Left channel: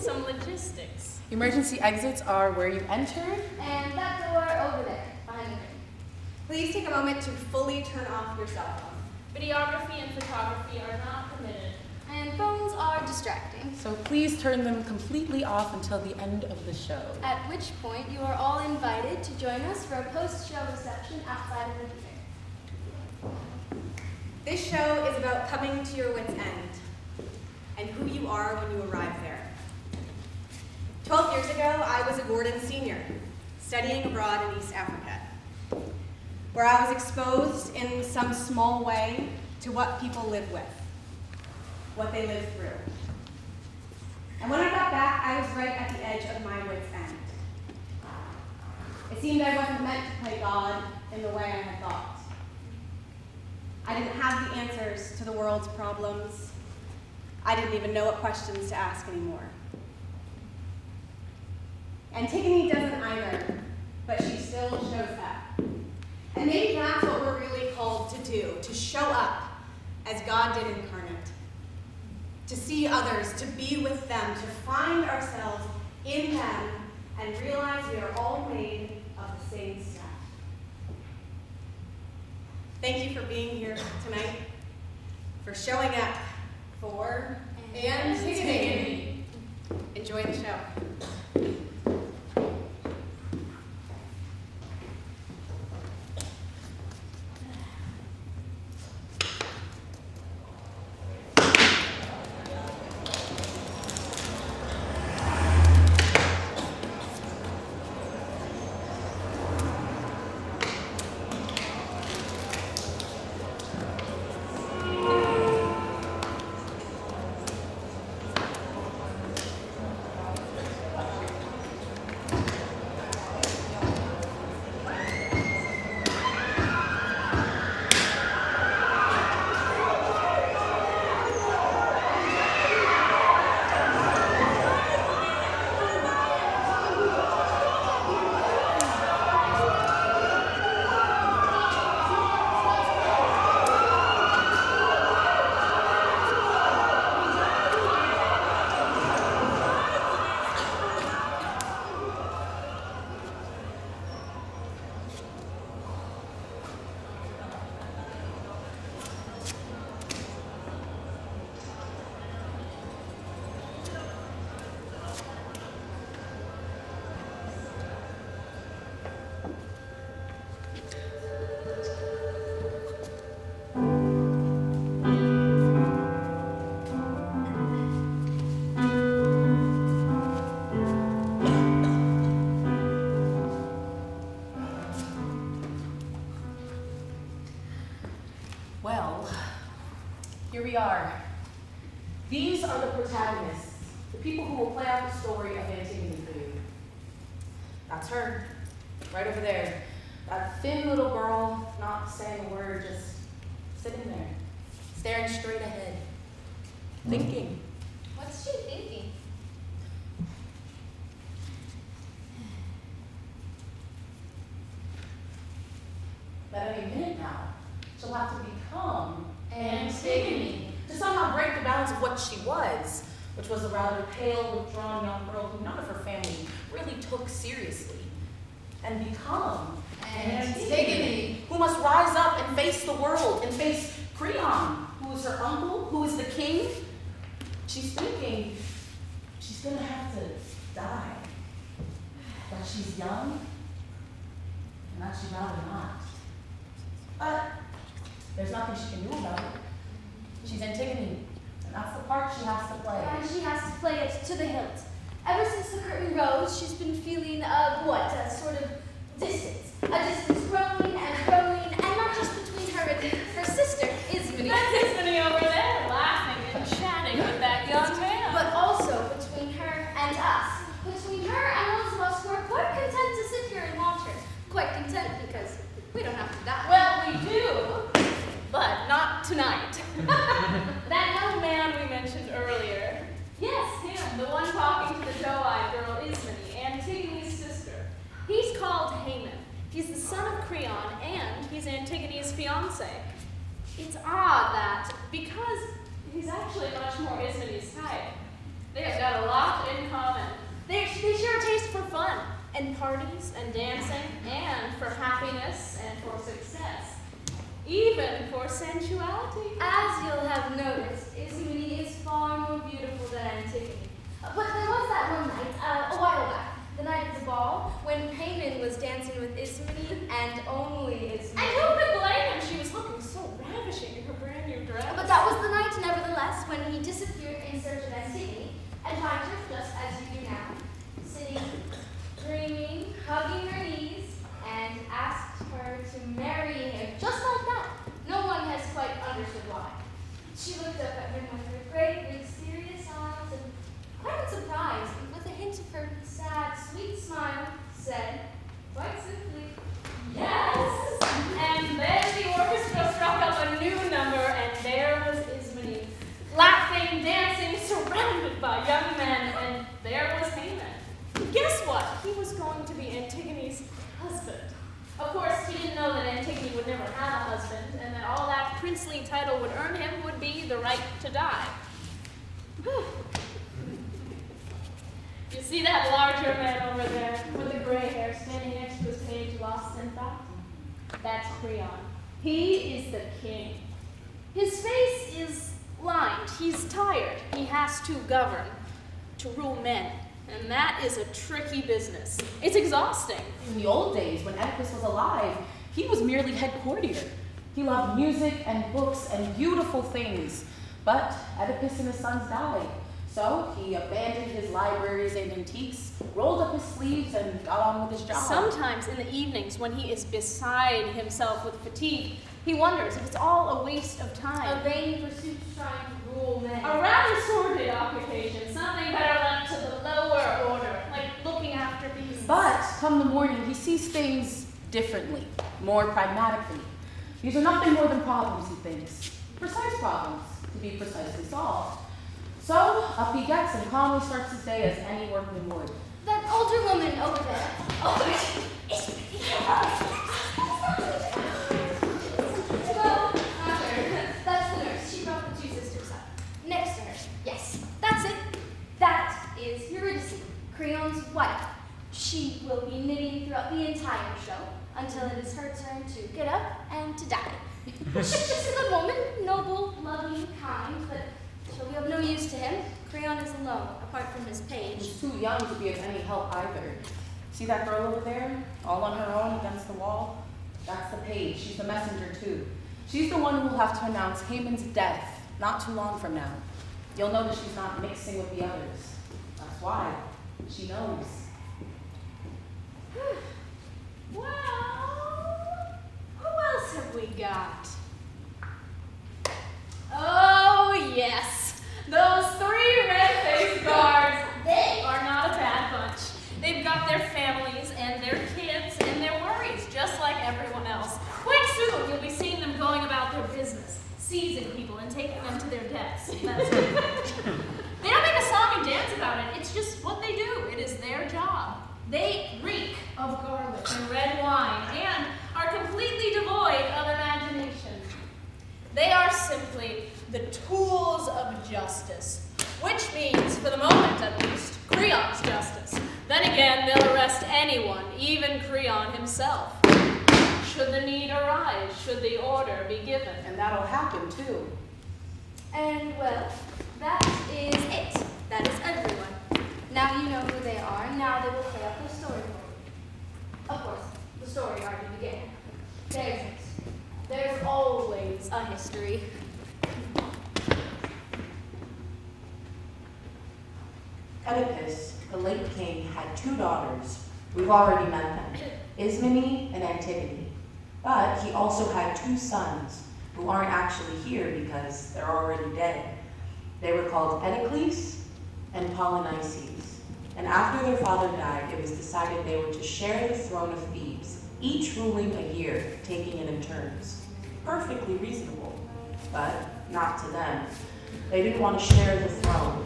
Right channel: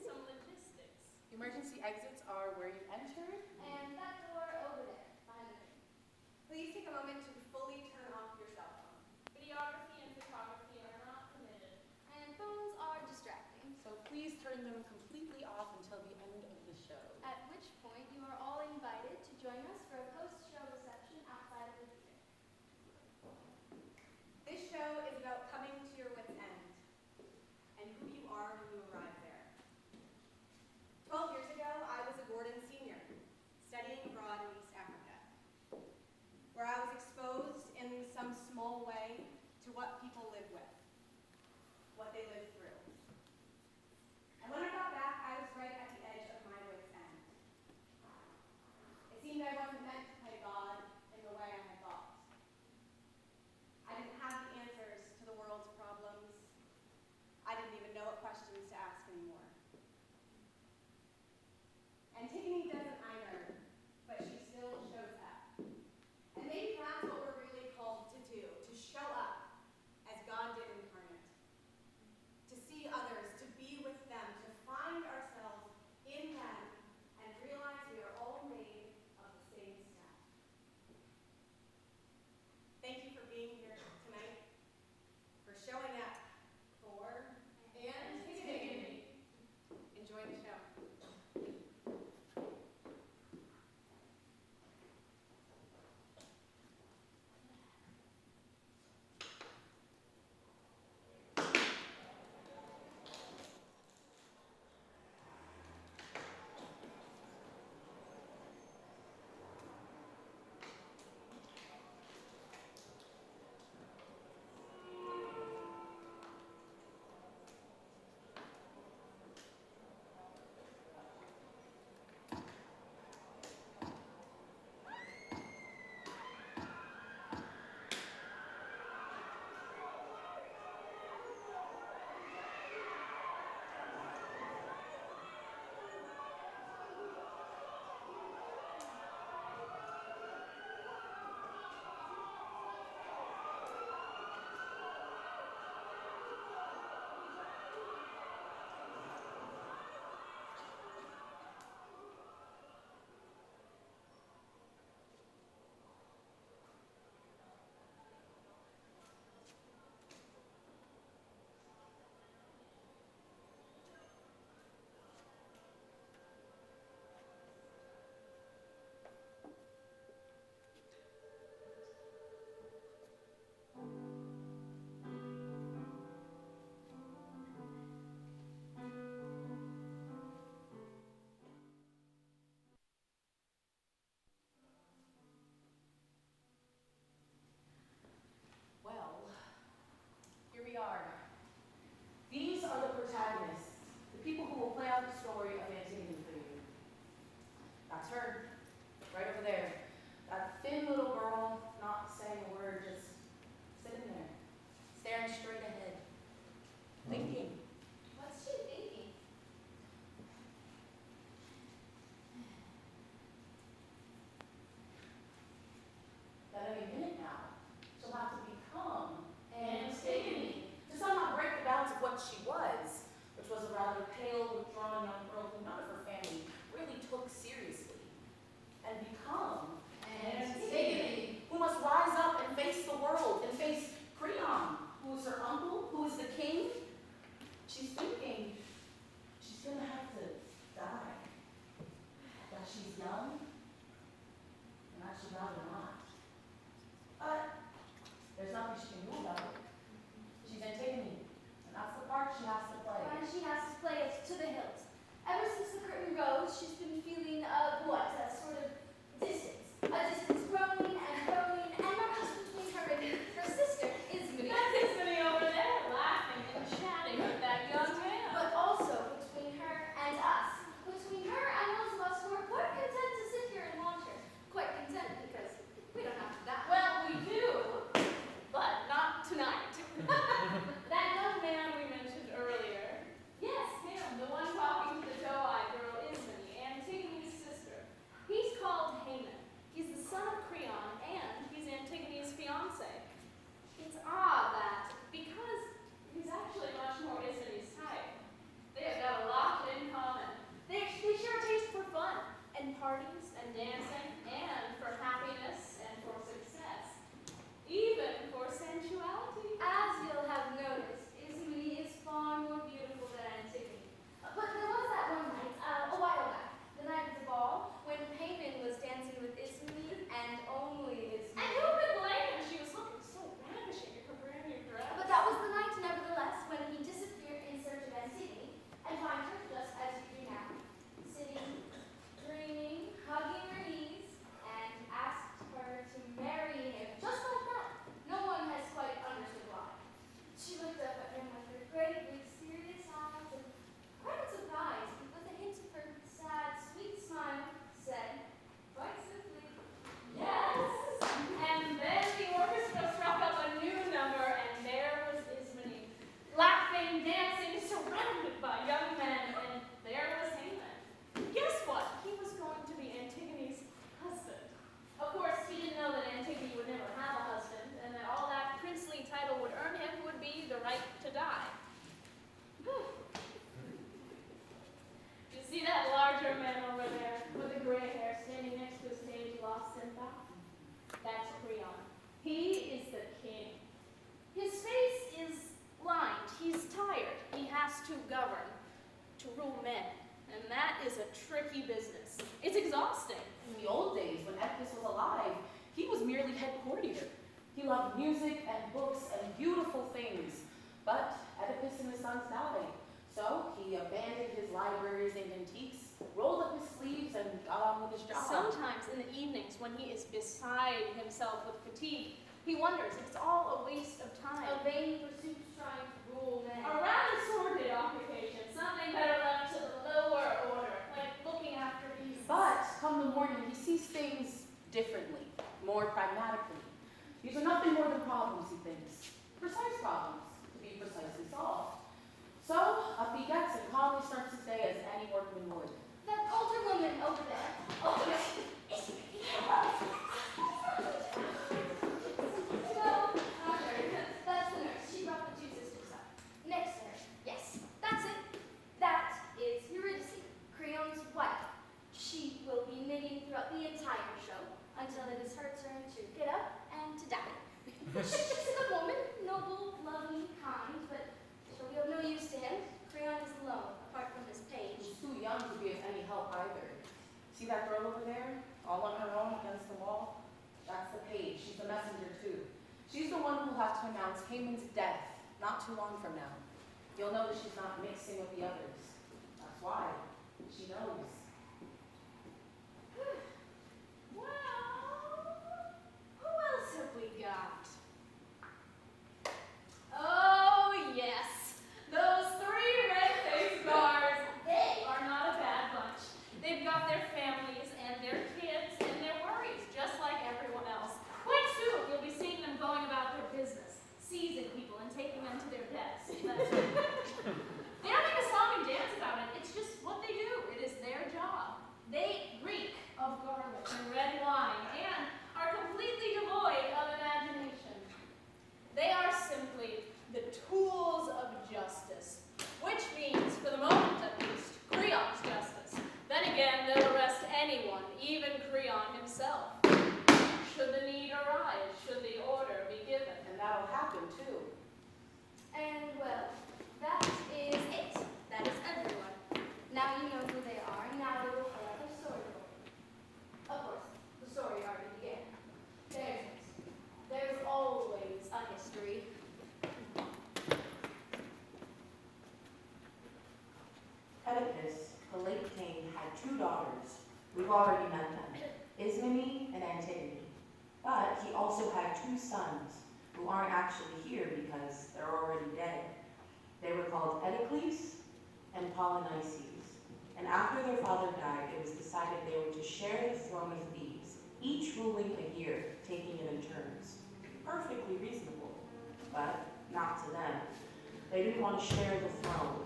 Some logistics. Emergency exits are where you entered. And that door over there, behind the curtain. Please take a moment to fully turn off your cell phone. Videography and photography are not permitted. And phones are distracting. So please turn them completely off until the end of the show. At which point you are all invited to join us for a post-show reception outside of the theater. This show is about coming to your wit's end and who you are when you arrive there. 12 years ago, I was a Gordon senior, studying abroad in East Africa, where I was exposed in some small way to what people live with, what they live through. And when I got back, I was right at the edge of my wit's end. It seemed I wasn't meant to play God in the way I had thought. I didn't have the answers to the world's problems. I didn't even know what questions to ask anymore. Antigone doesn't either, but she still shows up. And maybe that's what we're really called to do, to show up as God did incarnate. To see others, to be with them, to find ourselves in them, and realize we are all made of the same stuff. Thank you for being here tonight, for showing up for Antigone. Enjoy the show. Here we are. These are the protagonists, the people who will play out the story of Antigone for you. That's her, right over there. That thin little girl, not saying a word, just sitting there, staring straight ahead, thinking. What's she thinking? That any minute now, she'll have to become Antigone, to somehow break the balance of what she was, which was a rather pale, withdrawn young girl who none of her family really took seriously, and become Antigone, who must rise up and face the world, and face CREON, who is her uncle, who is the king. She's thinking she's gonna have to die, that she's young, and that she'd rather not. But there's nothing she can do about it. She's Antigone, and that's the part she has to play. And she has to play it to the hilt. Ever since the curtain rose, she's been feeling a sort of distance. A distance growing, and not just between her and her sister, ISMENE. That's ISMENE over there, laughing and chatting with that young man. But also between her and us. Between her and those of us who are quite content to sit here and watch her. Quite content because we don't have to die. Well, we do, but not tonight. That young man we mentioned earlier. Yes, him, the one talking to the doe-eyed girl ISMENE, Antigone's sister. He's called HAEMON. He's the son of and parties and dancing, and for happiness and for success, even for sensuality. As you'll have noticed, ISMENE is far more beautiful than Antigone. But there was that one night, a while back, the night of the ball, when HAEMON was dancing with ISMENE and only ISMENE. And who could blame him? She was looking so ravishing in her brand new dress. But that was the night, nevertheless, when he disappeared in search of Antigone and found her just as you do now, sitting, dreaming, hugging her knees, and asked her to marry him just like that. No one has quite understood why. She looked up at him with her great, big, serious eyes and, quite surprised, with a hint of her sad, sweet smile, said, quite simply, Yes! And then the orchestra struck up a new number, and there was ISMENE, laughing, dancing, surrounded by young men, and there was HAEMON. Guess what? He was going to be Antigone's husband. Of course, he didn't know that Antigone would never have a husband, and that all that princely title would earn him would be the right to die. You see that larger man over there with the gray hair standing next to his page, lost in thought? That's CREON. He is the king. His face is lined. He's tired. He has to govern, to rule men. And that is a tricky business. It's exhausting. In the old days, when Oedipus was alive, he was merely head courtier. He loved music and books and beautiful things. But Oedipus and his sons died. So he abandoned his libraries and antiques, rolled up his sleeves, and got on with his job. Sometimes in the evenings, when he is beside himself with fatigue, he wonders if it's all a waste of time. a vain pursuit trying to rule men. A rather sordid occupation, something better left to the lower order, like looking after beasts. But come the morning, he sees things differently, more pragmatically. These are nothing more than problems, he thinks. Precise problems, to be precisely solved. So, up he gets and calmly starts his day as any workman would. That older woman over there. Oh, it's well, not her. That's the nurse. She brought the two sisters up. Next to her. Yes, that's it. That is Urias, CREON's wife. She will be knitting throughout the entire show until it is her turn to get up and to die. She's just a good woman, noble, loving, kind, but she'll be of no use to him. CREON is alone, apart from his page. She's too young to be of any help either. See that girl over there, all on her own against the wall? That's the page. She's the messenger too. She's the one who will have to announce HAEMON's death not too long from now. You'll notice she's not mixing with the others. That's why. She knows. Well, who else have we got? Oh, yes. Those three red-faced guards. They are not a bad bunch. They've got their families and their kids and their worries, just like everyone else. Quite soon, you'll be seeing them going about their business, seizing people and taking them to their deaths. That's right. They don't make a song and dance about it. It's just what they do. It is their job. They reek of garlic and red wine and are completely devoid of imagination. They are simply the tools of justice, which means, for the moment at least, CREON's justice. Then again, they'll arrest anyone, even CREON himself. Should the need arise, should the order be given. And that'll happen too. And, well, that is it. That is everyone. Now you know who they are, and now they will play out their story for you. Of course, the story already began. There's it. There's always a history. Oedipus, the late king, had two daughters. We've already met them, ISMENE and Antigone. But he also had two sons, who aren't actually here because they're already dead. They were called Oedipus and Polynices. And after their father died, it was decided they were to share the throne of Thebes, each ruling a year, taking it in turns. Perfectly reasonable, but not to them. They didn't want to share the throne.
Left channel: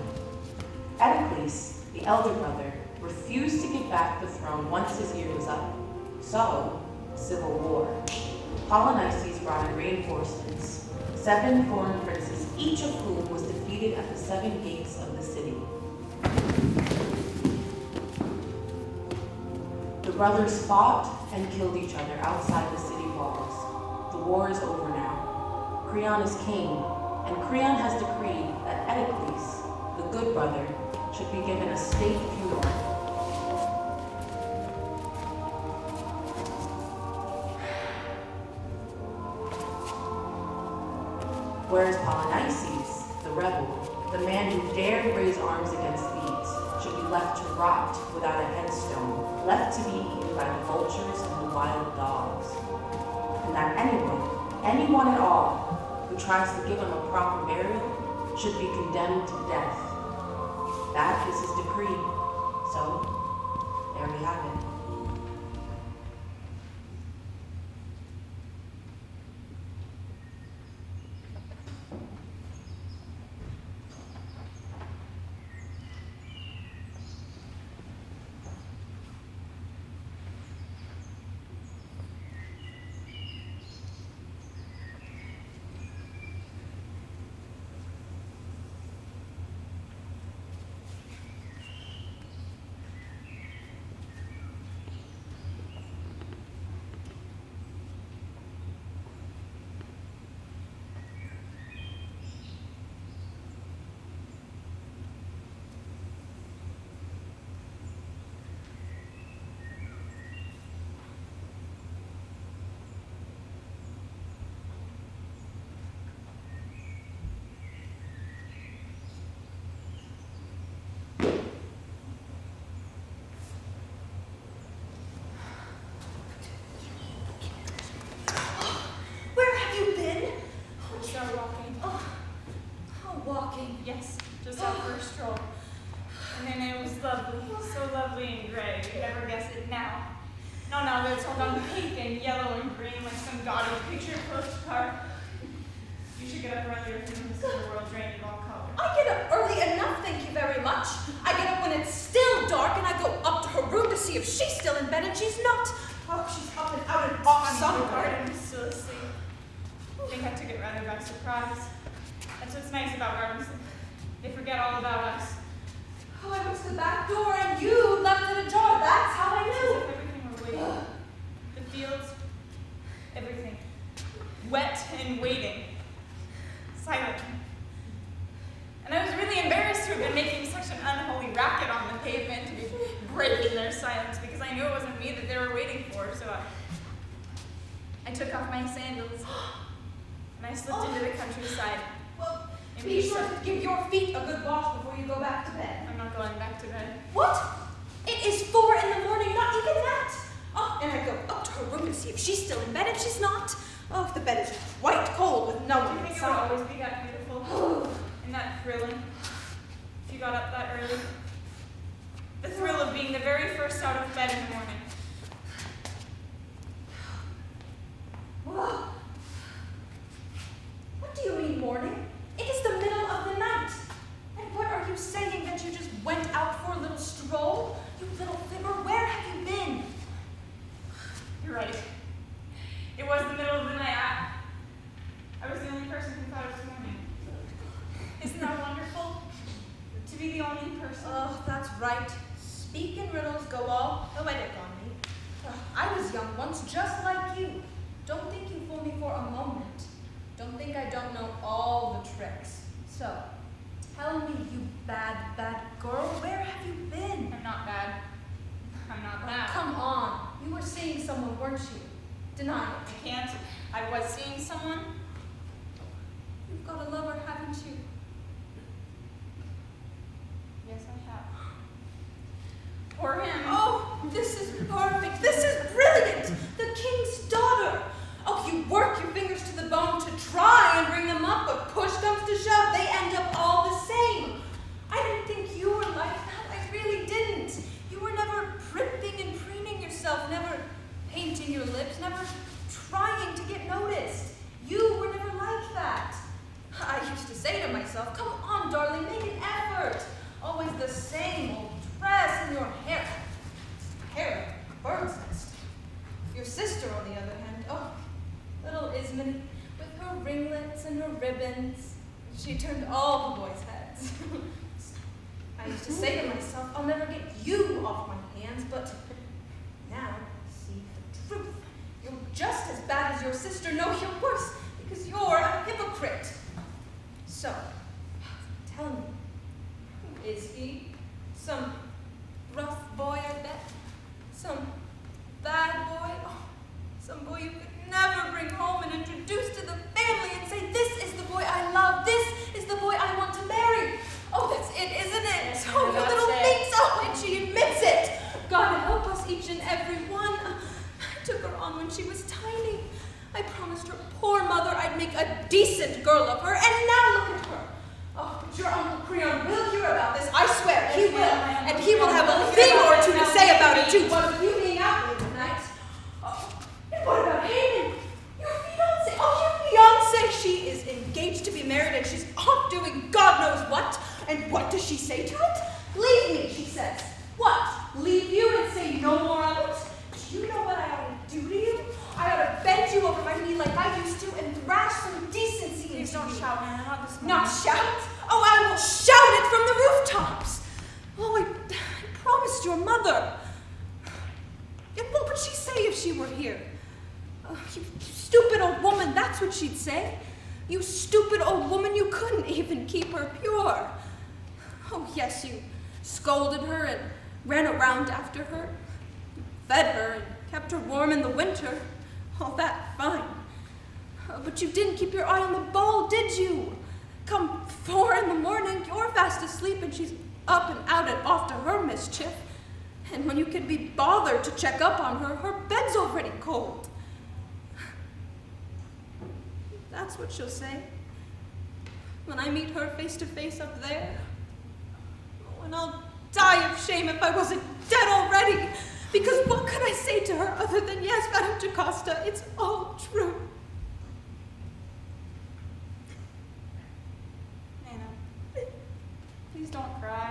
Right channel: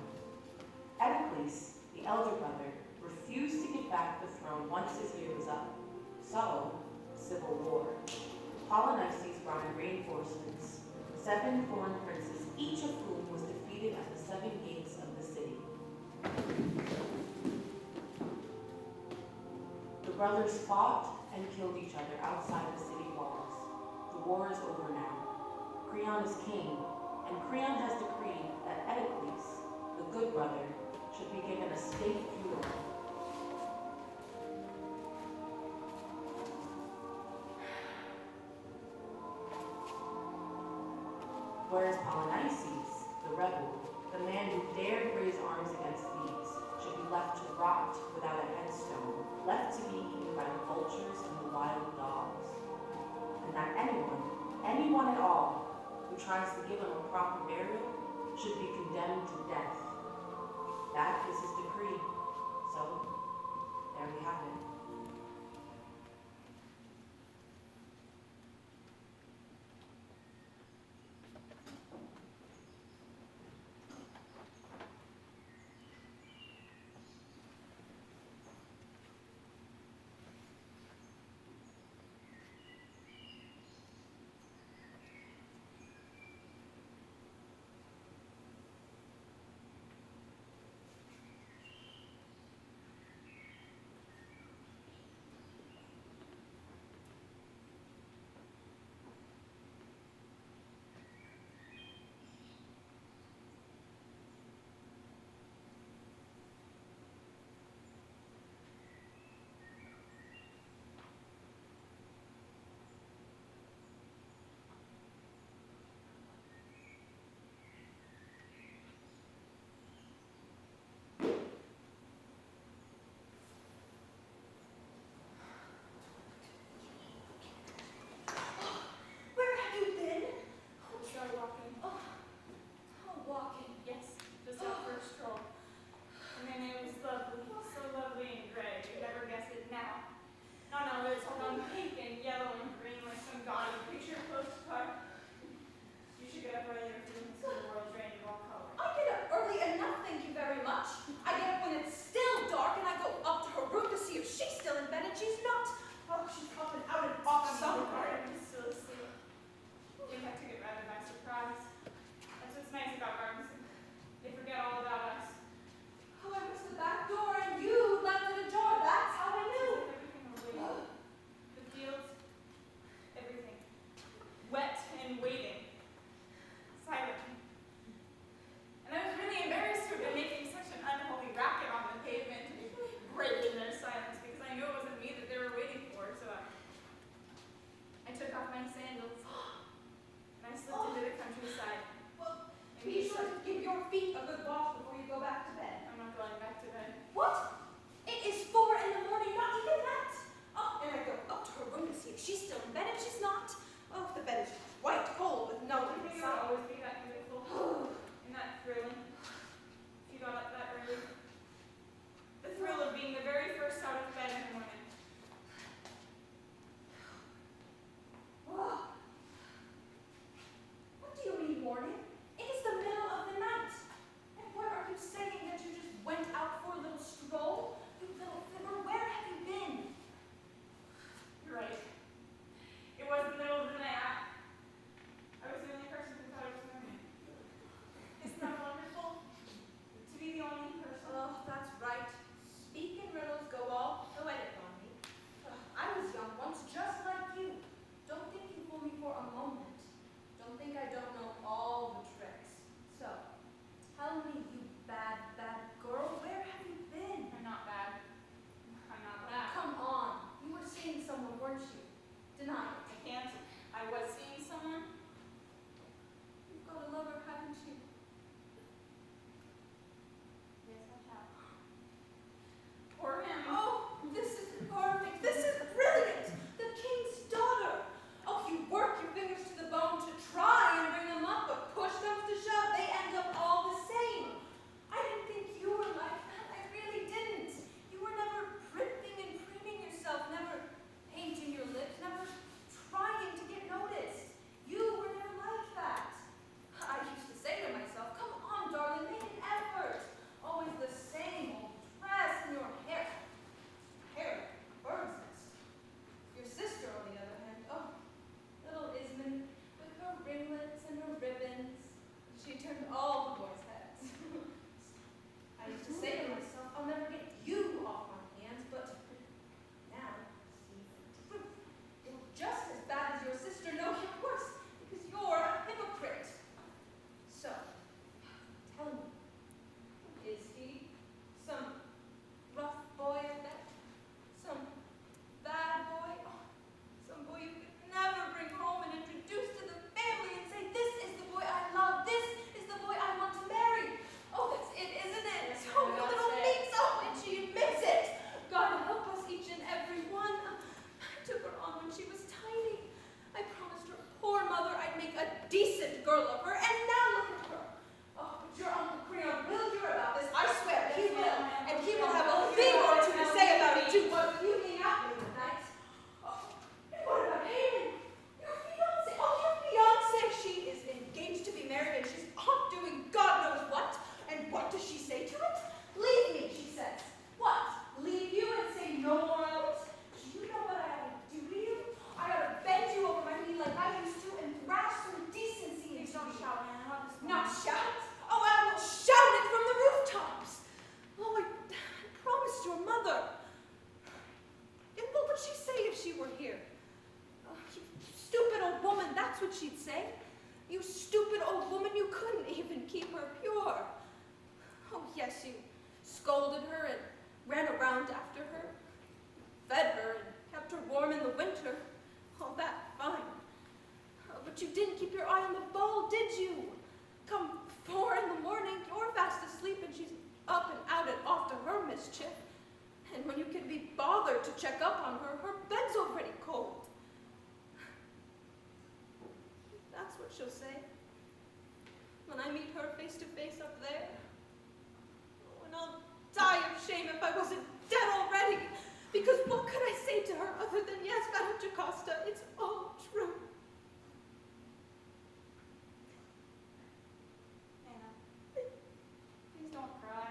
Oedipus, the elder brother, refused to give back the throne once his year was up. So, civil war. Polynices brought in reinforcements, 7 foreign princes, each of whom was defeated at the 7 gates of the city. brothers fought and killed each other outside the city walls. The war is over now. CREON is king, and CREON has decreed that Oedicles, the good brother, should be given a state funeral. Whereas Polynices, the rebel, the man who dared raise arms against Thebes, should be left to rot without a headstone, left to be eaten by the vultures and the wild dogs. And that anyone at all, who tries to give him a proper burial should be condemned to death. That is his decree. So, there we have it. Yes, just our first stroll. And then it was lovely, so lovely and gray. You'd never guess it now. No, it's all gone pink and yellow and green like some gaudy picture postcard. You should get up earlier if you want to see the world drained in all colors. I get up early enough, thank you very much. I get up when it's still dark and I go up to her room to see if she's still in bed, and she's not. Oh, she's up and out and off somewhere. I'm still asleep. I think I took it rather by surprise. That's what's nice about gardens. They forget all about us. Oh, I went to the back door and you left it ajar. That's how I knew. Everything were waiting. The fields, everything. Wet and waiting. Silent. And I was really embarrassed to have been making such an unholy racket on the pavement to be breaking their silence because I knew it wasn't me that they were waiting for. So I took off my sandals and I slipped into the countryside. Well, be sure to give your feet a good wash before you go back to bed. I'm not going back to bed. What? It is 4 in the morning, not even that. Oh, and I go up to her room to see if she's still in bed, and she's not. Oh, the bed is quite cold with no one Do you think it inside. would always be that beautiful and that thrilling if you got up that early? The thrill of being the very first out of bed in the morning. Whoa. What do you mean morning? It is the middle of the night. And what are you saying, that you just went out for a little stroll? You little fibber, where have you been? You're right. It was the middle of the night. I was the only person who thought it was morning. Isn't that wonderful? To be the only person. Oh, that's right. Speak in riddles, go all poetic on me. I was young once, just like you. Don't think you fool me for a moment. Don't think I don't know all the tricks. So, tell me, you bad, bad girl, where have you been? I'm not bad. I'm not bad. Come on. You were seeing someone, weren't you? Deny it. I can't. I was seeing someone. You've got a lover, haven't you? Yes, I have. Poor him. Oh, this is perfect. This is brilliant. The king's daughter. Oh, you work your fingers to the bone to try and bring them up, but push comes to shove, they end up all the same. I didn't think you were like that. I really didn't. You were never primping and preening yourself, never painting your lips, never trying to get noticed. You were never like that. I used to say to myself, come on, darling, make an effort. Always the same old dress and your hair. Hair like a bird's nest. Your sister, on the other hand, oh, little ISMENE, with her ringlets and her ribbons, she turned all the boys' heads. I used to say to myself, I'll never get you off my hands, but now see the truth. You're just as bad as your sister. No, you're worse, because you're a hypocrite. So, tell me, who is he? Some rough boy, I bet? Some bad boy? Oh, some boy you could never bring home and introduce to the family and say, this is the boy I love, this is the boy I want to marry. Oh, that's it, isn't it? Yes, Oh, you that's little it. minx. Oh, and she admits it. God help us, each and every one. I took her on when she was tiny. I promised her poor mother I'd make a decent girl of her, and now look at her. Oh, but your Uncle CREON will hear about this, I swear, he will. And he will have a thing or two to say about it, too. What of you being out late at night? Oh, and what about HAEMON? Your fiancé. Oh, your fiancé. She is engaged to be married, and she's off doing God knows what. And what does she say to it? Leave me, she says. What? Leave you and say no more of it? Do you know what I ought to do to you? I ought to bend you over my knee like I used to and thrash some decency into you. Please don't shout, Hannah, not this morning. Not shout? Oh, I will shout it from the rooftops. Oh, I promised your mother. And what would she say if she were here? You stupid old woman, that's what she'd say. You stupid old woman, you couldn't even keep her pure. Oh, yes, you scolded her and ran around after her, fed her and kept her warm in the winter. All that, fine. But you didn't keep your eye on the ball, did you? Come 4 in the morning, you're fast asleep and she's up and out and off to her mischief. And when you can be bothered to check up on her, her bed's already cold. That's what she'll say. When I meet her face to face up there. Oh, and I'll die of shame if I wasn't dead already. Because what could I say to her other than, yes, Madame Jocasta, it's all true. Nana, please don't cry.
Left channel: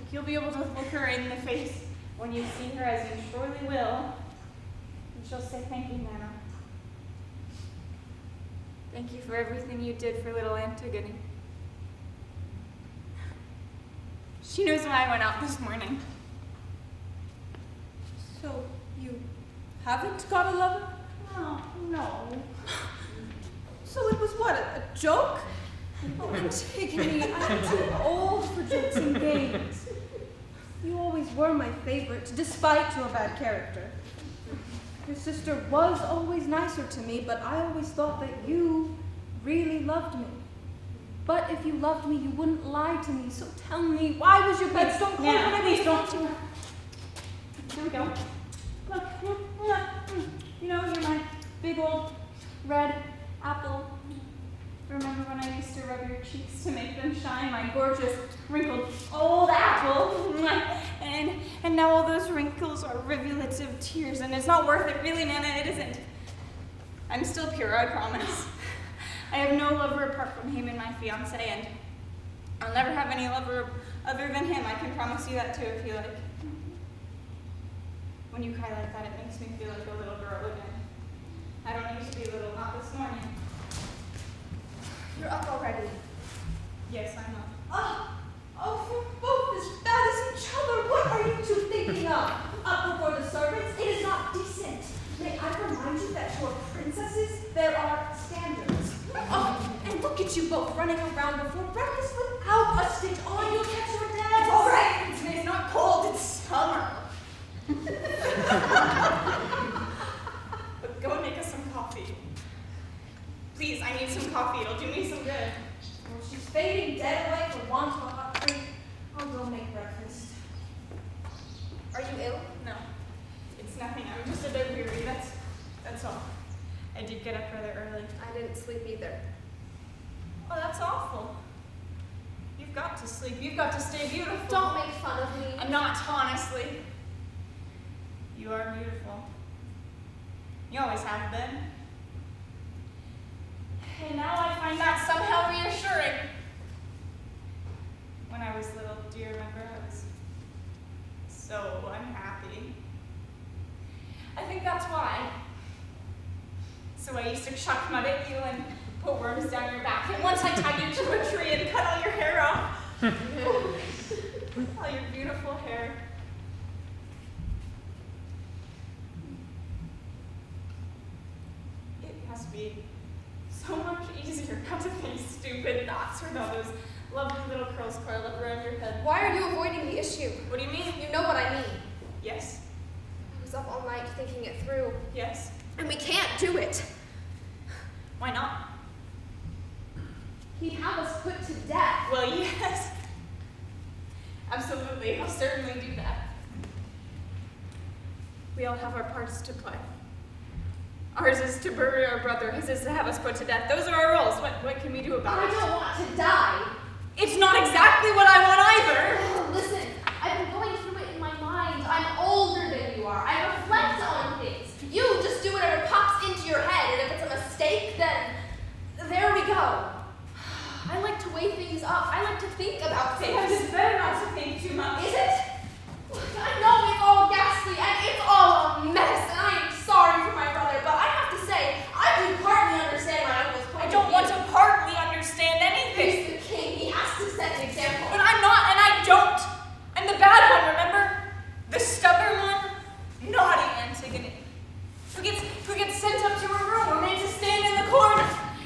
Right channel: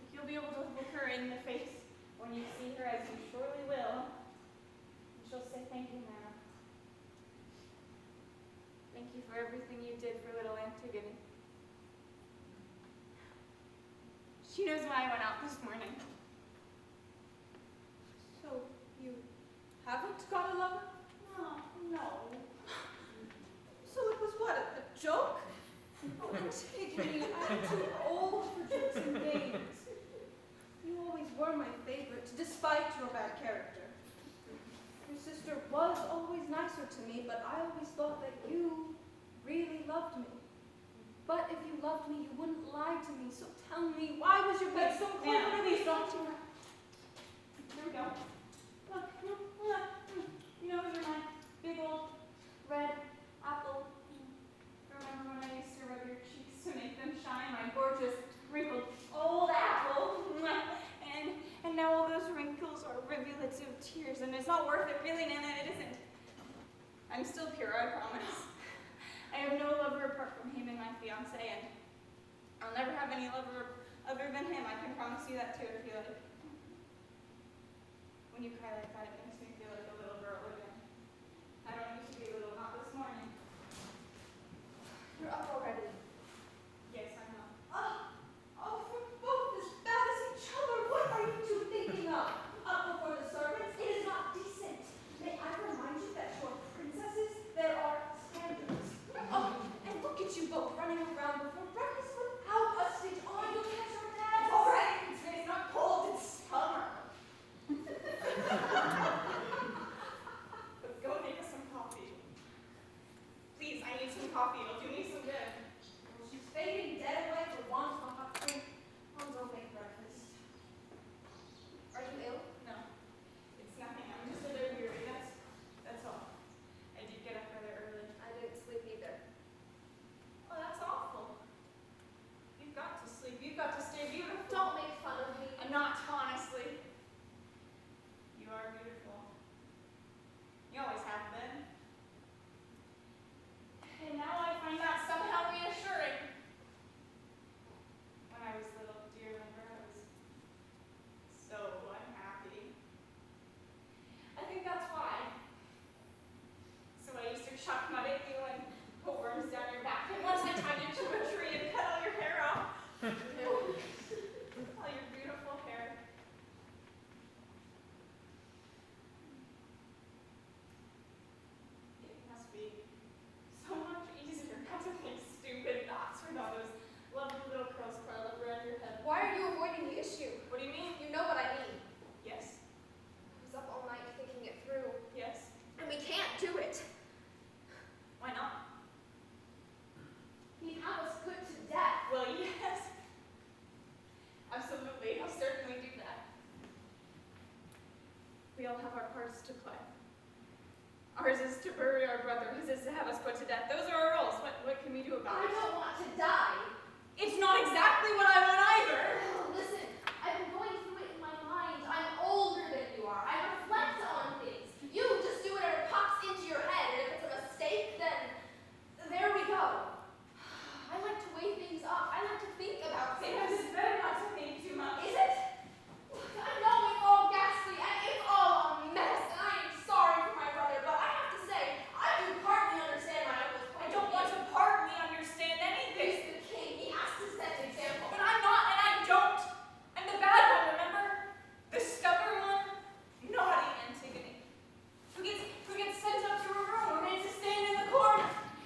Like, you'll be able to look her in the face when you see her, as you surely will. And she'll say, thank you, Nana. Thank you for everything you did for little Antigone. She knows why I went out this morning. So, you haven't got a lover? Oh, no. So it was what, a joke? Oh, Antigone, I'm too old for jokes and games. You always were my favorite, despite your bad character. Your sister was always nicer to me, but I always thought that you really loved me. But if you loved me, you wouldn't lie to me, so tell me, why was your bed so cold when I please was don't. 15? Here we go. Look, you know, you're my big old red apple. Remember when I used to rub your cheeks to make them shine? My gorgeous, wrinkled old apple. And now all those wrinkles are rivulets of tears, and it's not worth it, really, Nana, it isn't. I'm still pure, I promise. I have no lover apart from him and my fiancé, and I'll never have any lover other than him. I can promise you that too, if you like. When you cry like that, it makes me feel like a little girl again. I don't used to be little, not this morning. You're up already. Yes, I'm up. Oh, you're both as bad as each other. What are you two thinking of? Up before the servants? It is not decent. May I remind you that you are princesses? There are standards. Oh, and look at you both running around before breakfast without a stitch on. You'll catch your dad. It's all right. It's not cold. It's summer. But go and make us some coffee. Please, I need some coffee. It'll do me some good. Well, she's fading dead away for want of a hot drink. I'll go make breakfast. Are you ill? No, it's nothing. I'm just a bit weary. That's all. I did get up rather early. I didn't sleep either. Oh, that's awful. You've got to sleep. You've got to stay beautiful. Don't make fun of me. I'm not, honestly. You are beautiful. You always have been. And now I find that somehow reassuring. When I was little, do you remember? I was so unhappy. I think that's why. So I used to chuck mud at you and put worms down your back. And once I tied you to a tree and cut all your hair off. All your beautiful hair. with all those lovely little curls coiled up around your head? Why are you avoiding the issue? What do you mean? You know what I mean. Yes. I was up all night thinking it through, Yes. and we can't do it. Why not? He'd have us put to death. Well, yes. Absolutely. I'll certainly do that. We all have our parts to play. Ours is to bury our brother. His is to have us put to death. Those are our roles. What can we do about I it? don't want to die. It's not exactly what I want either. Oh, listen, I've been going through it in my mind. I'm older than you are. I reflect on things. You just do whatever pops into your head, and if it's a mistake, then there we go. I like to weigh things up. I like to think about Sometimes things. it's better not to think too much. Is it? I know it's all ghastly and it's all a mess, and I am sorry for my brother, but I have to say, I do partly understand my uncle's point I of don't want view. to partly understand anything. He's the king. He has to set an example. But I'm not, and I don't. I'm the bad one, remember? The stubborn one? Naughty Antigone. Who gets sent up to her room or made to stand in the corner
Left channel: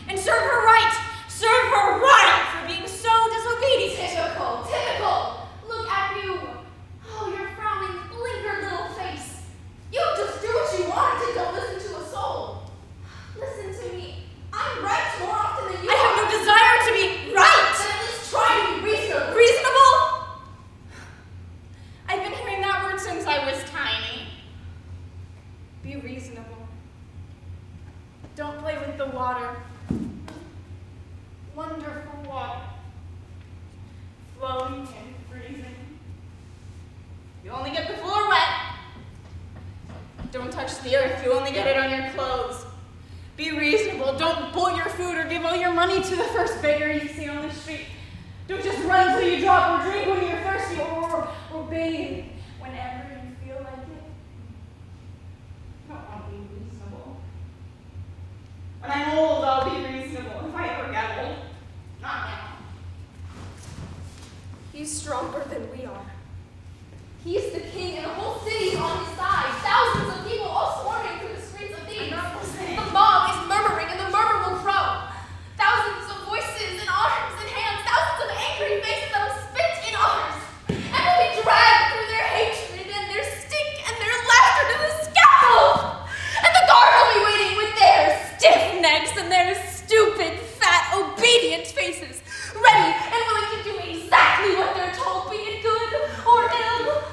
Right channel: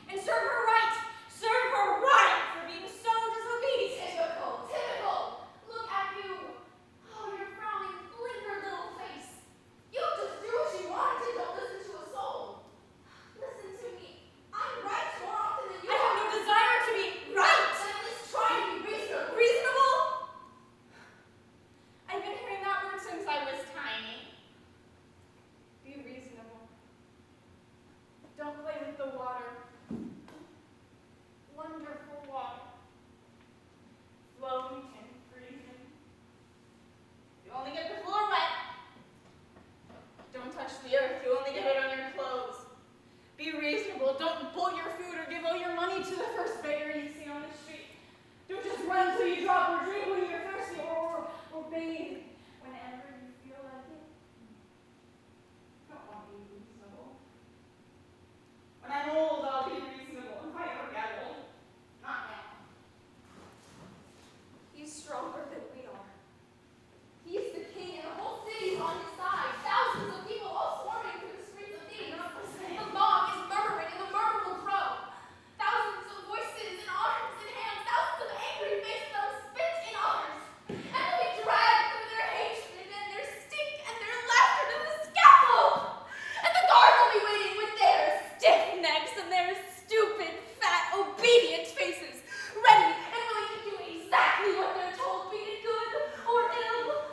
and serve her right. Serve her right for being so disobedient. Typical. Look at you. Oh, your frowning, blinkered little face. You just do what you want and don't listen to a soul. Listen to me. I'm right more often than you I have are. no desire to be right. But at least try to be reasonable. Reasonable? I've been hearing that word since I was tiny. Be reasonable. Don't play with the water. Wonderful water. Flowing and freezing. You only get the floor wet. Don't touch the earth. You only get it on your clothes. Be reasonable. Don't boil your food or give all your money to the first beggar you see on the street. Don't just run till you drop or drink when you're thirsty or bathe whenever you feel like it. I don't want to be reasonable. When I'm old, I'll be reasonable if I ever get old. Not now. He's stronger than we are. He's the king and the whole city's on his side. Thousands of people all swarming through the streets of Thebes. The mob is murmuring and the murmur will grow. Thousands of voices and arms and hands. Thousands of angry faces that will spit in arms. And will be dragged through their hatred and their stink and their laughter to the scaffold. And the guards will be waiting with their stiff necks and their stupid, fat, obedient faces. Ready and willing to do exactly what they're told, be it good or ill.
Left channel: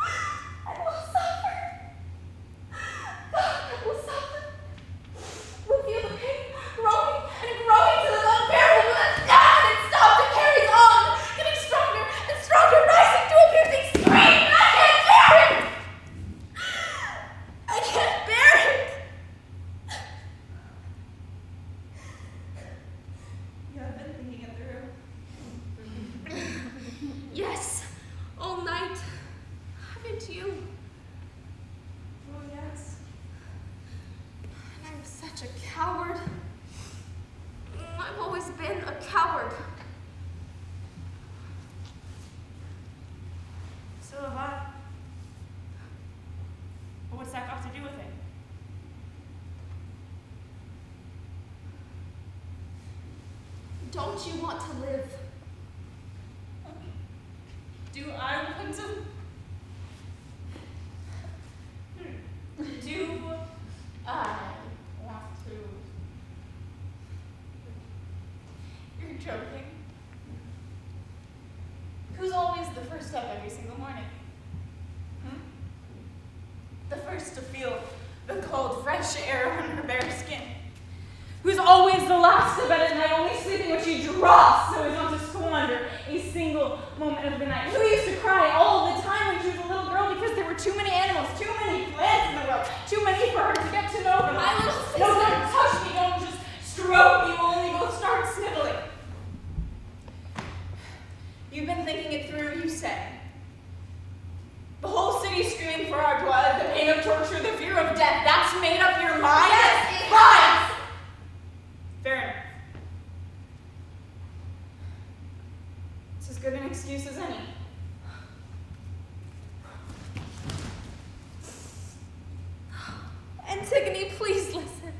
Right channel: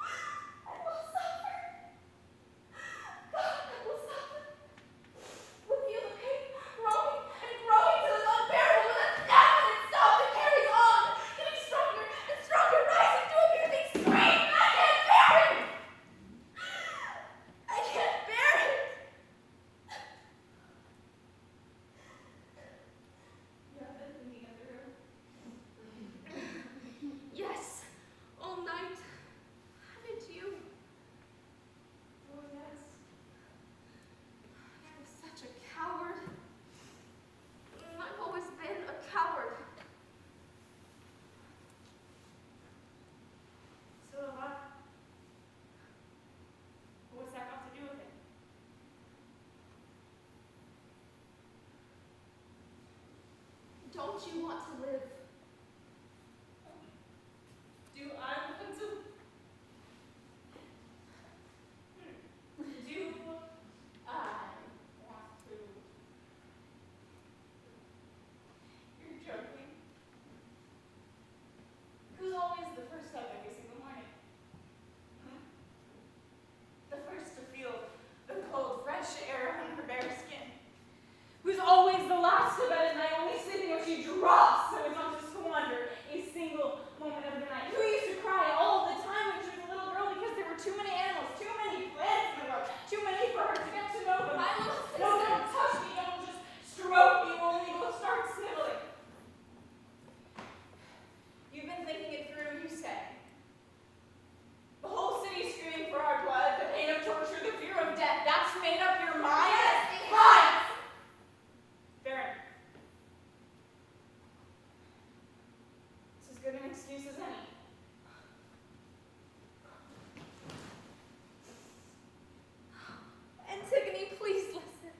I will suffer. God, I will suffer. We'll feel the pain growing and growing till it's unbearable. We'll let down and stop. It carries on, getting stronger and stronger, rising to a piercing scream. I can't bear it. I can't bear it. You have been thinking it through. Yes, all night. Haven't you? Oh, yes. I'm such a coward. I've always been a coward. So have I. But what's that got to do with it? Don't you want to live? Do I want to? Do I want to? You're joking. Who's always the first up every single morning? The first to feel the cold, fresh air on her bare skin. Who's always the last to bed at night, only sleeping when she drops so as not to squander a single moment of the night. Who used to cry all the time when she was a little girl because there were too many animals, too many plants in the world, too many for her to get to know them. My little sister. No, don't touch me, don't just stroke me, we'll only both start sniveling. You've been thinking it through, you say. The whole city screaming for our blood, the pain of torture, the fear of death, that's made up your mind? Yes, it Fine. has. Fair enough. It's as good an excuse as any. Antigone, please listen.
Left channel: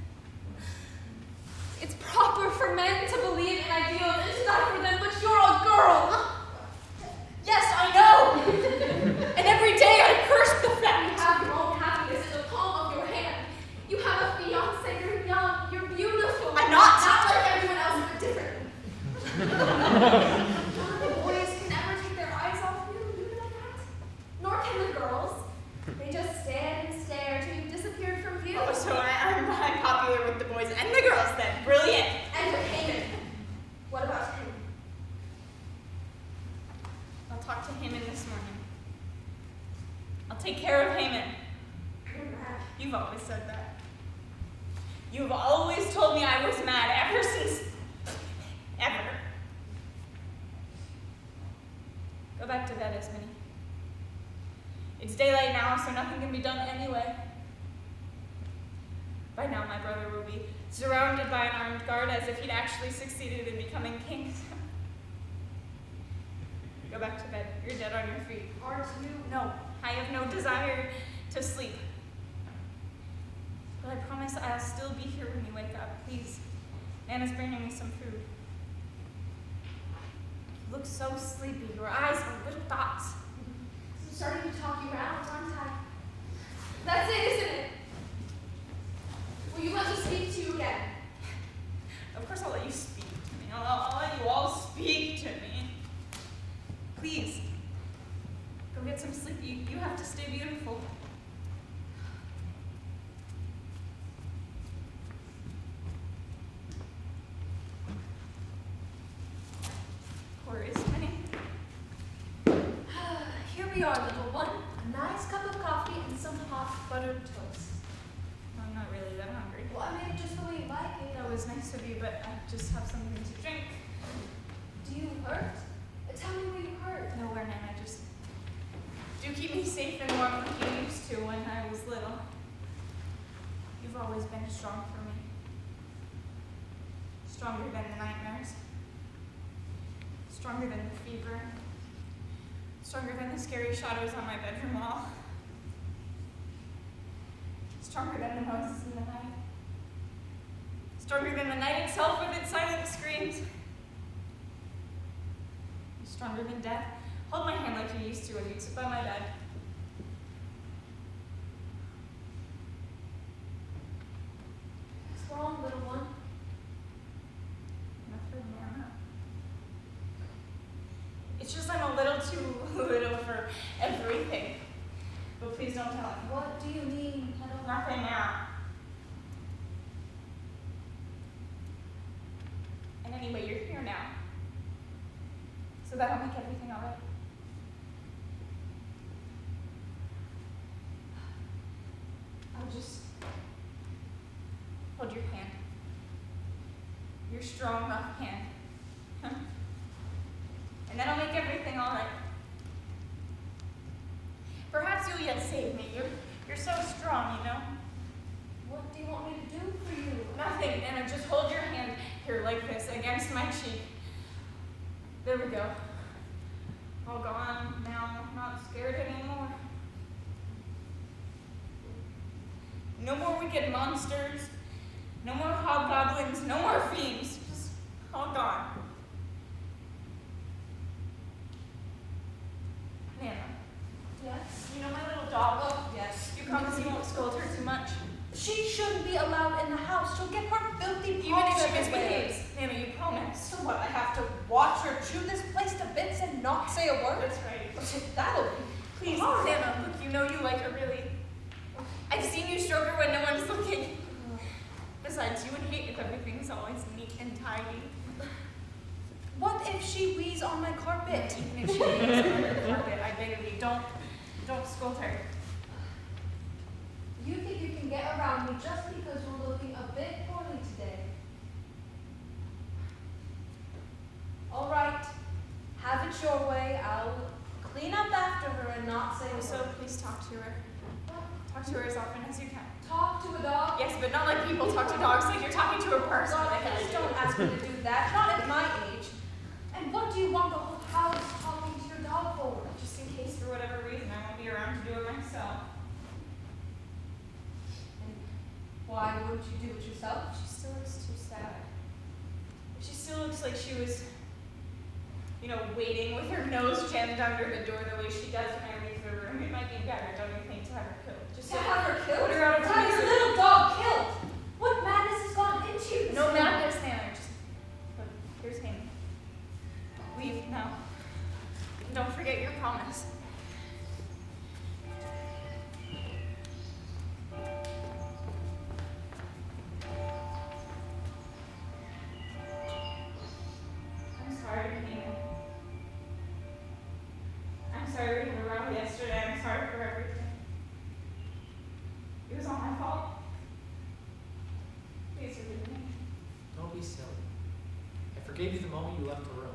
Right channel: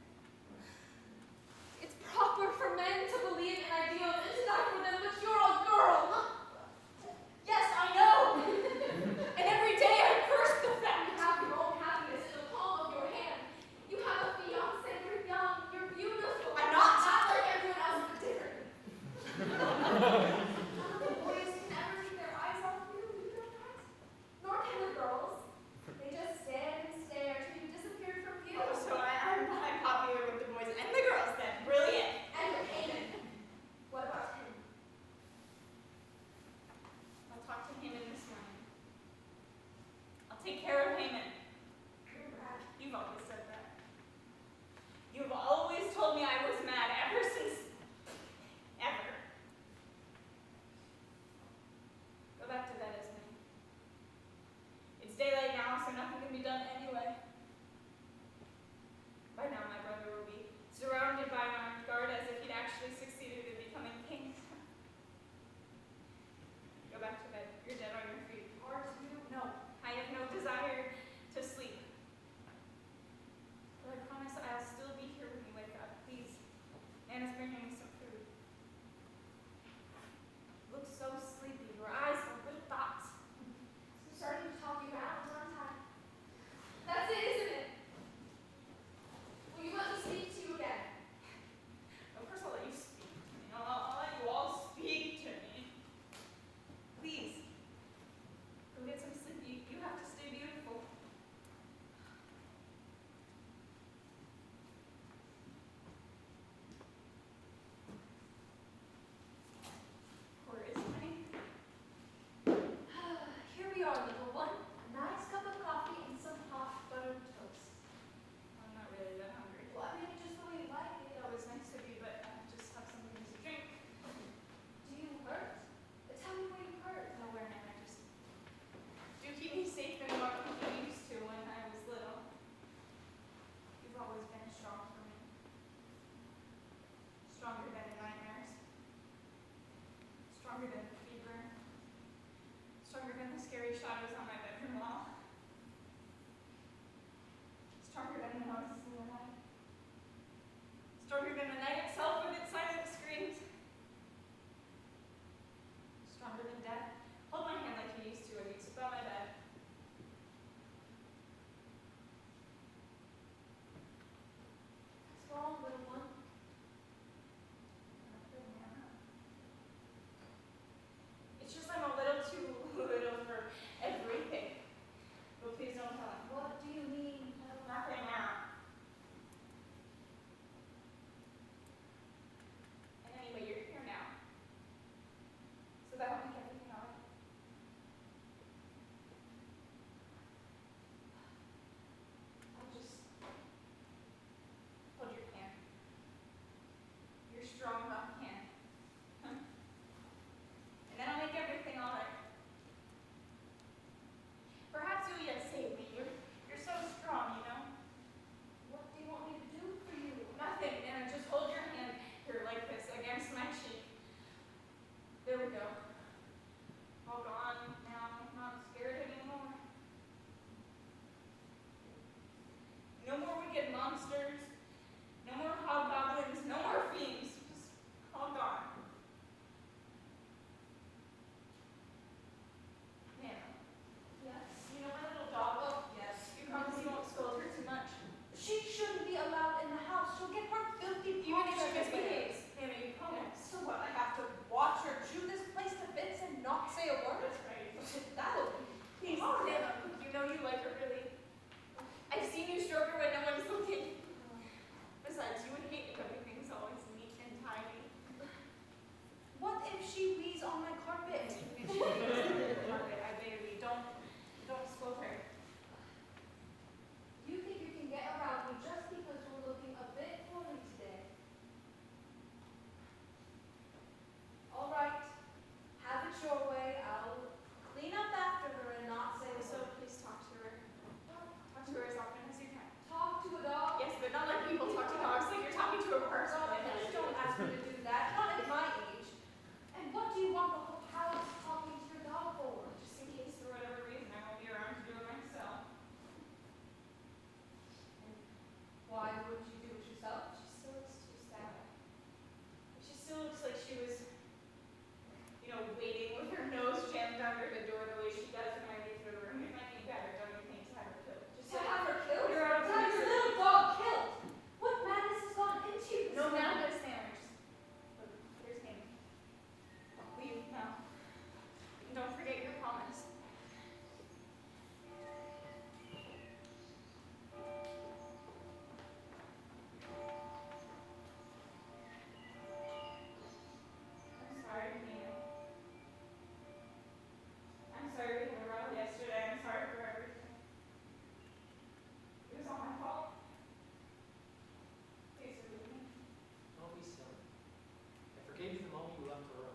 It's proper for men to believe in ideas take care of HAEMON. You've always said that. You've always told me I was mad ever since, ever. Go back to bed, ISMENE. It's daylight now, so nothing can be done anyway. By now, my brother will be surrounded by an armed guard as if he'd actually succeeded in becoming king. Go back to bed. You're dead on your feet. Aren't you? No, I have no desire to sleep. But I promise I'll still be here when you wake up. Please. Nana's bringing me some food. You look so sleepy. Your eyes are little dots. I'm starting to talk you around, aren't I? That's it, isn't it? Will you let me speak to you again? Of course I'll let you speak to me. I'll let you all speak to me. Please. Go get some sleep. You have to stay beautiful. Poor ISMENE. Here we are, little one. A nice cup of coffee and some hot buttered toast. I'm not really that hungry. Well, I made it just the way you like it. That was nice of you, but I just have something to drink. Do you hurt? Tell me where you hurt. Nowhere, Nana. Just do keep me safe and warm like you used to when I was little. You've always been strong for me. Stronger than the nightmares. Stronger than the fever. Stronger than the scary shadows on my bedroom wall. Stronger than the noises in the night. Stronger than the night itself with its silent screams. Stronger than death. Hold my hand like you used to when you'd sit by my bed. What's wrong, little one? Nothing, Nana. It's just I'm a little too little for everything. But please don't tell anyone. What do you mean? I don't Nothing now. And anyway, you're here now. So that'll make everything all right. I'll just hold your hand. Your strong, rough hand. And then I'll make everything all right. Perhaps you'll yet save me. You're so strong, you know? What do you want me to do for you? Nothing, Anna. Just hold your hand here like this against my cheek. There we go. All gone now. Not scared anymore. No more wicked monsters. No more hobgoblins. No more fiends. Just all gone. Nana. Yes? You know my little dog? Oh, yes. You promise you won't scold her too much? She shouldn't be allowed in the house. She'll get her filthy Even if paws she everywhere. misbehaves. Nana, you promise. So what, I have to watch her chew this place to bits and not say a word? That's right. That'll be Please, hard. Nana, look, you know you like her really. I've seen you stroke her when no one's looking. Besides, you would hate if everything's always neat and tidy. What if she wheezes on my carpet? Even if she needs her carpet, I beg of you, don't scold her. You think you can get around me just because you're looking a bit poorly today? All right. Have it your way. I'll clean up after her and not say a So word. please talk to her. Talk to her as often as you can. Talk to a dog? Yes, but not like people talk to dogs, like you're talking to a person. Well, like I please do. don't ask me to do that. Not at my age. And what do you want the whole house talking to your dog for? Just in case, for whatever reason, I won't be around to do it myself. And why wouldn't you do it yourself? She still looks too sad. She still looks like she was, waiting with her nose jammed under the door the way she does when I leave the room. It might be better, don't you think, to have her killed? Just To have her killed? put her out of To have your misery. little dog killed? What madness has gone into you? No madness, Nana. Just look, here's him. Leave now. And don't forget your promise. I'm sorry, Nina. I'm sorry we had a row yesterday. I'm sorry for everything. forgave you the moment you left the room.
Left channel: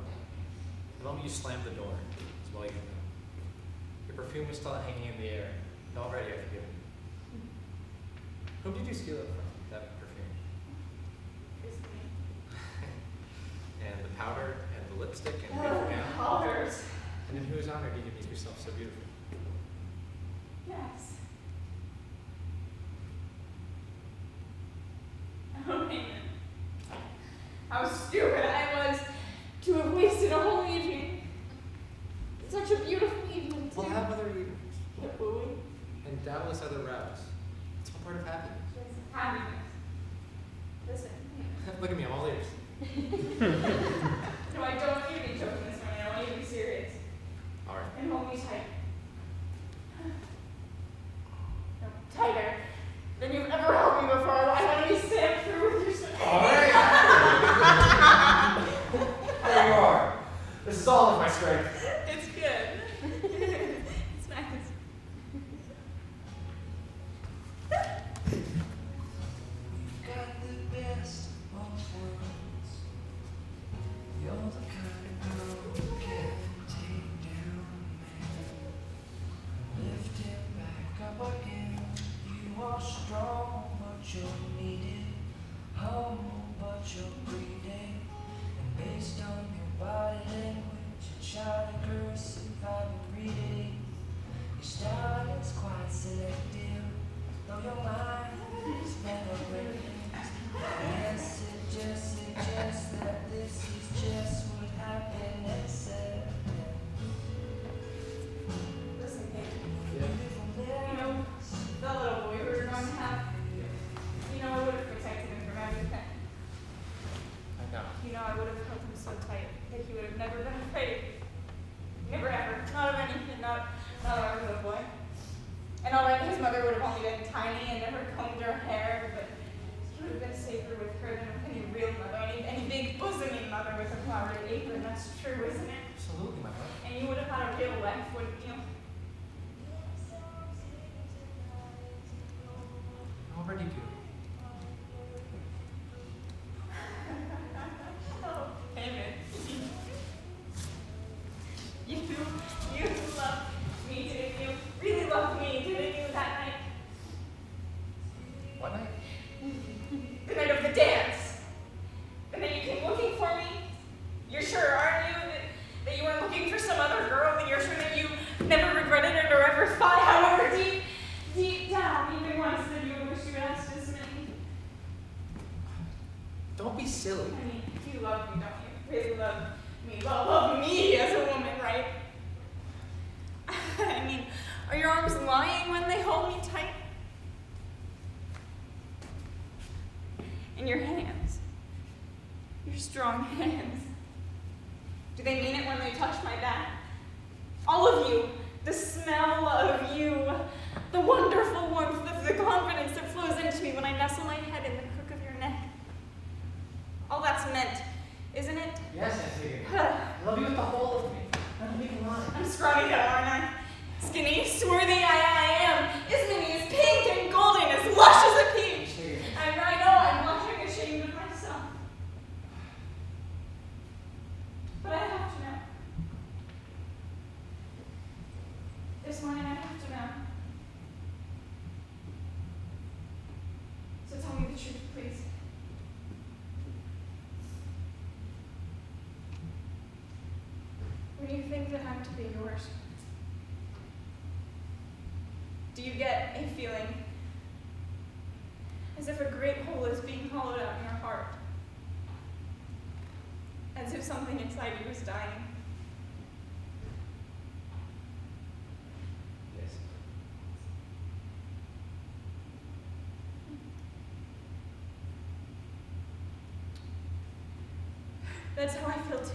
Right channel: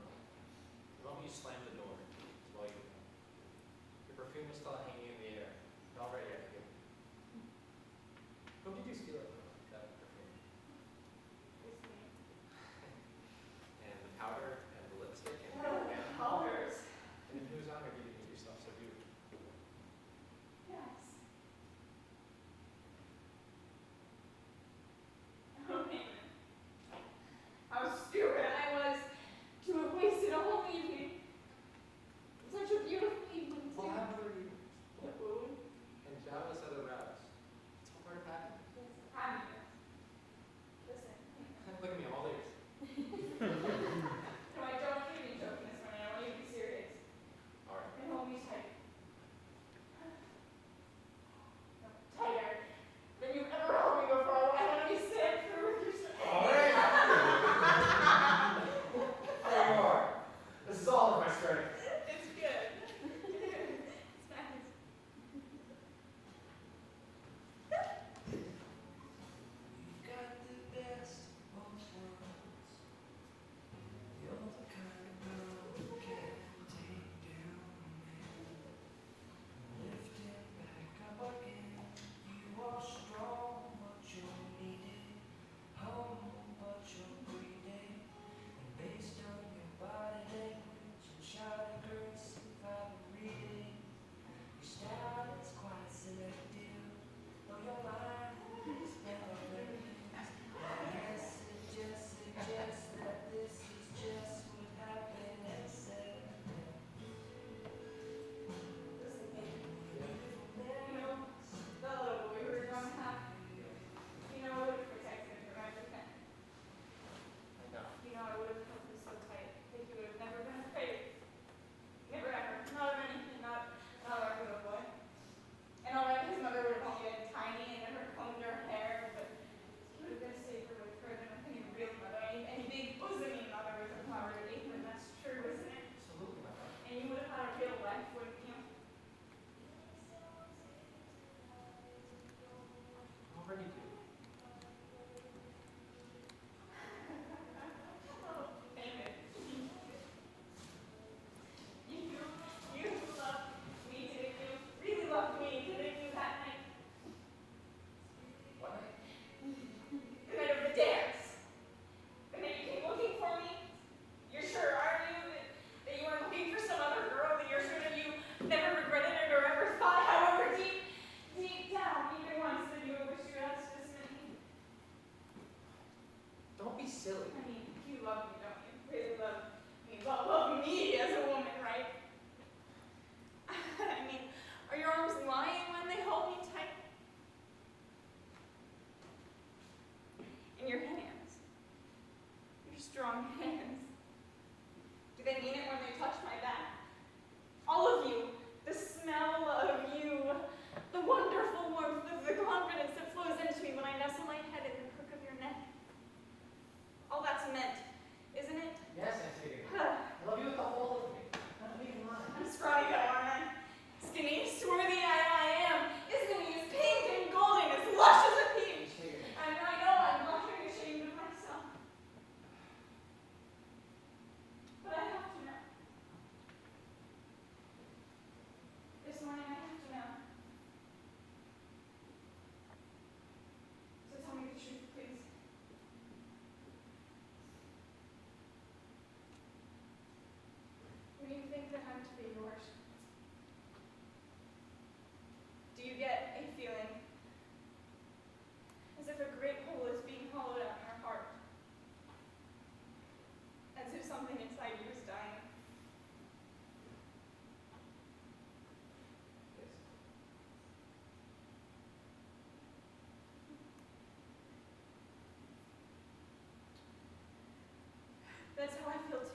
The moment you slammed the door. It's well you know. Your perfume was still hanging in the air. And already I forgive you. Whom did you steal it from, that perfume? And the powder and the lipstick and the gown. Powders. And in whose honor did you make yourself so beautiful? Yes. Oh, man. How stupid I was to have wasted a whole evening. Such a beautiful evening, too. We'll have other evenings. Will we? And doubtless other rows. It's all part of happiness. Happiness. Listen. Look at me, I'm all ears. No, I don't need to be joking this morning. I want you to be serious. All right. And hold me tight. No, tighter than you've ever held me before. I want to be stamped through with your strength. All right. There you are. This is all of my strength. It's good. It's nice. Got the best of both worlds. You're the kind of girl who can take down a man, lift him back up again. You are strong, but you're needed. Humble, but you're greedy. And based on your body language and child aggressive, I've been reading. Your style is quite selective, though your mind is never raised. Yes, it just suggests that this is just what happiness said. Listen, baby. Yeah. You know, the little boy we were going to have, you know, I would have protected him from everything. I know. You know, I would have held him so tight that he would have never been afraid. Never ever. Not of anything, not of our little boy. And all right, his mother would have only been tiny and never combed her hair, but he would have been safer with her than with any real mother, any big bosomy mother with a flowered apron. That's true, isn't it? Absolutely, my friend. And you would have had a real life, wouldn't you? I already do. Oh, David. You loved me, didn't you? Really loved me, didn't you, that night? What night? The night of the dance. The night you came looking for me. You're sure, aren't you, that you weren't looking for some other girl, and you're sure that you never regretted it or ever thought, however deep down, even once, that you wish you had asked ISMENE? Don't be silly. I mean, you love me, don't you? Really love me. Love me as a woman, right? I mean, are your arms lying when they hold me tight? And your hands, your strong hands, do they mean it when they touch my back? All of you, the smell of you, the wonderful warmth, the confidence that flows into me when I nestle my head in the crook of your neck. All that's meant, isn't it? Yes, Antigone. I love you with the whole of me. Not a big line. I'm scrawny though, aren't I? Skinny, swarthy, I am. ISMENE is pink and golden, as lush as a peach. And I know I'm blushing ashamed of myself. But I have to know. This morning I have to know. So tell me the truth, please. When you think that I'm to be yours, do you get a feeling as if a great hole is being hollowed out in your heart? As if something inside you is dying? Yes. That's how I feel too.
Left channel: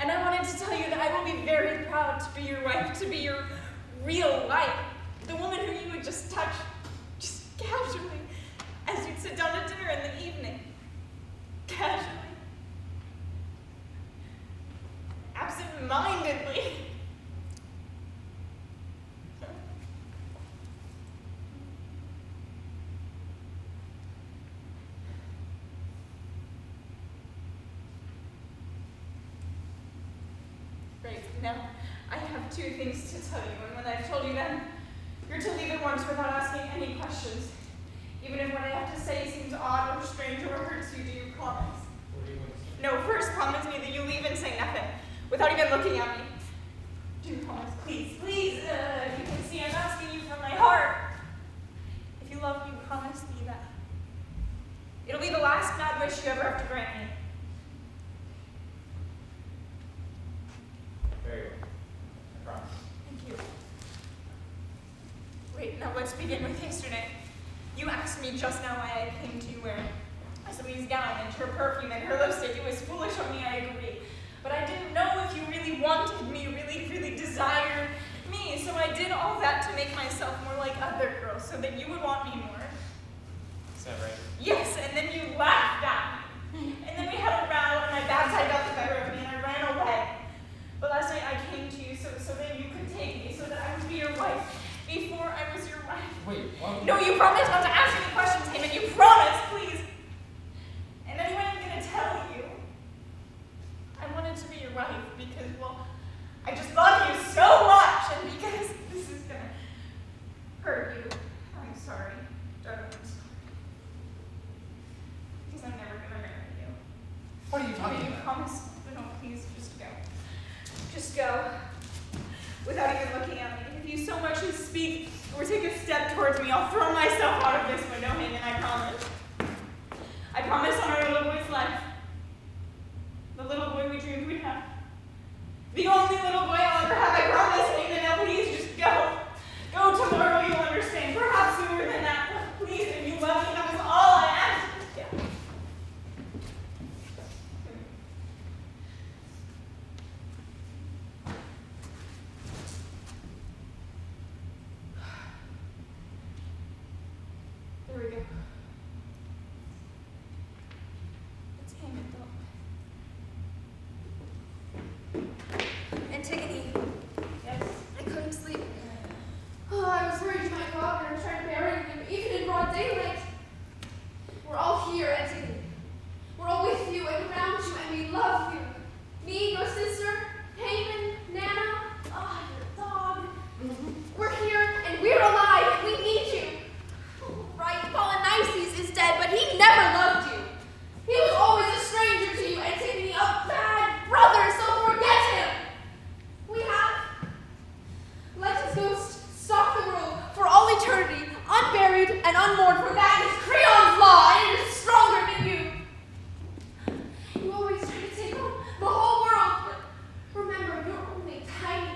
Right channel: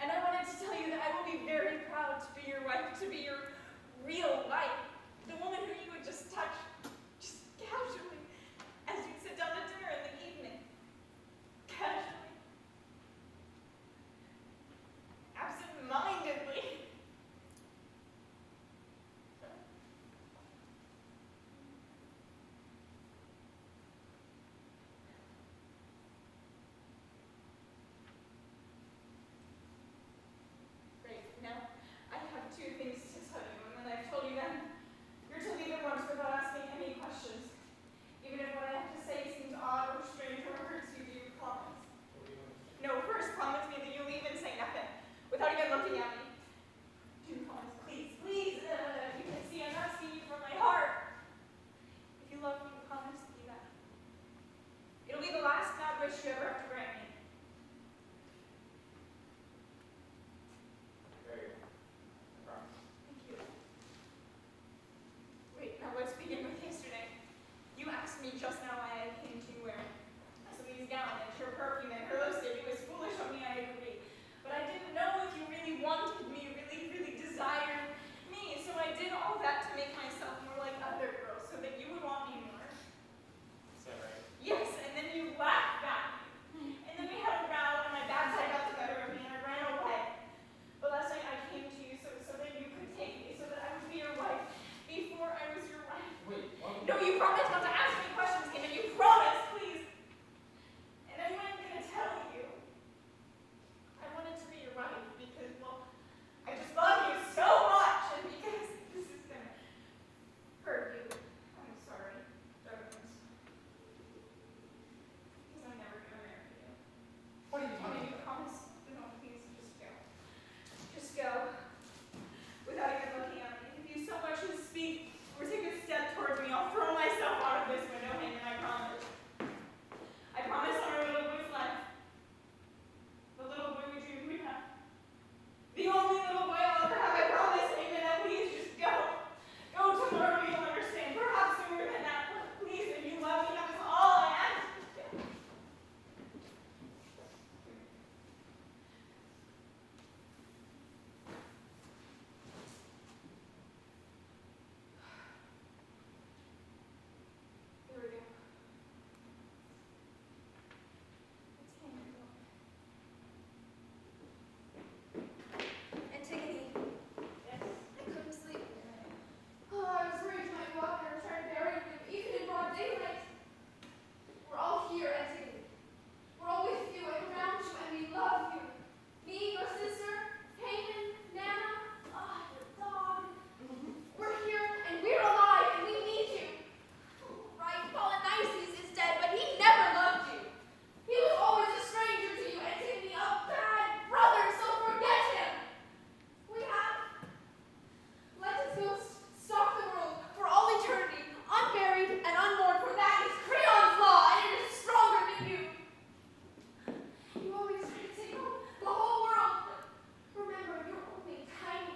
And I wanted to tell you that I will be very proud to be your wife, to be your real wife. The woman who you would just touch, just casually, as you'd sit down to dinner in the evening. Casually. Absent-mindedly. two things to tell you, and when I've told you them, you're to leave at once without asking any questions. Even if what I have to say seems odd or strange or hurts you, do you promise? What are you going to say? No, first promise me that you leave and say nothing, without even looking at me. Do you promise? Please, please. You can see I'm asking you from my heart. If you love me, promise me that. It'll be the last mad wish you ever have to grant me. Very well. I promise. Thank you. Wait, now let's begin with yesterday. You asked me just now why I came to you wearing Isomene's gown and her perfume and her lipstick. It was foolish of me, I agree. But I didn't know if you really wanted me, really desired me. So I did all that to make myself more like other girls so that you would want me more. Is that right? Yes, and then you laughed at me. And then we had a row and my bad side got the better of me and I ran away. But last night I came to you so that you could take me, so that I would be your wife before I was your wife. Wait, what? No, you promised not to ask any questions, Haemon. You promised, please. And anyway, I'm going to tell you. I wanted to be your wife because, well, I just love you so much. And because this is going to hurt you. I'm sorry, darling. Because I'm never going to marry you. What are you talking You about? promise? No, please, just go. Just go. Without even looking at me. If you so much as speak or take a step towards me, I'll throw myself out of this window, Haemon, I promise. I promise on our little boy's life. The little boy we dreamed we'd have. The only little boy I'll ever have, I promise, Haemon. Now please just go. Go tomorrow, you'll understand. Perhaps sooner than that. But please, if you love me, that is all I ask. Yeah. There we go. It's Haemon, though. Antigone, Yes. I couldn't sleep. Oh, I was worried you might go out there and try to bury him, even in broad daylight. We're all here, Antigone. We're all with you and around you, and we love you. Me, your sister, Haemon, Nana, your dog. We're here, and we're alive, and we need you. Right, Polynices is dead, but he never loved you. He was always a stranger to you, Antigone, a bad brother, so forget him. We have. Let his ghost stalk the world for all eternity, unburied and unmourned, for that is CREON's law, and it is stronger than you. You always try to take on the whole world, but remember, you're only tiny.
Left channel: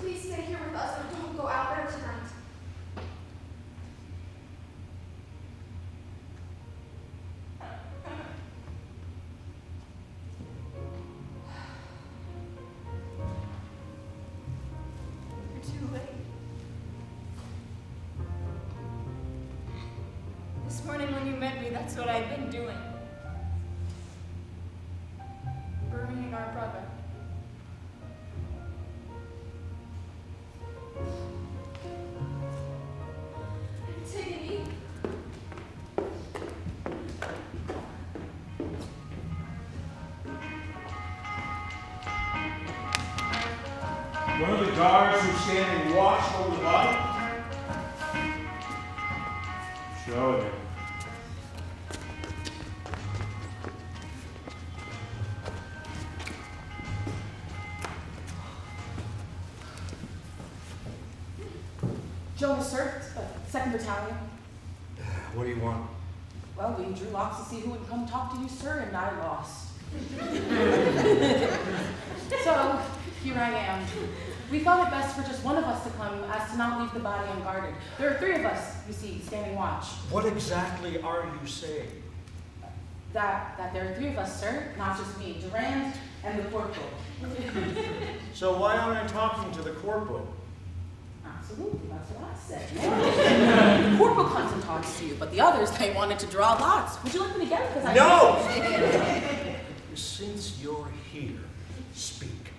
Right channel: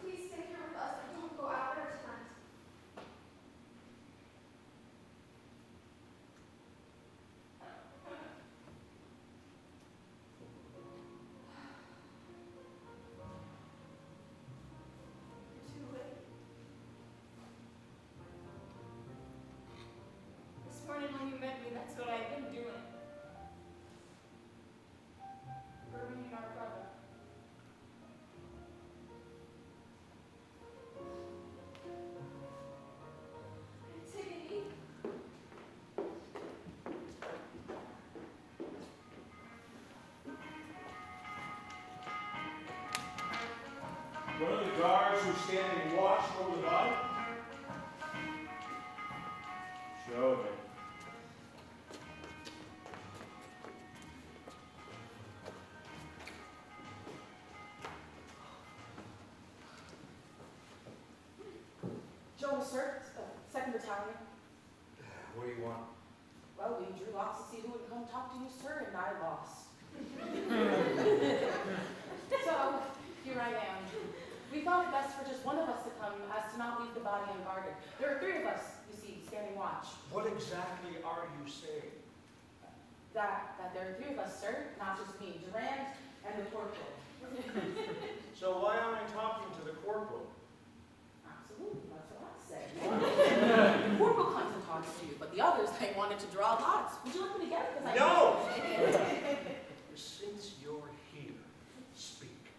Please stay here with us and don't go out there tonight. You're too late. This morning when you met me, that's what I've been doing. Burying our brother. Antigone. One of the guards who's standing watch over the body? Show him. Jonas, sir, 2nd Battalion. What do you want? Well, we drew lots to see who would come talk to you, sir, and I lost. So, here I am. We thought it best for just one of us to come as to not leave the body unguarded. There are 3 of us, you see, standing watch. What exactly are you saying? That there are 3 of us, sir, not just me, Durand and the corporal. So why aren't I talking to the corporal? Absolutely, that's what I said. The corporal comes and talks to you, but the others, they wanted to draw lots. Would you like me to get it? 'Cause I No! Since you're here, speak.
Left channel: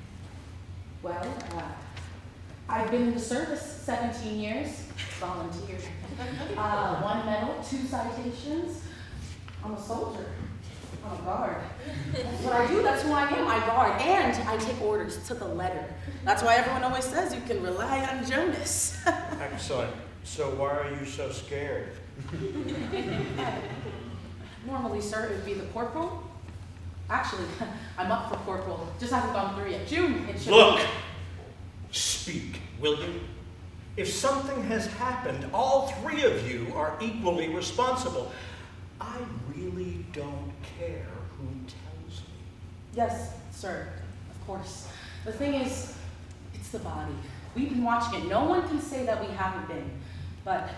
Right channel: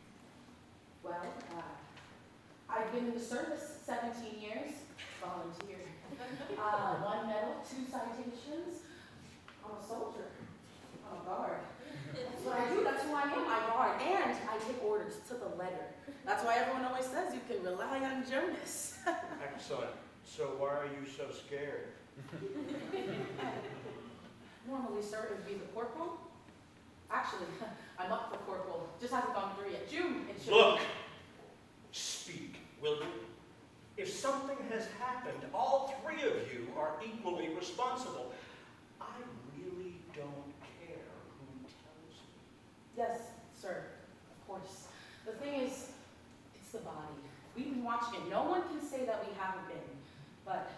Well, I've been in the service 17 years, volunteer. 1 medal, 2 citations. I'm a soldier. Oh, guard. That's what I do. That's who I am. I guard. And I take orders to the letter. That's why everyone always says you can rely on Jonas. Excellent. So why are you so scared? Normally, sir, it would be the corporal. Actually, I'm up for corporal. Just hasn't gone through yet. June, it should Look! Speak, will you? If something has happened, all three of you are equally responsible. I really don't care who tells me. Yes, sir, of course. The thing is, it's the body. We've been watching it. No one can say that we haven't been. But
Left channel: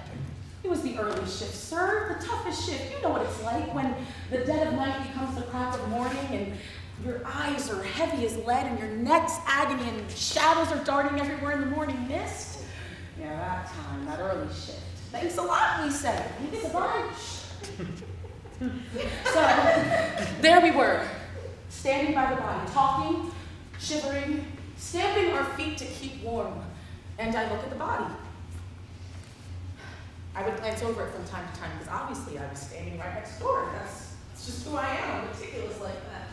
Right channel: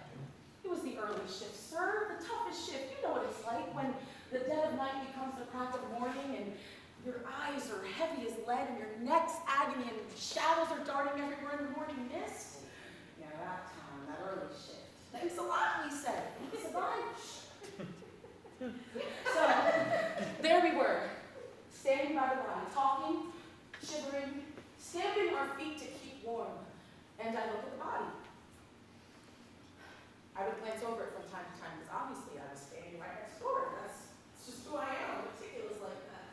it was the early shift, sir, the toughest shift. You know what it's like when the dead of night becomes the crack of morning and your eyes are heavy as lead and your neck's agony and shadows are darting everywhere in the morning mist. Yeah, that time, that early shift. Thanks a lot, we said. Thanks a bunch. So, there we were, standing by the body, talking, shivering, stamping our feet to keep warm. And I look at the body. I would glance over it from time to time because obviously I was standing right next door. That's just who I am. I'm meticulous like that.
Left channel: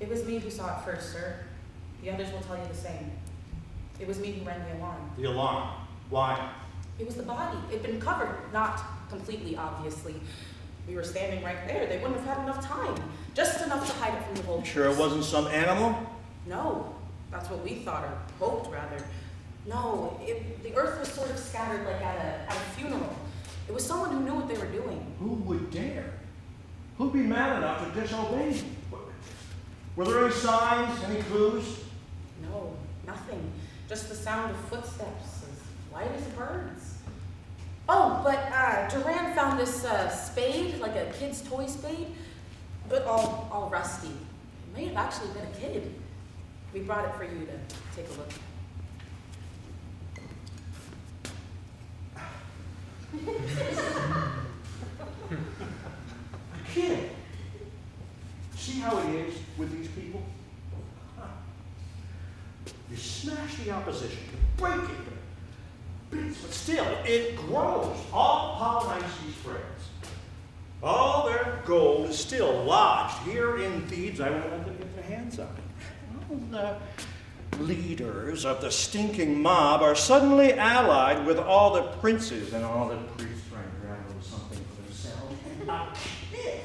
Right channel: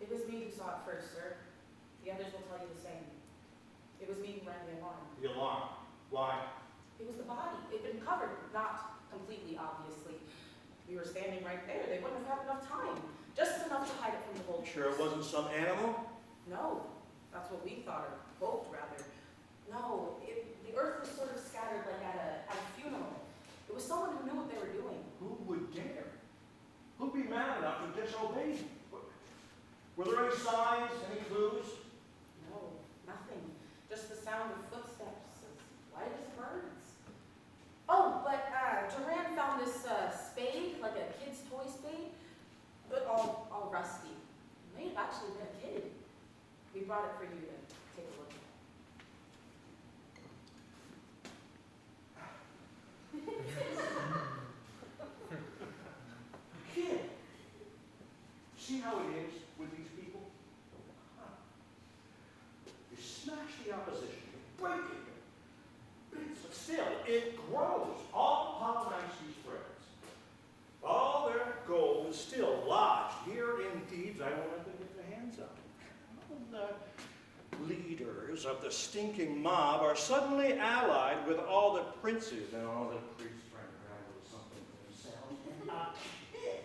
It was me who saw it first, sir. The others will tell you the same. It was me who rang the alarm. The alarm. Why? It was the body. It'd been covered, not completely, obviously. We were standing right there. They wouldn't have had enough time. Just enough to hide it from the vultures. Sure it wasn't some animal? No, that's what we thought, or hoped, rather. No, the earth was sort of scattered like at a funeral. It was someone who knew what they were doing. Who would dare? Who'd be mad enough to disobey me? Were there any signs, any clues? No, nothing. Just the sound of footsteps, as light as birds. Oh, but Duran found this spade, like a kid's toy spade, but all rusty. It may have actually been a kid. We brought it for you to take a look. Kid. See how it is with these people? You smash the opposition, you break it to bits, but still, it grows. All Polynices' friends, all their gold is still lodged here in Thebes. I won't let them get their hands on it. All the leaders of the stinking mob are suddenly allied with all the princes and all the priests trying to grab a little something for themselves. A kid.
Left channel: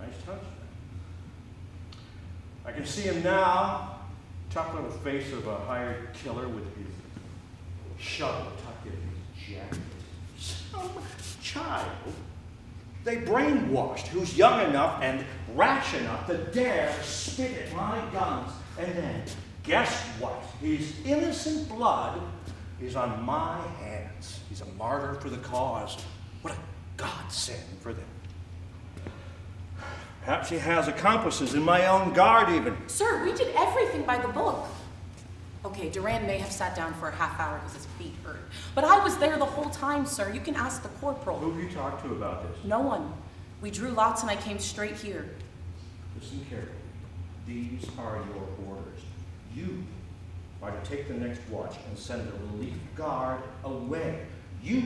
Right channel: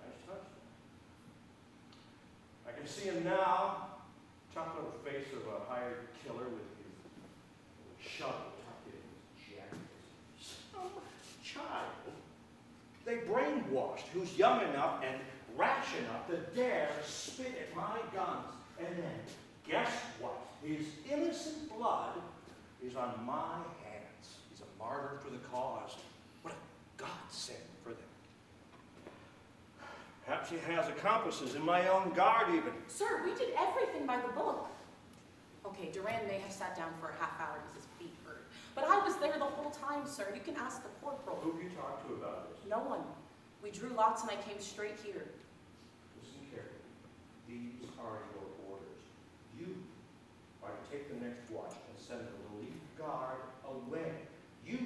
Nice touch there. I can see him now, tough little face of a hired killer with his shovel tucked in his jacket. Some child they brainwashed who's young enough and rash enough to dare spit at my guns. And then, guess what? His innocent blood is on my hands. He's a martyr for the cause. What a godsend for them. Perhaps he has accomplices in my own guard even. Sir, we did everything by the book. Okay, Duran may have sat down for a half hour because his feet hurt. But I was there the whole time, sir. You can ask the corporal. Who have you talked to about this? No one. We drew lots and I came straight here. Listen carefully. These are your orders. You are to take the next watch and send the relief guard away. You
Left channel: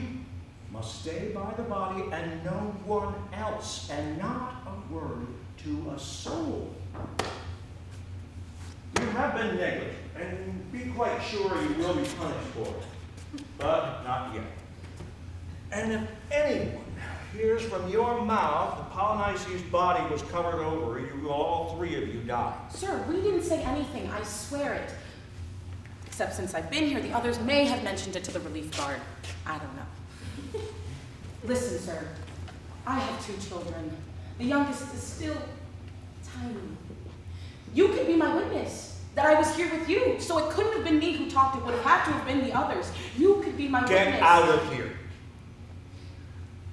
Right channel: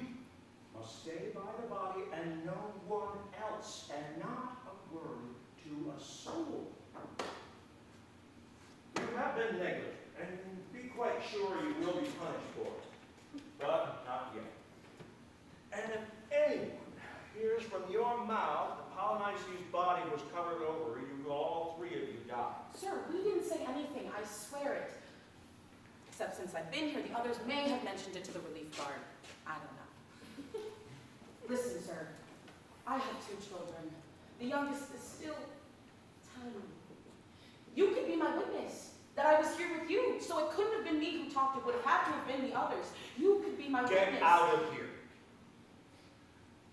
must stay by the body and no one else, and not a word to a soul. You have been negligent, and be quite sure you will be punished for it, but not yet. And if anyone hears from your mouth the Polynices' body was covered over, you will all three of you die. Sir, we didn't say anything. I swear it. Except since I've been here, the others may have mentioned it to the relief guard. I don't know. Listen, sir. I have 2 children. The youngest is still tiny. You could be my witness that I was here with you, so it couldn't have been me who talked. It would have had to have been the others. You could be my witness. Get out of here.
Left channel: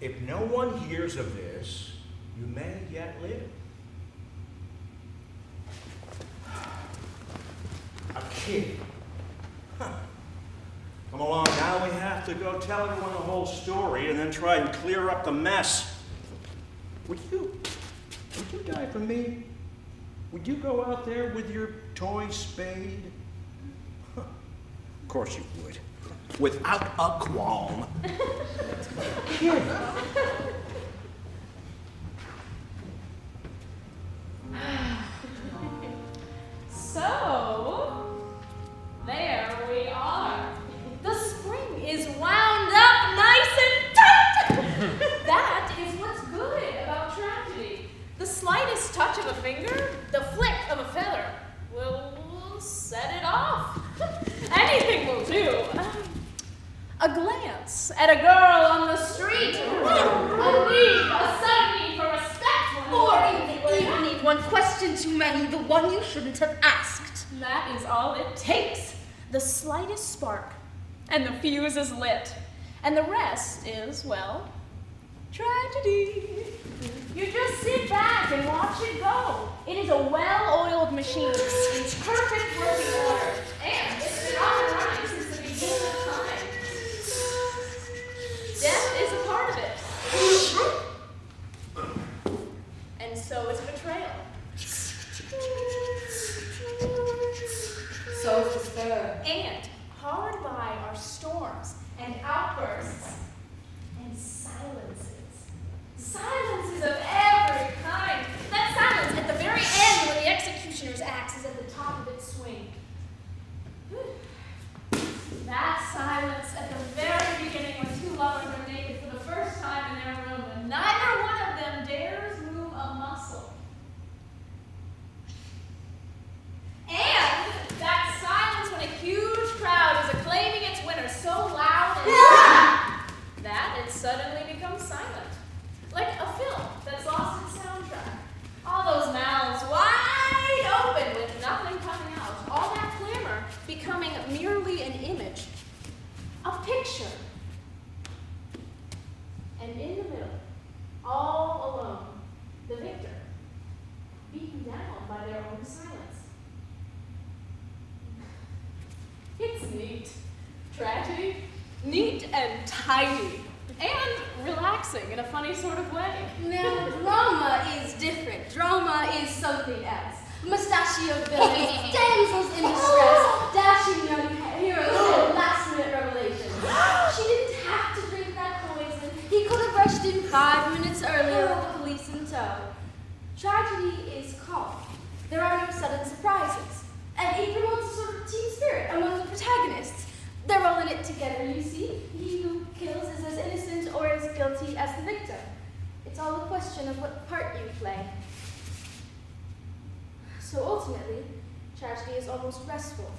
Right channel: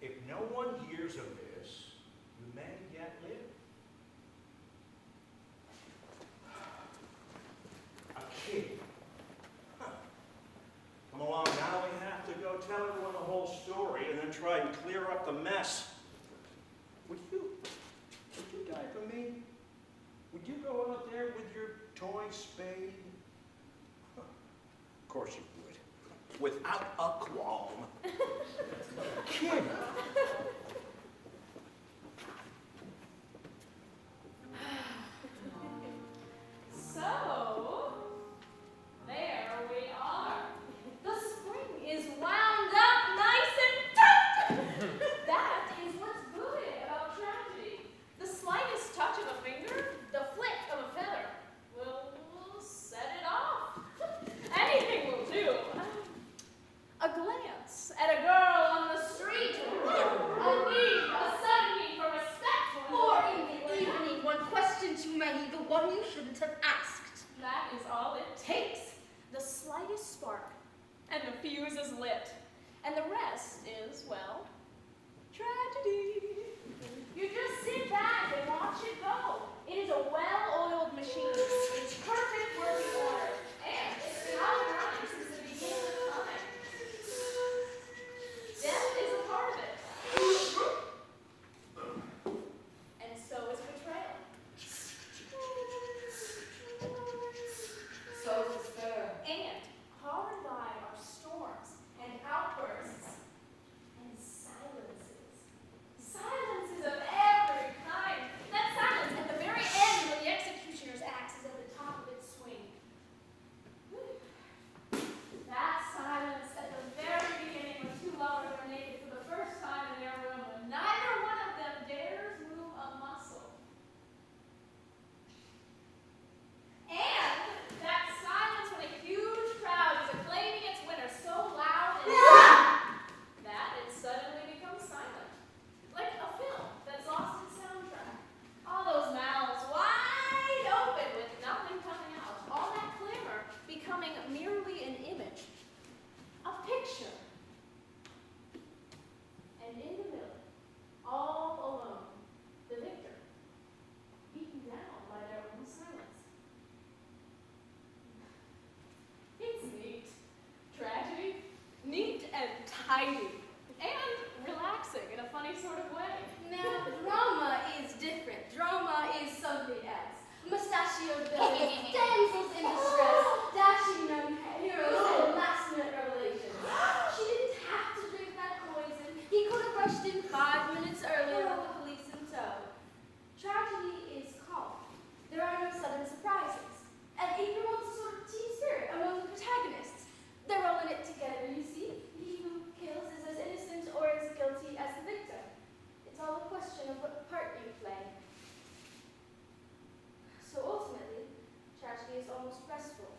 If no one hears of this, you may yet live. A kid. Huh. Come along now, we have to go tell everyone the whole story and then try and clear up the mess. Would you die for me? Would you go out there with your toy spade? Huh. Of course you would. Without a qualm. Kid. So, there we are. The spring is wound up nice and tight. That is what's good about tragedy. The slightest touch of a finger, the flick of a feather, will set it off. Anything will do. A glance at a girl on the street, a sudden need for respect, Or in the evening, one question too many, the one you shouldn't have asked. that is all it takes. The slightest spark, and the fuse is lit. And the rest is, well, tragedy. You just sit back and watch it go. It is a well-oiled machine. It's perfect working order. And it's been on and running since the beginning of time. Death is a part of it. And so is betrayal. So is despair. And hard by are storms and outbursts and silences. Silences of every kind. That silence at the very end when the executioner's axe is at the top of its swing. That silence at the very beginning when two lovers are naked for the first time in their room and neither one of them dares move a muscle. And that silence when a huge crowd is acclaiming its winner so loud and that it suddenly becomes silent. Like a film that's lost its soundtrack. All those mouths wide open with nothing coming out. All that clamor becoming merely an image. A picture. And in the middle, all alone, the victor, beaten down by their own silence. It's neat. Tragedy. Neat and tiny. And relaxing in a funny sort of way. Now, drama is different. Drama is something else. Mustachio villains, damsels in distress, dashing young heroes, and last-minute revelations. She didn't have to drink that poison. He could have rushed in 5 minutes earlier with the police in tow. Tragedy is calm. There are no sudden surprises. And it promotes a sort of team spirit among the protagonists. They're all in it together, you see. He who kills is as innocent or as guilty as the victim. It's all a question of what part you play. So ultimately, tragedy is almost restful,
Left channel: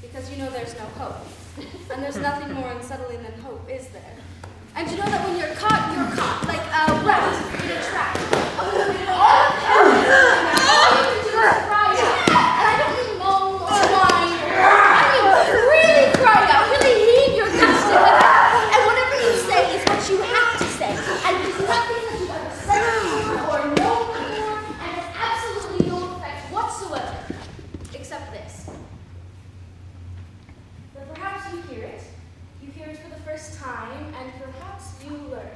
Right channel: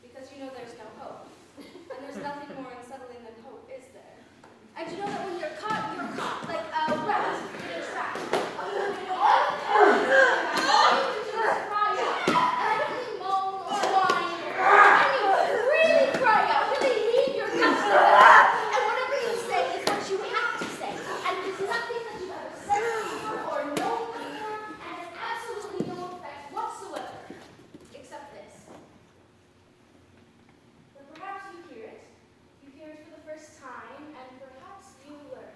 because you know there's no hope. And there's nothing more unsettling than hope, is there? And you know that when you're caught, like a rat in a trap. And I don't mean moan or whine. I mean really cry out, really heave your guts together. And whatever you say is what you have to say. And there's nothing that you've ever said before or known before, and has absolutely no effect whatsoever, except this. That perhaps you hear it for the first time, and perhaps you learn.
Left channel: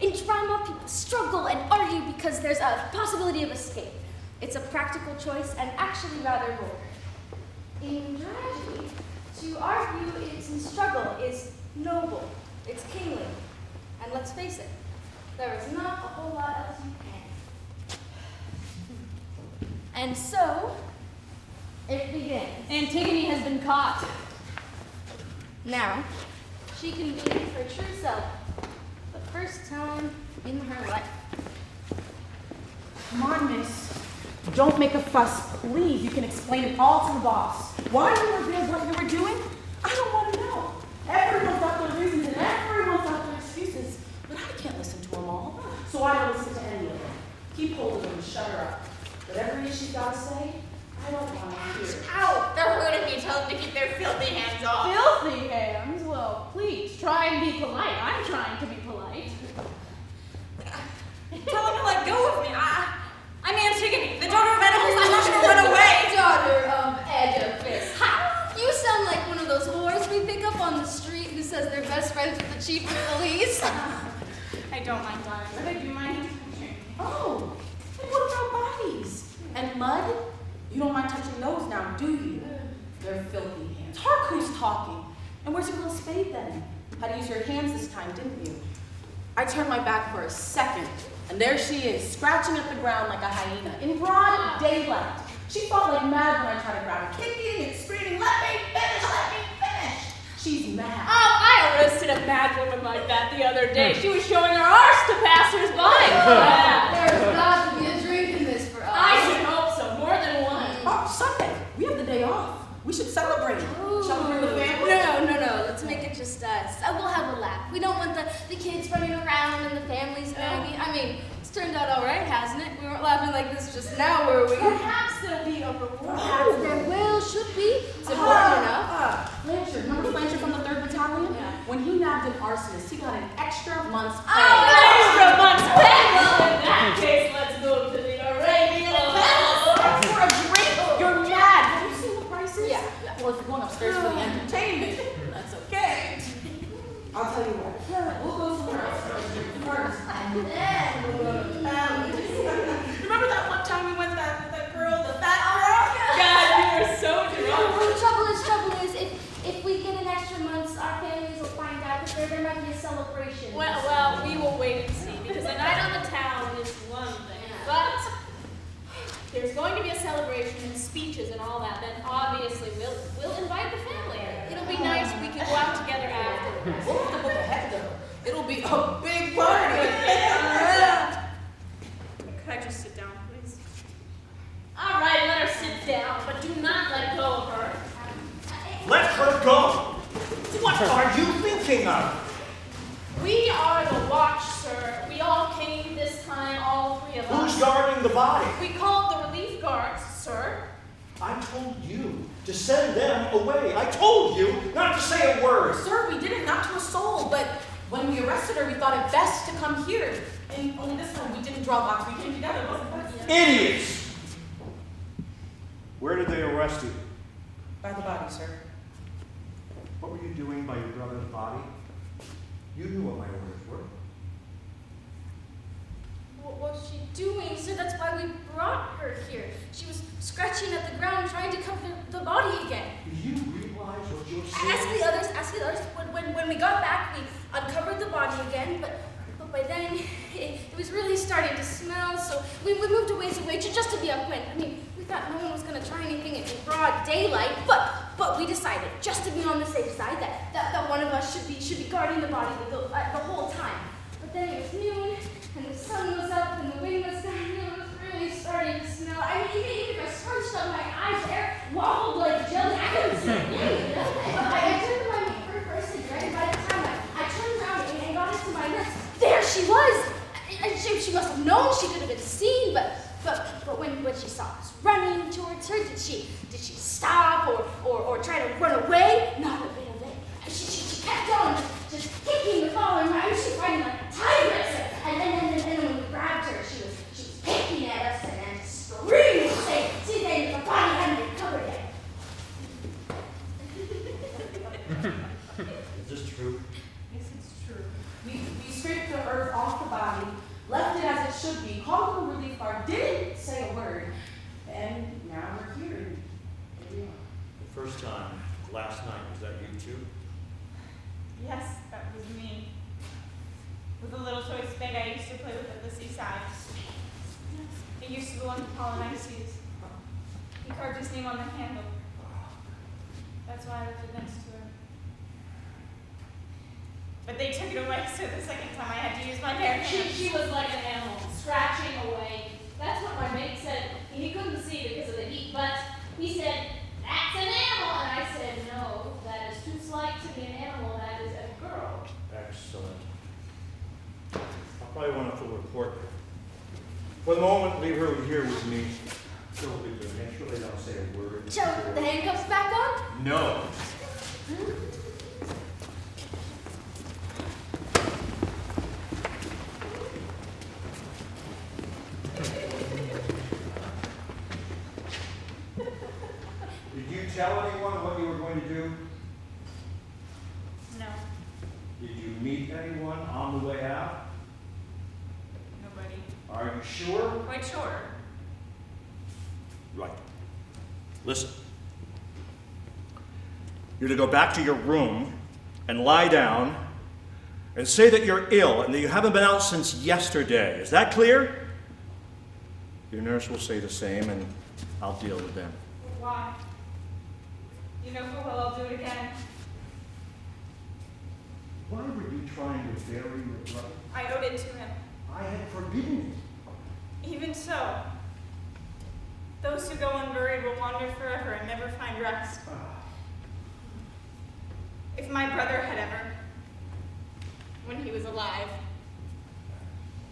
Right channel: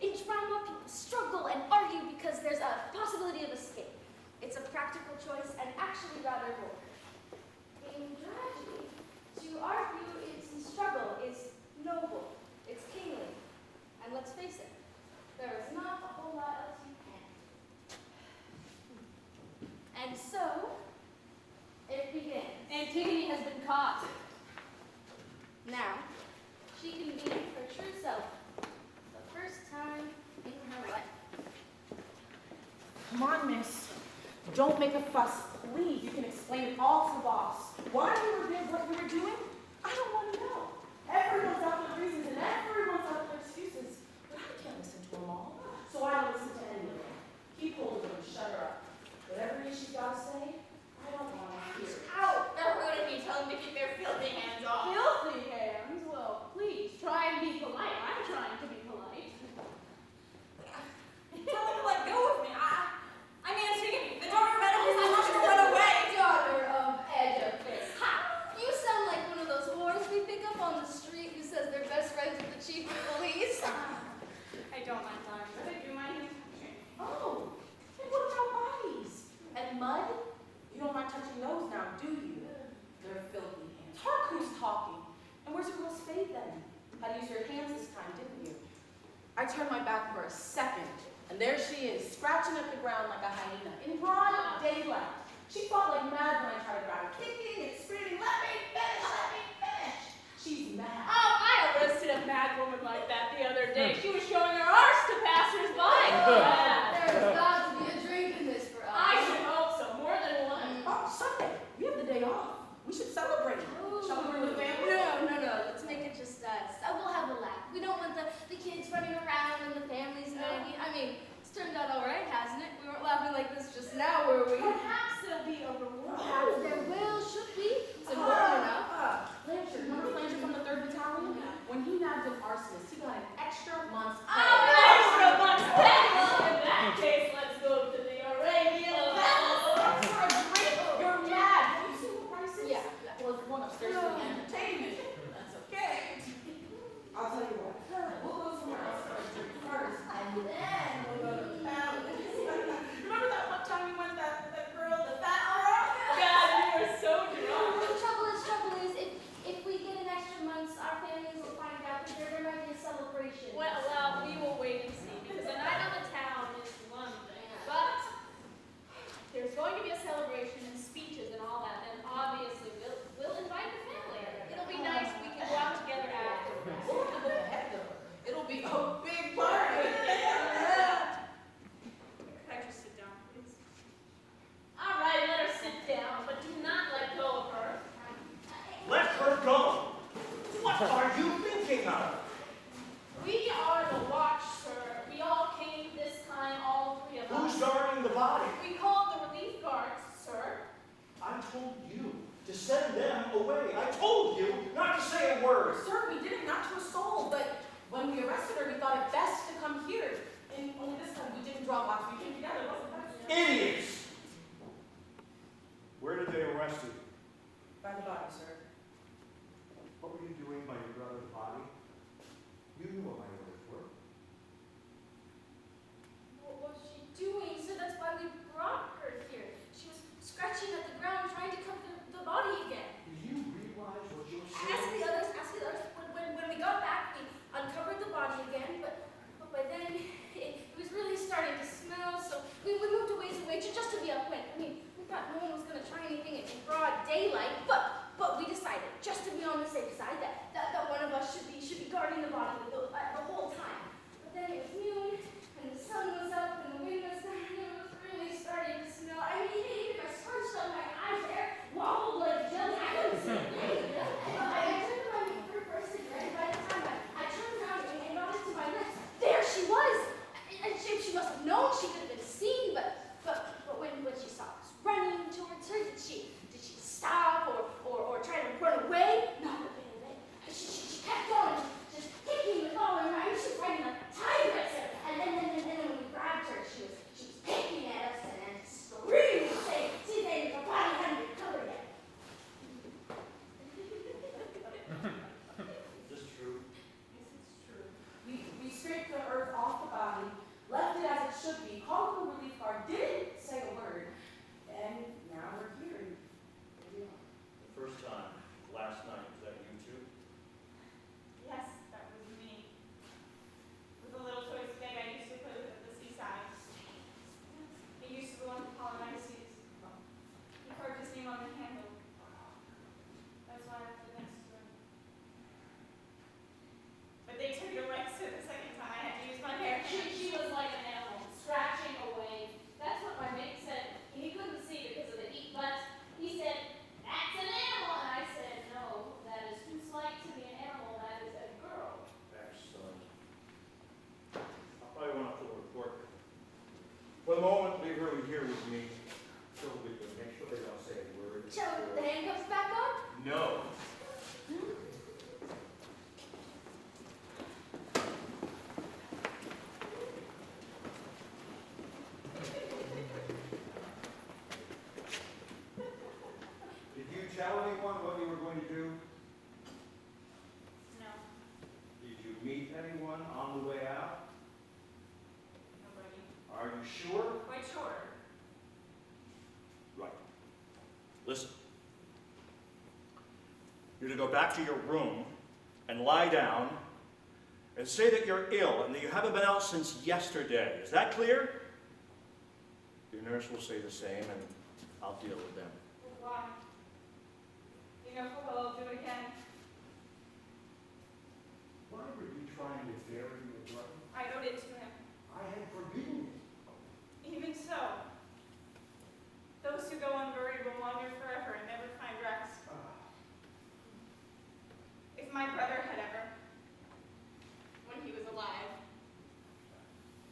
In drama, people struggle and argue because there's a possibility of escape. It's a practical choice and actually rather bold. In tragedy, to argue in struggle is noble, it's kingly. And let's face it, there is not a whole lot else you can. And so, it begins. Antigone has been caught. Now, she can be her true self, the first time in her life. Come on, miss. Don't make a fuss, please. You can explain it all to the boss. Why you were there, what you were doing? I don't want to know. Everyone's got their reasons and everyone's got their excuses. But I can't listen to them all. So I don't listen to any of them. Keep hold of them and shut her up. Whatever it is she's got to say, I don't want to hear it. Ow! They're hurting me. Tell them to keep their filthy hands off. Filthy hands? Well, please, try and be polite. I'm trying to be polite. Tell them to let go of me. I'm Antigone, the daughter of Oedipus. I'm not going to run away. Daughter of Oedipus. Ha! You sound like one of those whores we pick up on the street who says they're best friends with the chief of police. I don't mind, darling, but I do mind touching. Oh, and what about bodies? And mud? You don't mind touching those now, do you? They're filthy hands. Hark who's talking. And where's your little spade then? had to use your hands this time, didn't you? I turned my back for a second, and there she is, scratching at the ground like a hyena, in broad daylight. She fought like mad when I tried to grab her, kicking and screaming, let me finish, let me finish. She's mad. Oh, I arrested a mad woman like that the other day. She was showing her arse to passers-by. There's got to be a drink in this for us. I should hope so, more than one. Oh, Sunday, we have the day off. We should celebrate. Shall we bring the family? No. Let's make it just us. We'll have a laugh. We don't want the kids running around and the families nagging. I mean, it's turned out all right, hasn't it? We weren't laughing like this just now, were we? Perhaps there'll be a reward. Perhaps there will, should be. It's important enough. Blanchard, remember Blanchard from the 3rd Battalion? Yeah. When he nabbed an arsonist, he got an extra month's pay. Oh, an extra month's pay! Well, in that case, let's go to the Arabian Palace. For a drink? You're mad. Have you seen the prices? Yeah. Well, if you're going upstairs for the entertainment, that's okay. I'll tell you what. We'll go somewhere else first, and then we'll go to the palace. Remember that one time we went that girl, the fat girl? God, we were so drunk. The trouble is, if we get an extra month, our families will find out that there might be a celebration. Well, we will wait and see, because a night on the town is one thing. But there's going to be a celebration and speeches and all that, then obviously we'll invite the family. It'll be nice, we can go out together afterwards. We'll have to book ahead, though. It'll be a big party. Could I just sit down, please? All right, let her sit down, but do not let go of her. Let her go. What are you thinking of? We are the watch, sir. We all came this time, all 3 of us. Who's guarding the body? We called the relief guards, sir. I told you to send them away. I told you not to say a word. Sir, we did it not to a soul, but when we arrested her, we thought it best to come here. And only this time we didn't draw lots. We came together, wasn't it? Idiots! Where did they arrest you? By the body, sir. What were you doing by your brother's body? You knew what my orders were. What was she doing? So that's why we brought her here. She was scratching at the ground, trying to cover the body again. Do you realize what you're Ask saying? the others. When we got back, we uncovered the body again, but by then it was really starting to smell, so we moved a ways away just to be upwind. I mean, we thought no one was going to try anything in broad daylight, but we decided, just to be on the safe side, that one of us should be guarding the body the whole time. But then it was noon, and the sun was up, and the wind was down, and it was really starting to smell. I mean, even if I scrunched up my eyes there, wobbled like jelly, I couldn't see anything. I took my first cigarette, and by the time I turned around and got into my lips, there she was! And she must have known, she could have been seen, but when she saw us running towards her, did she stop or try to run away? Not a bit of it. She kept on just kicking the collar around. She was fighting like a tigress. And then when we grabbed her, she was picking at us and screaming, saying, see, then the body hadn't been covered yet. Is this true? Yes, it's true. We scraped the earth off the body, left it as it should be, called the relief guard, didn't say a word, and now we're here. Here we are. The first time, last night, was that you too? Yes, that was me. With a little toy spade I used to play with at the seaside. It used to belong to Polynices. He carved his name on the handle. That's why I left it next to her. But they took it away, so the second time I had to use my bare hands. She was like an animal, scratching away. That's what my mate said. He couldn't see because of the heat, but he said, that's an animal. And I said, no, that is too slight to be an animal. That is a girl. Excellent. I'll probably want a full report. For the moment, leave her here with me. She'll be there. Make sure they don't say a word. Shall we put the handcuffs back on? No. Did you tell anyone what you were going to do? No, Did you meet anyone on the way out? nobody. Are you sure? Quite sure. Right. Listen. You're to go back to your room and lie down and say that you're ill and that you haven't been out since yesterday. Is that clear? Your nurse will say the same, and I'll deal with them. Why? You know full well I'll do it again. Why were you trying to bury your brother? I owed it to him. I had forbidden it. Even so, those who go unburied will wander forever and never find rest. If my brother had ever, when he was alive,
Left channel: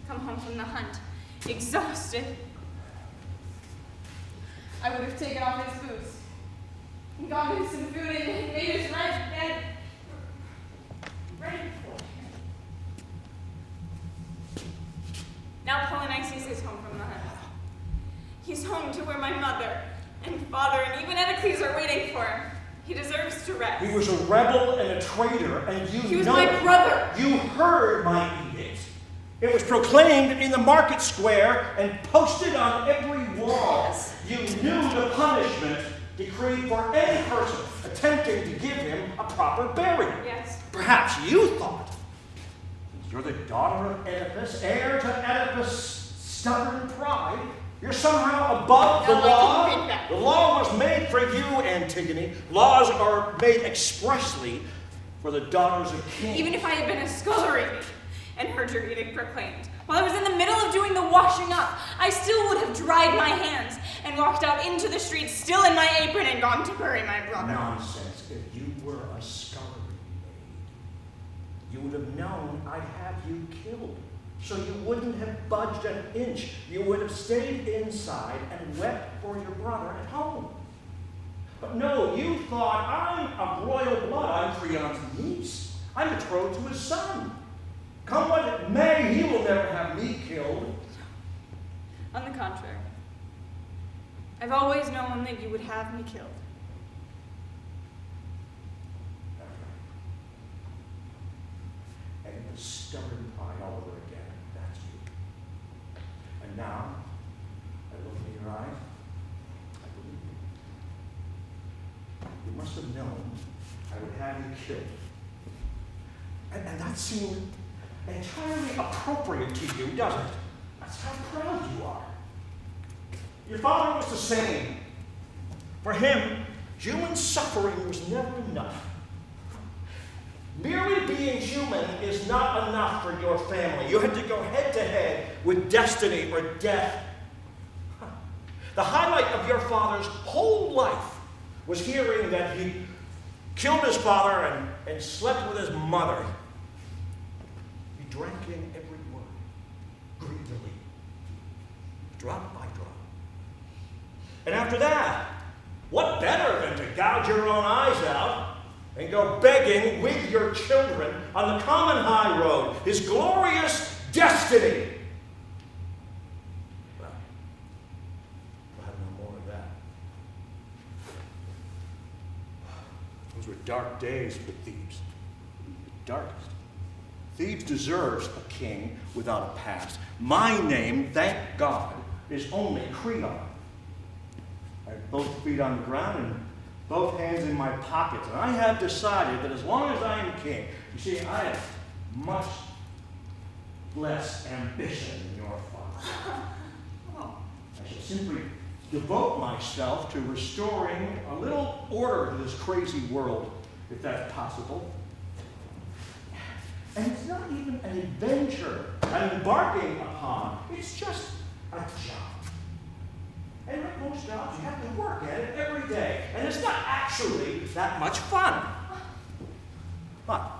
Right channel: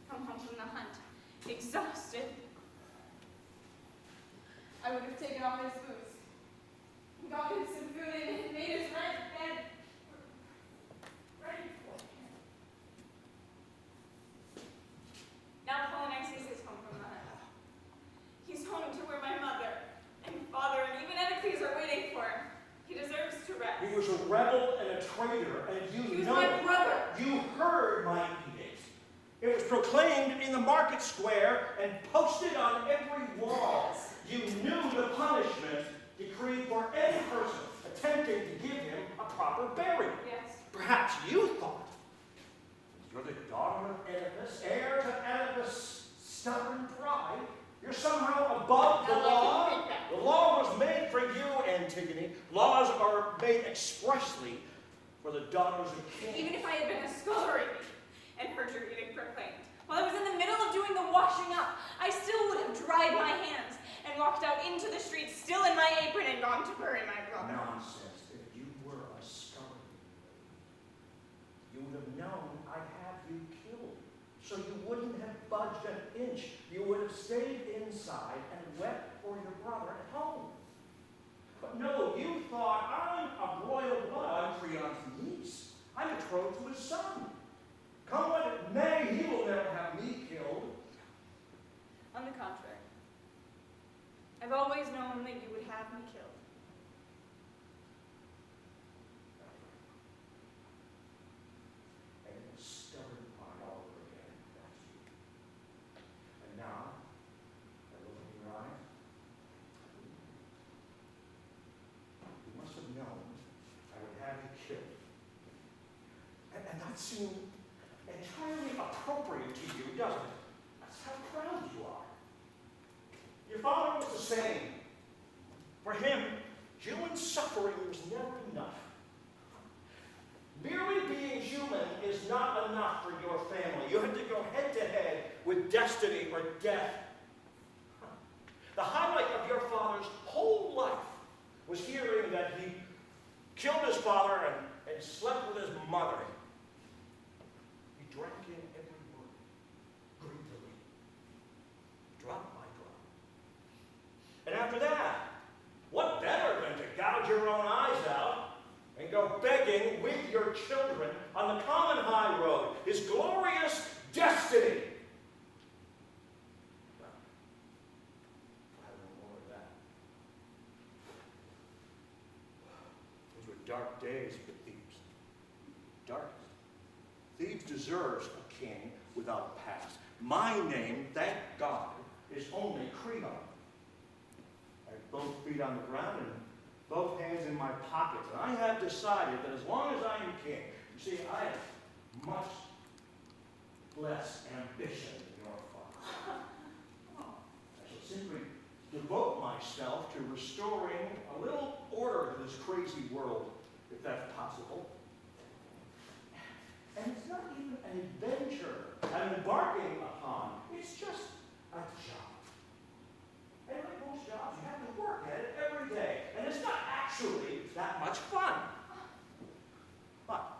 come home from the hunt, exhausted, I would have taken off his boots and gone him some food and made his bed ready for him. Now Polynices is home from the hunt. He's home to where my mother and father and even Anticles are waiting for him. He deserves to rest. He was a rebel and a traitor, and you know He was my brother. You heard my edict. It was proclaimed in the market square and posted on every wall. Yes. You knew the punishment decreed for any person attempting to give him a proper burial. Yes. Perhaps you thought, you're the daughter of Oedipus, heir to Oedipus' stubborn pride, you're somehow above the No, I law. didn't think that. The law was made for you, Antigone. Laws are made expressly for the daughters of kings. Even if I had been a scullery and heard your edict proclaimed, while I was in the middle of doing the washing up, I still would have dried my hands and walked out into the streets, still in my apron, and gone to bury my brother. Nonsense. If you were a scullery maid, you would have known I'd have you killed. So you wouldn't have budged an inch. You would have stayed inside and wept for your brother at home. But no, you thought, I'm of royal blood. I'm CREON's niece. I'm betrothed to his son. Come what it may, he will never have me killed. On the contrary, I've always known that you would have me killed. And it was stubborn pride all over again. That's you. And now, I look in your eyes, I believe you. You must have known I would have you killed. And that seemed entirely appropriate to you, doesn't it? That's how proud you are. Your father was the same. For him, human suffering was never enough. Merely being human is not enough for your family. You had to go head to head with destiny or death. The highlight of your father's whole life was hearing that he killed his father and slept with his mother. He drank in every word, greedily, drop by drop. And after that, what better than to gouge your own eyes out and go begging with your children on the common high road, his glorious destiny? Well, we'll have no more of that. Those were dark days for Thebes. Darkest. Thebes deserves a king without a past. My name, thank God, is only CREON. I have both feet on the ground and both hands in my pockets. And I have decided that as long as I am king, you see, I have much less ambition than your father. I shall simply devote myself to restoring a little order to this crazy world, if that's possible. And it's not even an adventure I'm embarking upon. It's just a job. And like most jobs, you have to work at it every day. And it's not actually that much fun. But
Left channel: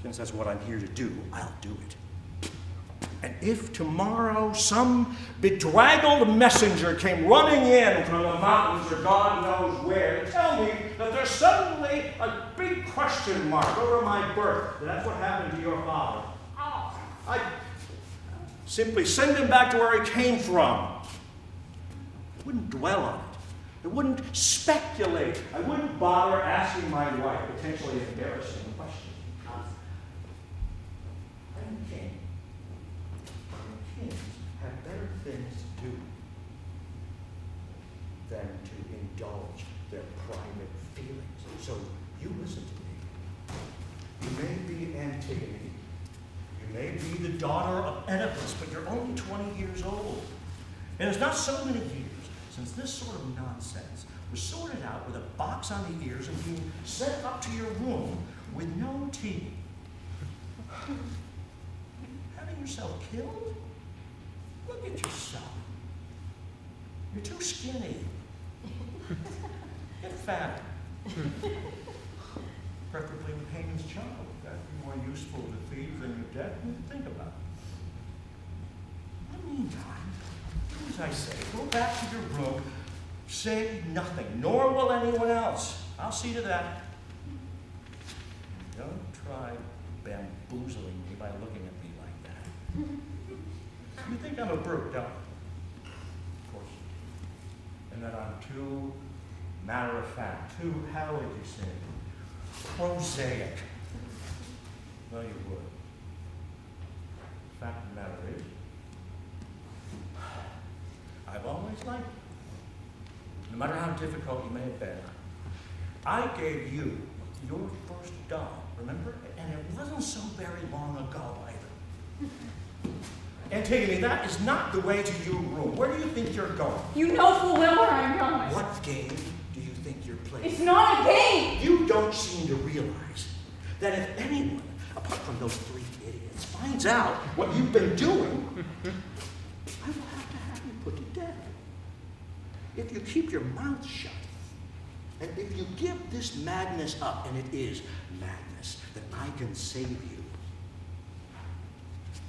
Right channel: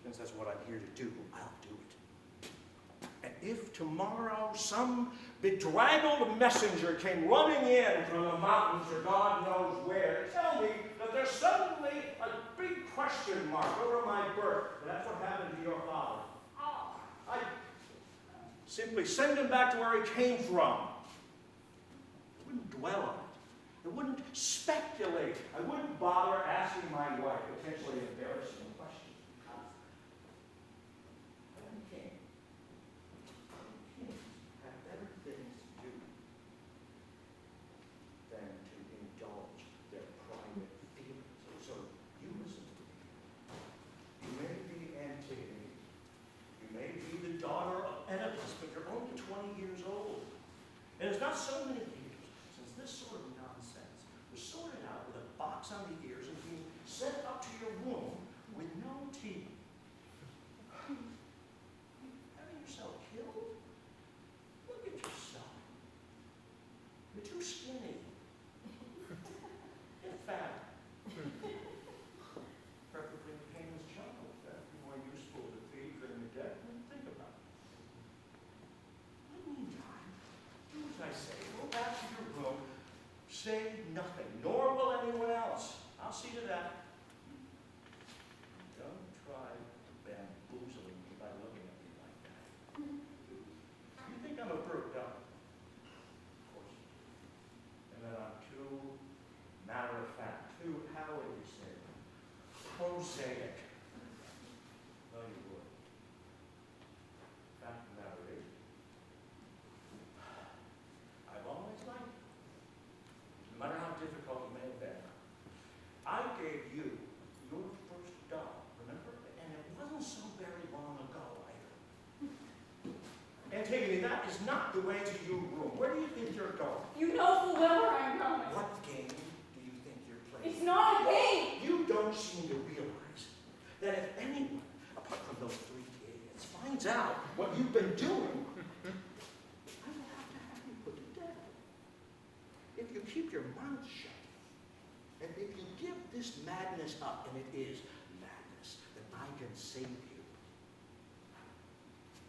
since that's what I'm here to do, I'll do it. And if tomorrow some bedraggled messenger came running in from the mountains or God knows where to tell me that there's suddenly a big question mark over my birth, that's what happened to your father, I'd simply send him back to where he came from. I wouldn't dwell on it. I wouldn't speculate. I wouldn't bother asking my wife potentially embarrassing questions. I'm king. And kings have better things to do than to indulge their private feelings. So you listen to me. You may be Antigone, be the daughter of Oedipus, but you're only 20 years old. And it's not so many years since this sort of nonsense was sorted out with a box on the ears and being sent up to your room with no TV. Having yourself killed? Look at yourself. You're too skinny. Get fat. Preferably with Haman's child. That'd be more useful to thieves than your death. Think about it. In the meantime, do as I say. Go back to your room. Say nothing, nor will anyone else. I'll see to that. Don't try bamboozling me by looking at me like that. You think I'm a brute, don't you? Of course you do. And that I'm too matter of fact, too, how would you say, prosaic. Well, you would. The fact of the matter is, I've always liked you. No matter how difficult you may have been, I gave you your first doll, remember? And it wasn't so very long ago either. Antigone, that is not the way to your room. Where do you think you're going? You know full well where I'm going. What game do you think you're playing? It's not a game. You don't seem to realize that if anyone, apart from those three idiots, finds out what you've been doing, I will have you put to death. If you keep your mouth shut, and if you give this madness up, and it is madness, then I can save you.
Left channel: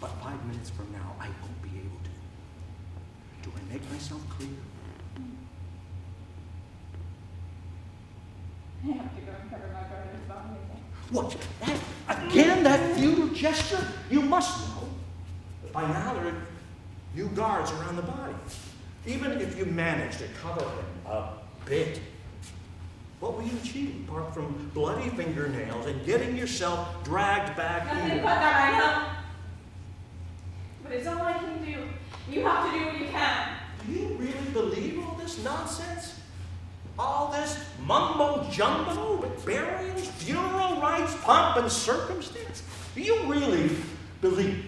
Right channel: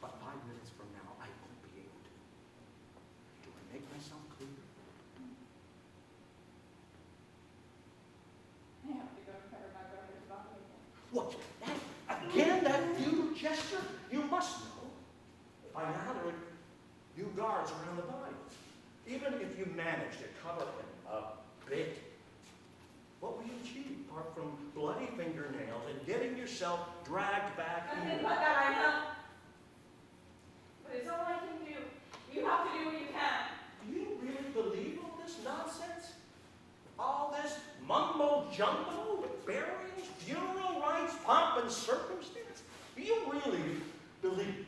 But 5 minutes from now, I won't be able to. Do I make myself clear? I have to go and cover my brother's body again. What? Again, that futile gesture? You must know. By now, there are new guards around the body. Even if you manage to cover him a bit, what will you achieve apart from bloody fingernails and getting yourself dragged back Nothing here? but that, I know. But it's all I can do. You have to do what you can. Do you really believe all this nonsense? All this mumbo-jumbo with burials, funeral rites, pomp and circumstance? Do you really believe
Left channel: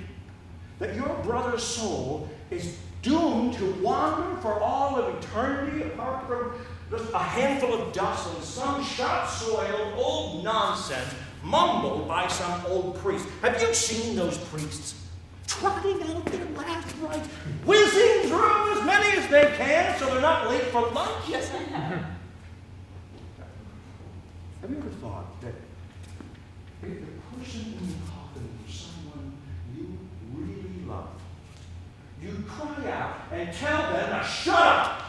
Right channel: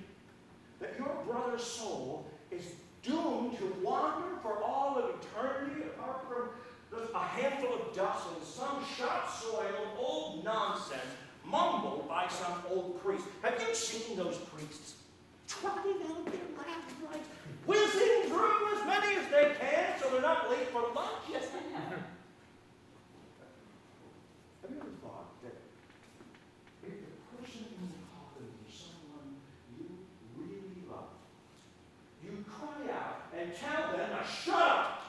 that your brother's soul is doomed to wander for all of eternity apart from just a handful of dust and some sharp-soiled old nonsense mumbled by some old priest? Have you seen those priests trotting out their last rites, whizzing through as many as they can so they're not late for lunch? Yes, I have. Have you ever thought that if the person in the coffin was someone you really loved, you'd cry out and tell them to shut up?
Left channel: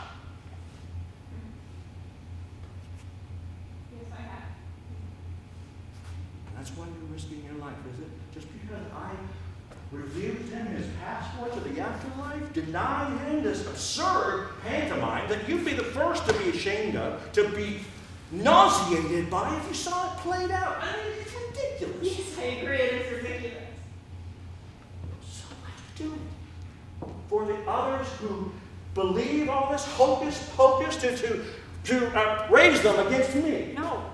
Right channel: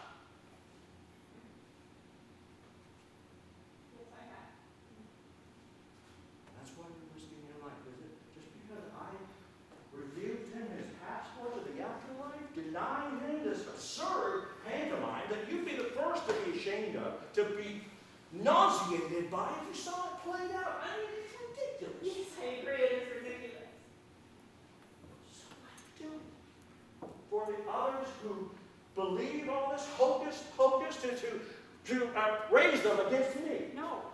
Yes, I have. That's why you're risking your life, is it? Just because I refused him his passport to the afterlife, denied him this absurd pantomime that you'd be the first to be ashamed of, to be nauseated by if you saw it played out. I mean, it's ridiculous. Yes, I agree. It is ridiculous. So I do. For the others who believe all this hocus pocus to raise them against me. No.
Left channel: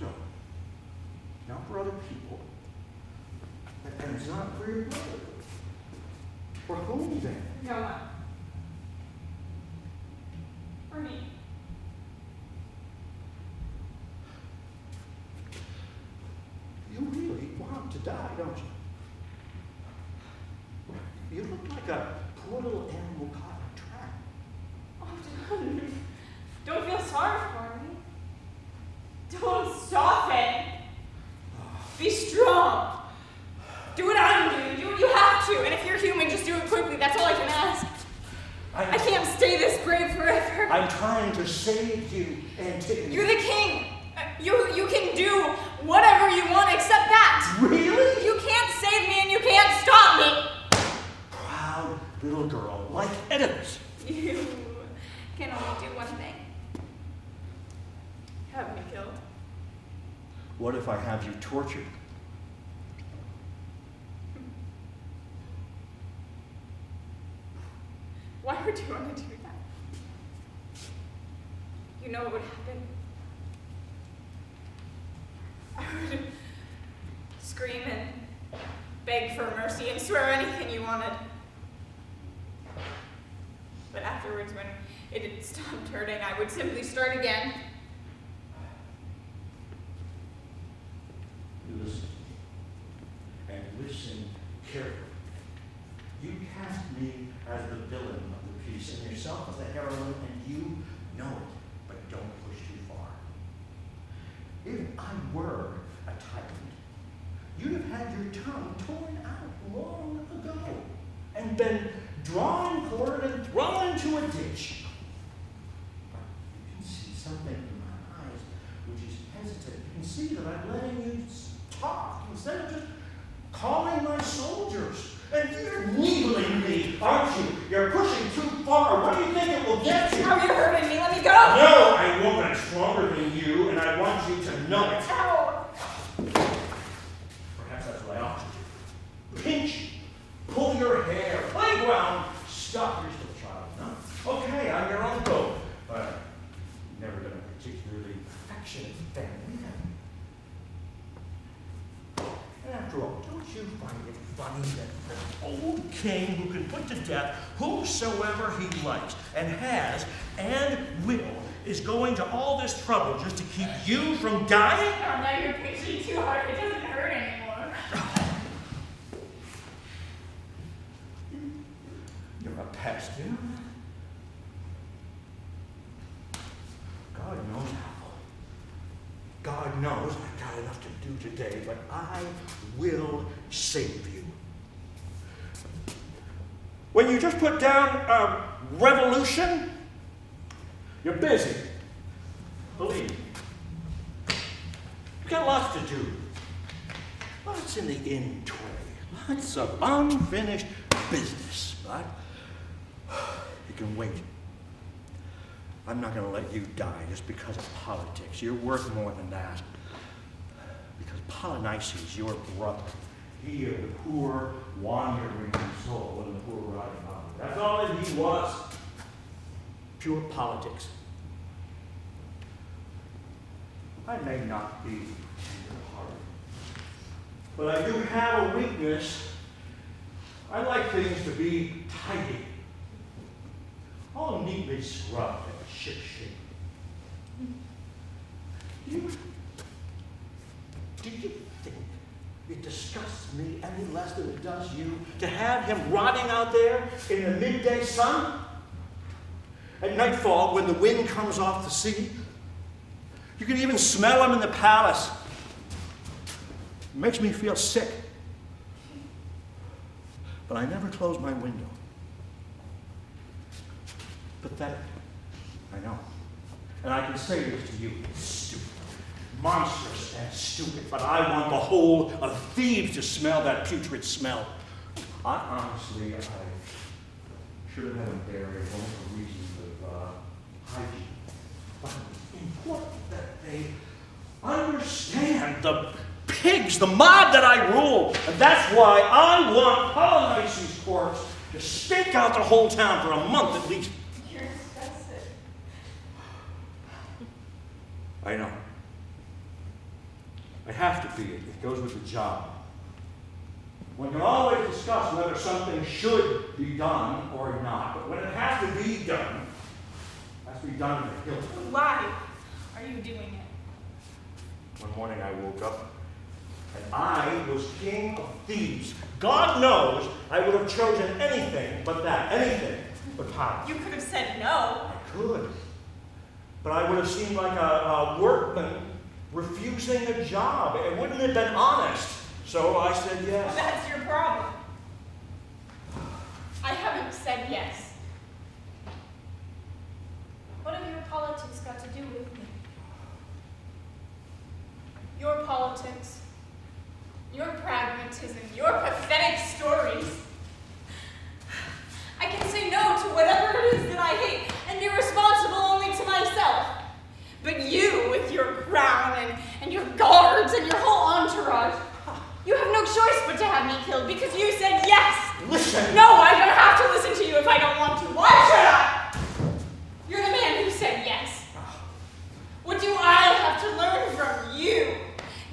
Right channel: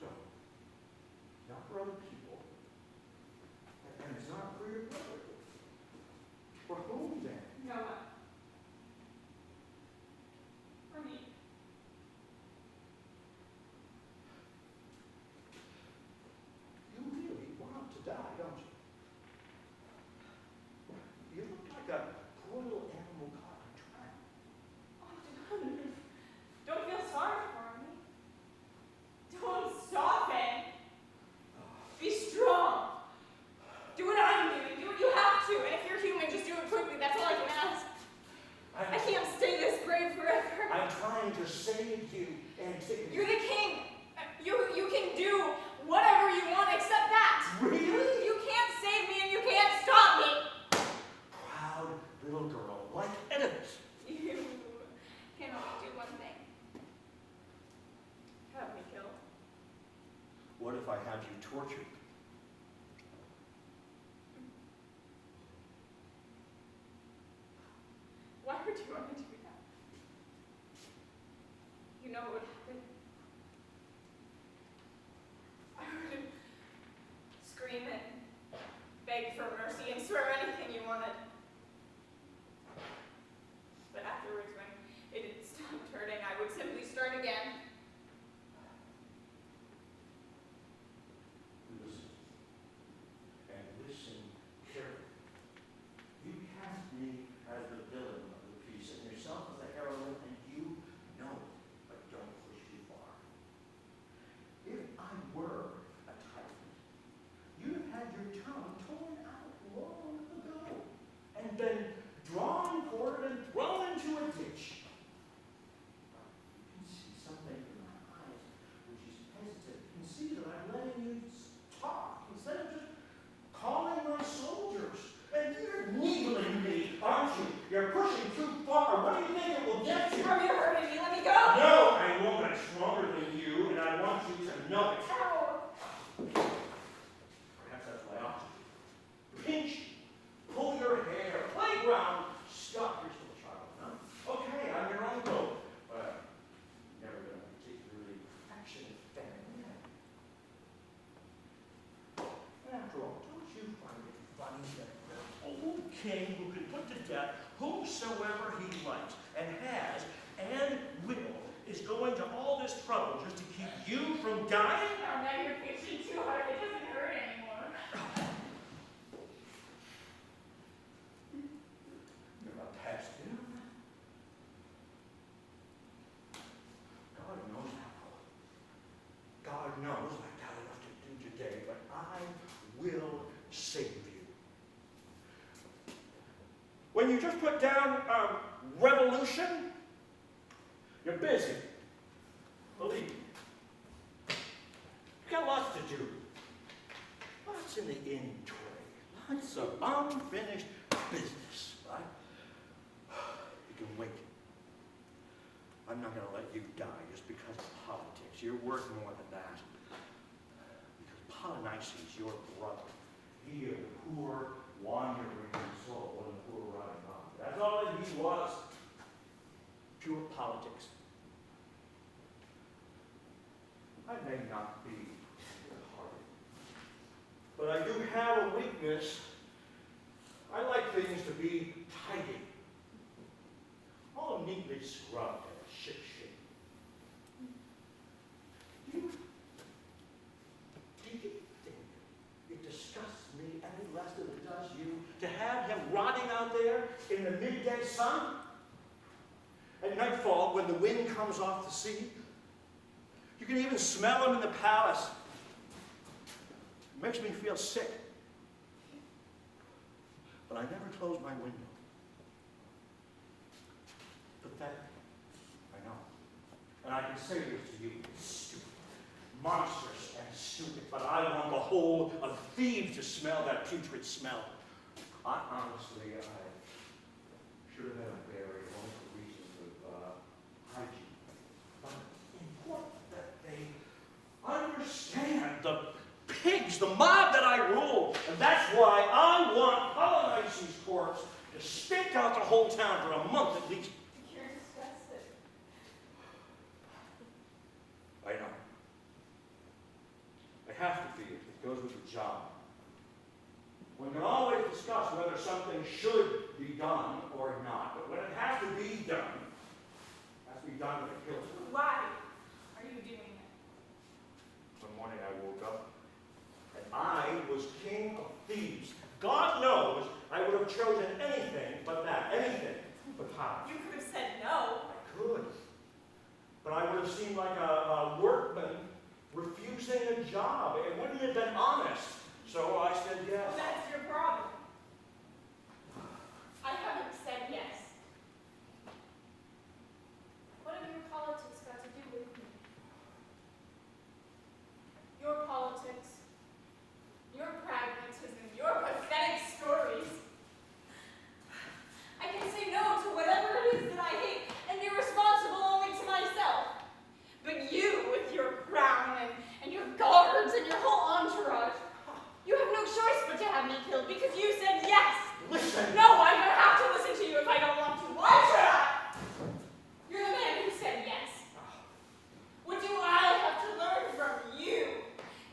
So, not for other people. And it's not for your brother. For whom then? No one. For me. You really want to die, don't you? You look like a poor little animal caught in a trap. Oh, don't feel sorry for me. Don't soften. Be strong. Do what I'm doing. Do what you have to. And if you're human, just do it quickly. That's all I can ask. I can't stay this brave forever. I'm trying to save you, Antigone. You're the king. You can do whatever you want except that. Really? You can't save me and you can't stop me. Proud little girl like Oedipus. You can only do one thing. Have me killed. What if I have you tortured? Why would you want to do that? You know what would happen? I would scream and swear anything you wanted. But afterwards, when it had stopped hurting, I would simply start again. Listen, and listen carefully. You cast me as the villain of the piece, and yourself as the heroine, and you know it, but don't push too far. If I were a tyrant, you'd have had your tongue torn out long ago, and been drawn, quartered, and thrown into a ditch. But you can see something in my eyes which is hesitant. You can see that I'm letting you talk instead of just calling my soldiers. And you're needling me, aren't you? You're pushing too far. What do you think it will get you? Oh, you're hurting me. Let me go. No, I won't. I'm stronger than you, and I want you to know it. Ow. Perhaps that's what I ought to do. Pinch, pull your hair, playground. Stop. You're still a child, no? Okay, I'm your uncle. But never been a particularly affectionate family, have you? And after all, don't you find it funny that an old king who can put to death whomsoever he likes and has and will is going to all this trouble just to keep you from dying? Oh, now you're pinching too hard. It doesn't hurt anymore. You're a pest, you know? God knows how. God knows I've got enough to do today, but I will save you. When you just put down revolution, you're busy. Believe me. You've got lots to do. Lots in the in tray. Lots of unfinished business. But you can wait. I'm not going to let you die just because of politics. You're worth more than that. Because Polynices, your brother, he is a poor, wandering soul in the poor riding body. That's all that he was. Pure politics. I may not be tender-hearted, but I do have a weakness. I like things to be tidy. All neatly scrubbed and ship-shape. Do you think it disgusts me any less than it does you to have him rotting out there in the midday sun? At nightfall, when the wind comes off the sea, you can even smell him in the palace. It makes me feel sick. But I never close my window. Pathetic. I know. And I can say this to you, stupid, monstrous and stupid, but I want the whole of Thebes to smell that putrid smell. Honestly, I should have had him buried only for reasons of hygiene. But it's important that they understand the pigs, the mob that I rule. And that's why I want Polynices' corpse to stink out the whole town for a month at least. You're disgusted. I know. I have to be. It goes with the job. One can always discuss whether something should be done or not, but when it has to be done, it has to be done to the hilt. Why are you doing it? One morning I woke up, and I was king of Thebes. God knows I would have chosen anything but that, anything but power. You could have said no. I could, but I would have seemed like a workman refusing a job. It wouldn't have been honest. So I said yes. Well, that's your problem. I haven't said yes. What have your politics got to do with me? Your politics, your pragmatism, your pathetic stories. I can say no to whatever it is that I hate and be responsible only to myself. But you, with your crown and your guards and your whole entourage, you have no choice but to have me killed because you said yes. Listen. No, I don't have to listen to you if I don't want to. Why should I? You're the man who said yes. What do I have to learn from you?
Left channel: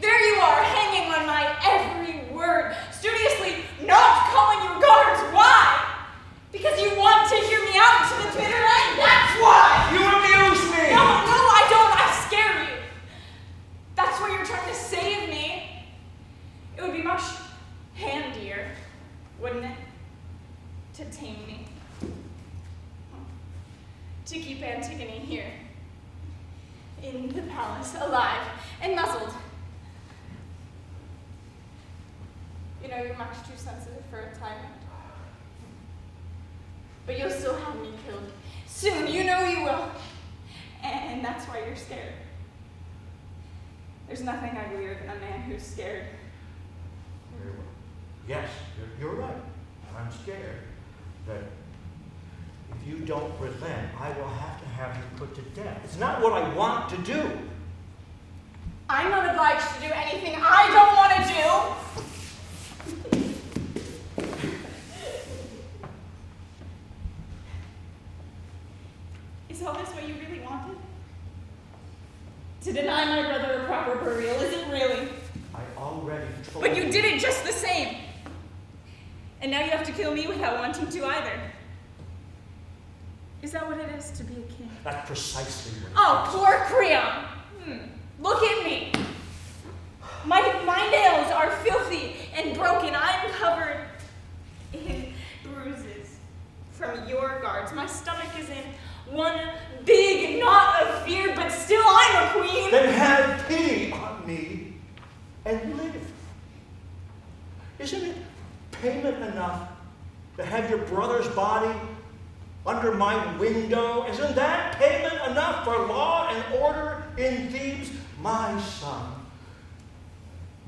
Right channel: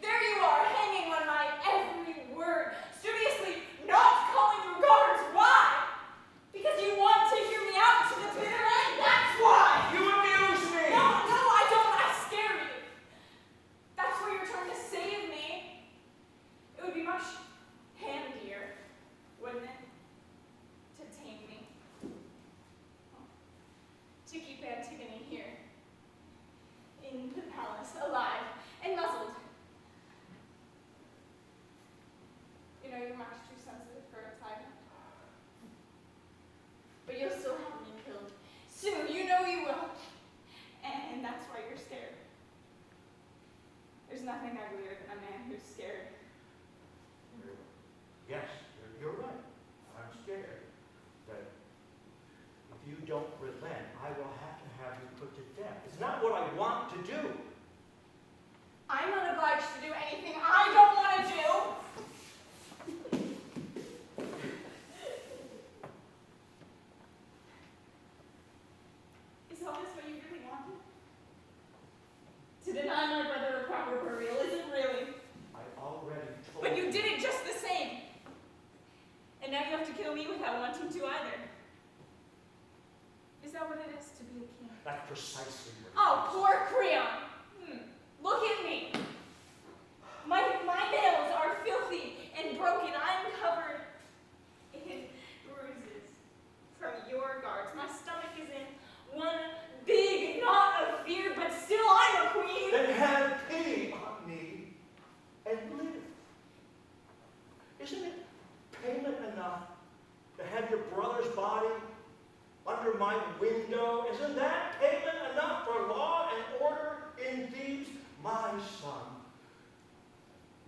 There you are, hanging on my every word, studiously not calling Antigone here, in the palace, alive and muzzled. You know, you're much too sensitive for a tyrant. But you'll still have me killed. Soon, you know you will. And that's why you're scared. There's nothing uglier than a man who's scared. Yes, you're right. I'm scared that if you don't relent, I will have to have you put to death. It's not what I want to do. I'm not obliged to do anything I don't want to do. Is all this what you really wanted? To deny my brother a proper burial, is it really? I already told But you did it just the same. And now you have to kill me without wanting to either. Is that what it is to be a king? That's precisely what. Oh, poor CREON. Look at me. My nails are filthy and broken. I'm covered in bruises from your guards. My stomach is in one big knot of fear, but still I'm a queen. Then have pity on me and live. Isn't it payment enough to have your brother's body under my window? Isn't that payment enough for law and order in Thebes? My son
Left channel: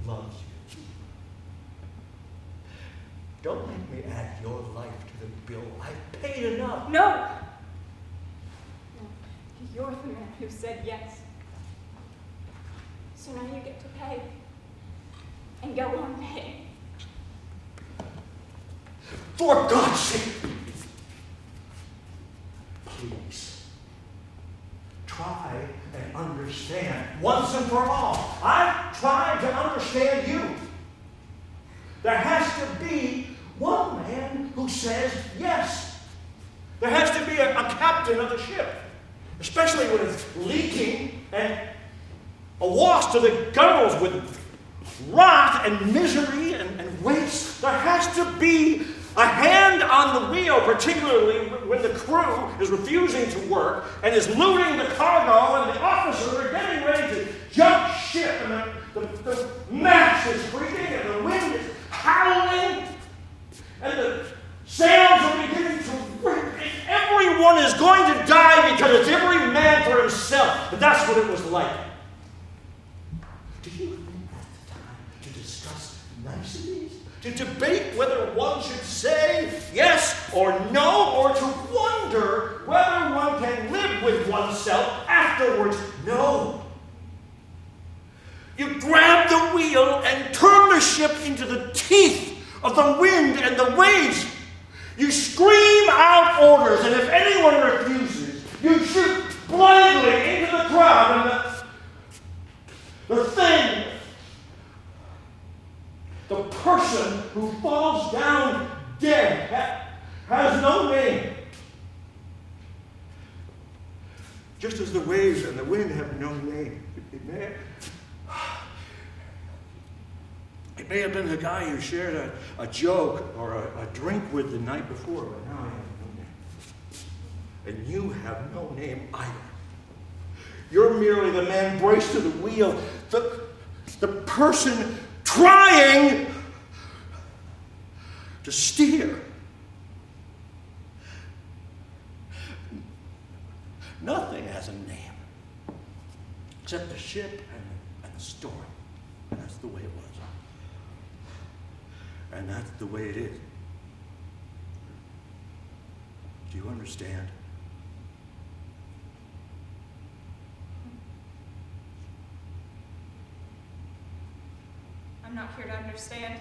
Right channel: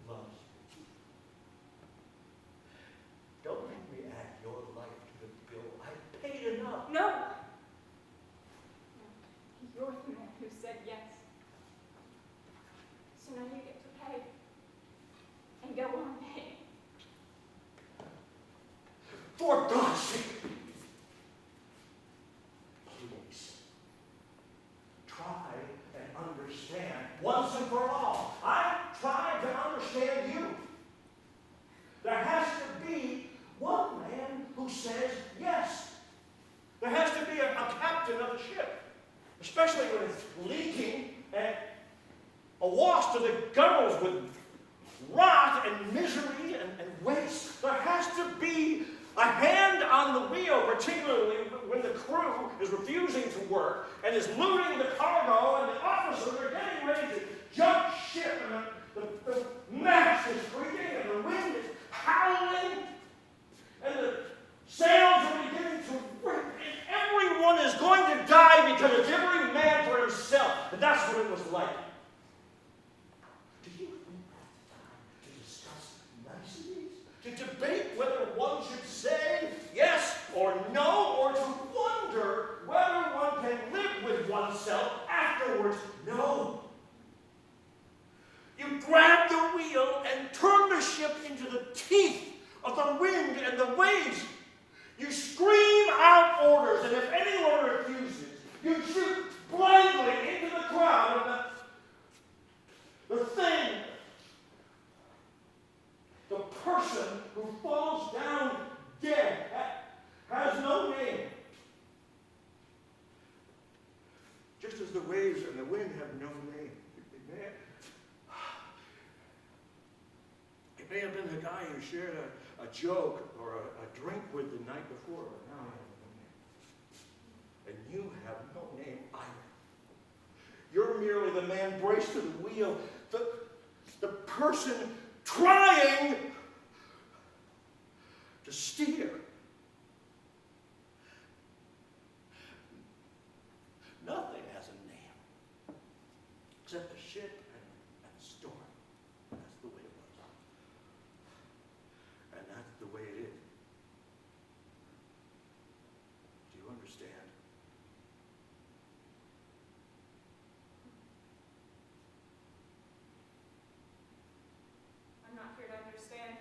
loves you. Don't make me add your life to the bill. I've paid enough. No. You're the man who said yes. So now you get to pay. And go on paying. For God's sake, please, try and understand once and for all. I've tried to understand you. There has to be one man who says yes. There has to be a captain of the ship, especially when it's leaking and awash to the gunwales with rot and misery and waste. There has to be a hand on the wheel, particularly when the crew is refusing to work and is looting the cargo and the officers are getting ready to jump ship and the mast is creaking and the wind is howling and the sails are beginning to rip and everyone is going to die because it's every man for himself. But that's what it was like. Do you think that's the time to discuss niceties? To debate whether one should say yes or no, or to wonder whether one can live with oneself afterwards? No. You grab the wheel and turn the ship into the teeth of the wind and the waves. You scream out orders, and if anyone refuses, you shoot blindly into the crowd, and the thing, the person who falls down dead has no name. Just as the waves and the wind have no name. It may have been the guy you shared a joke or a drink with the night before, but now I have no name. And you have no name either. You're merely the man braced to the wheel, the person trying to steer. Nothing has a name except the ship and the storm. And that's the way it was. And that's the way it is. Do you understand? I'm not here to understand.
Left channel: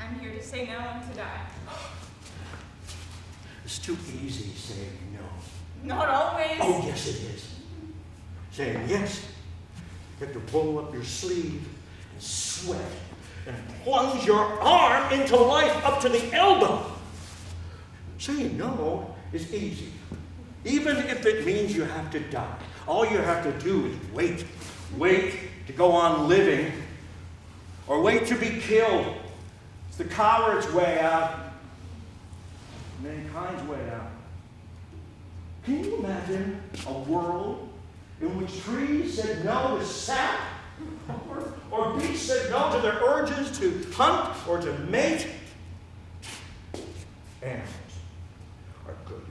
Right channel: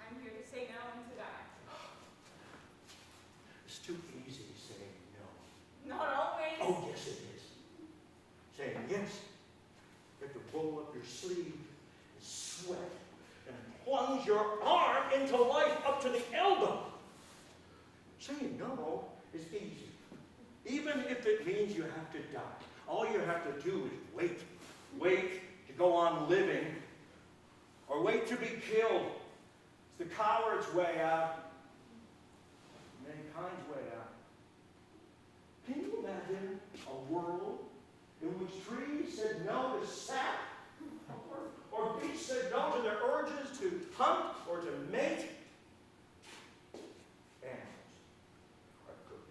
I'm here to say no and to die. It's too easy saying no. Not always. Oh, yes, it is. Saying yes, you have to roll up your sleeve and sweat and plunge your arm into life up to the elbow. Saying no is easy, even if it means you have to die. All you have to do is wait. Wait to go on living, or wait to be killed. It's the coward's way out, mankind's way out. Can you imagine a world in which trees said no to sap, or beasts said no to their urges to hunt or to mate? Animals are good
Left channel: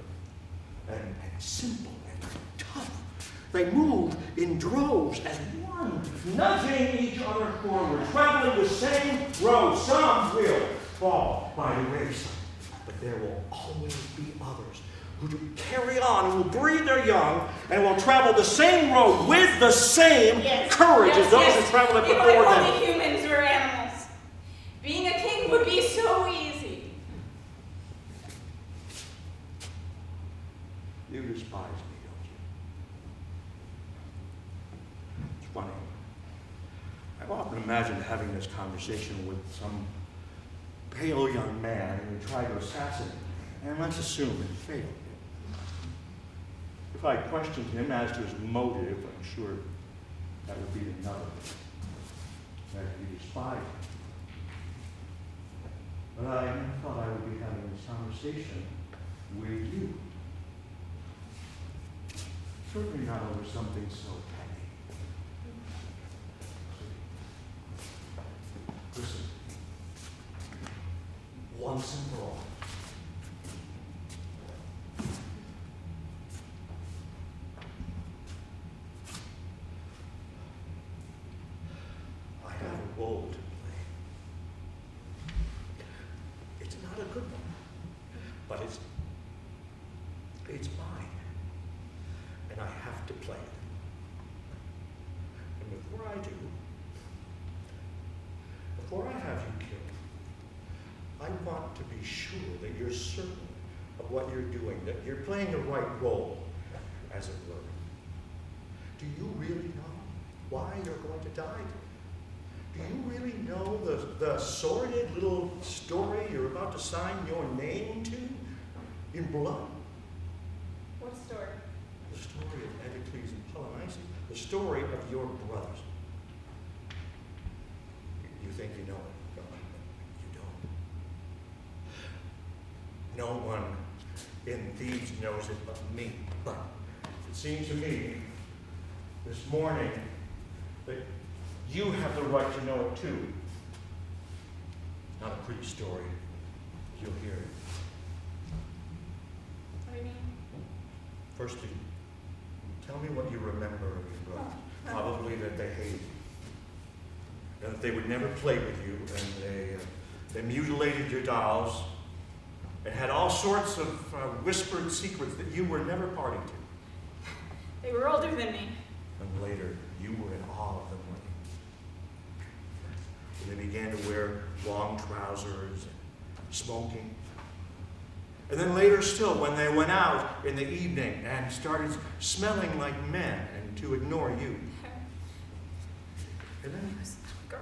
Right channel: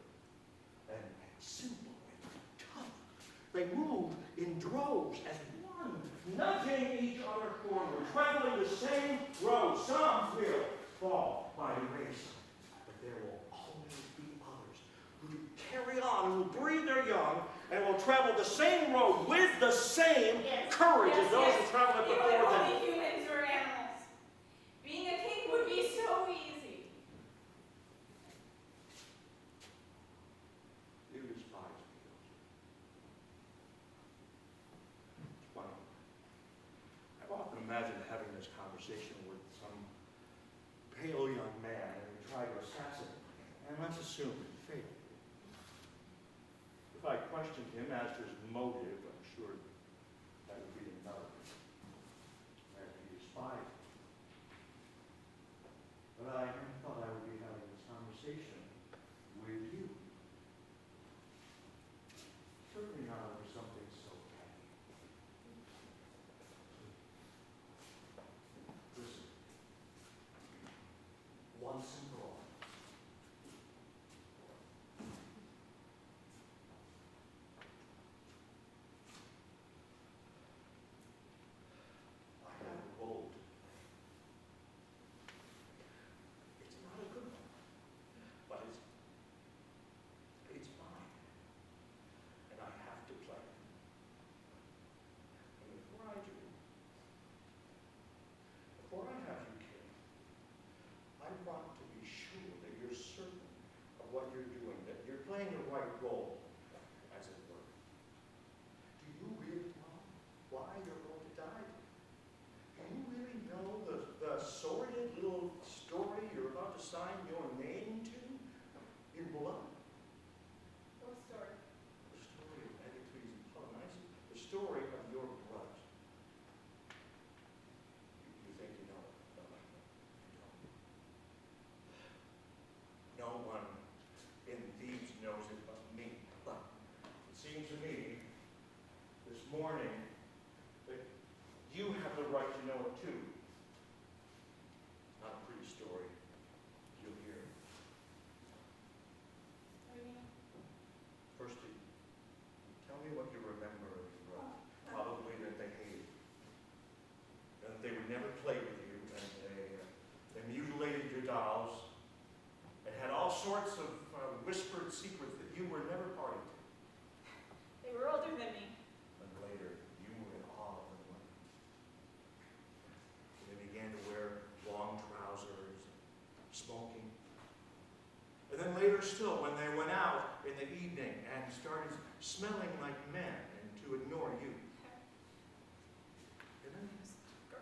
and simple and tough. They move in droves as one, nudging each other forward, traveling the same road. Some will fall by the wayside, but there will always be others who do carry on, who will breed their young, and will travel the same road with the same courage as those who traveled it If before them. only humans were animals. Being a king would be so easy. You despise me, don't you? It's funny. I've often imagined having this conversation with some pale young man who tried to assassinate me, and let's assume it failed. If I questioned him as to his motive, I'm sure that would be another. That he despised me. But I never thought I would be having this conversation with you. Certainly not over something so petty. Listen. Once and for all. I have a role to play. It's not a good one, but it's mine. And I have to play it. And before I do, before I have you killed, I want to be sure that you're certain of what you're doing, that you're playing the right role, as it were. Do you really know why you're going to die? Do you really know the sordid little story you're about to sign your name to in blood? What story? The story of Antigone and Polynices, the story of your brothers. You think you know it, don't you? You don't. No one in Thebes knows it but me. But it seems to me this morning that you have the right to know it too. Not a pretty story. You'll hear it. What do you mean? First, tell me what you remember of your brothers. Probably that they hated you. That they would never play with you, and they mutilated your dolls, and had all sorts of whispered secrets that you were never party to. They were older than me. And later, you were in awe of them. When they began to wear long trousers and smoking. And then later still, when they went out in the evening and started smelling like men and to ignore you. And then Girl.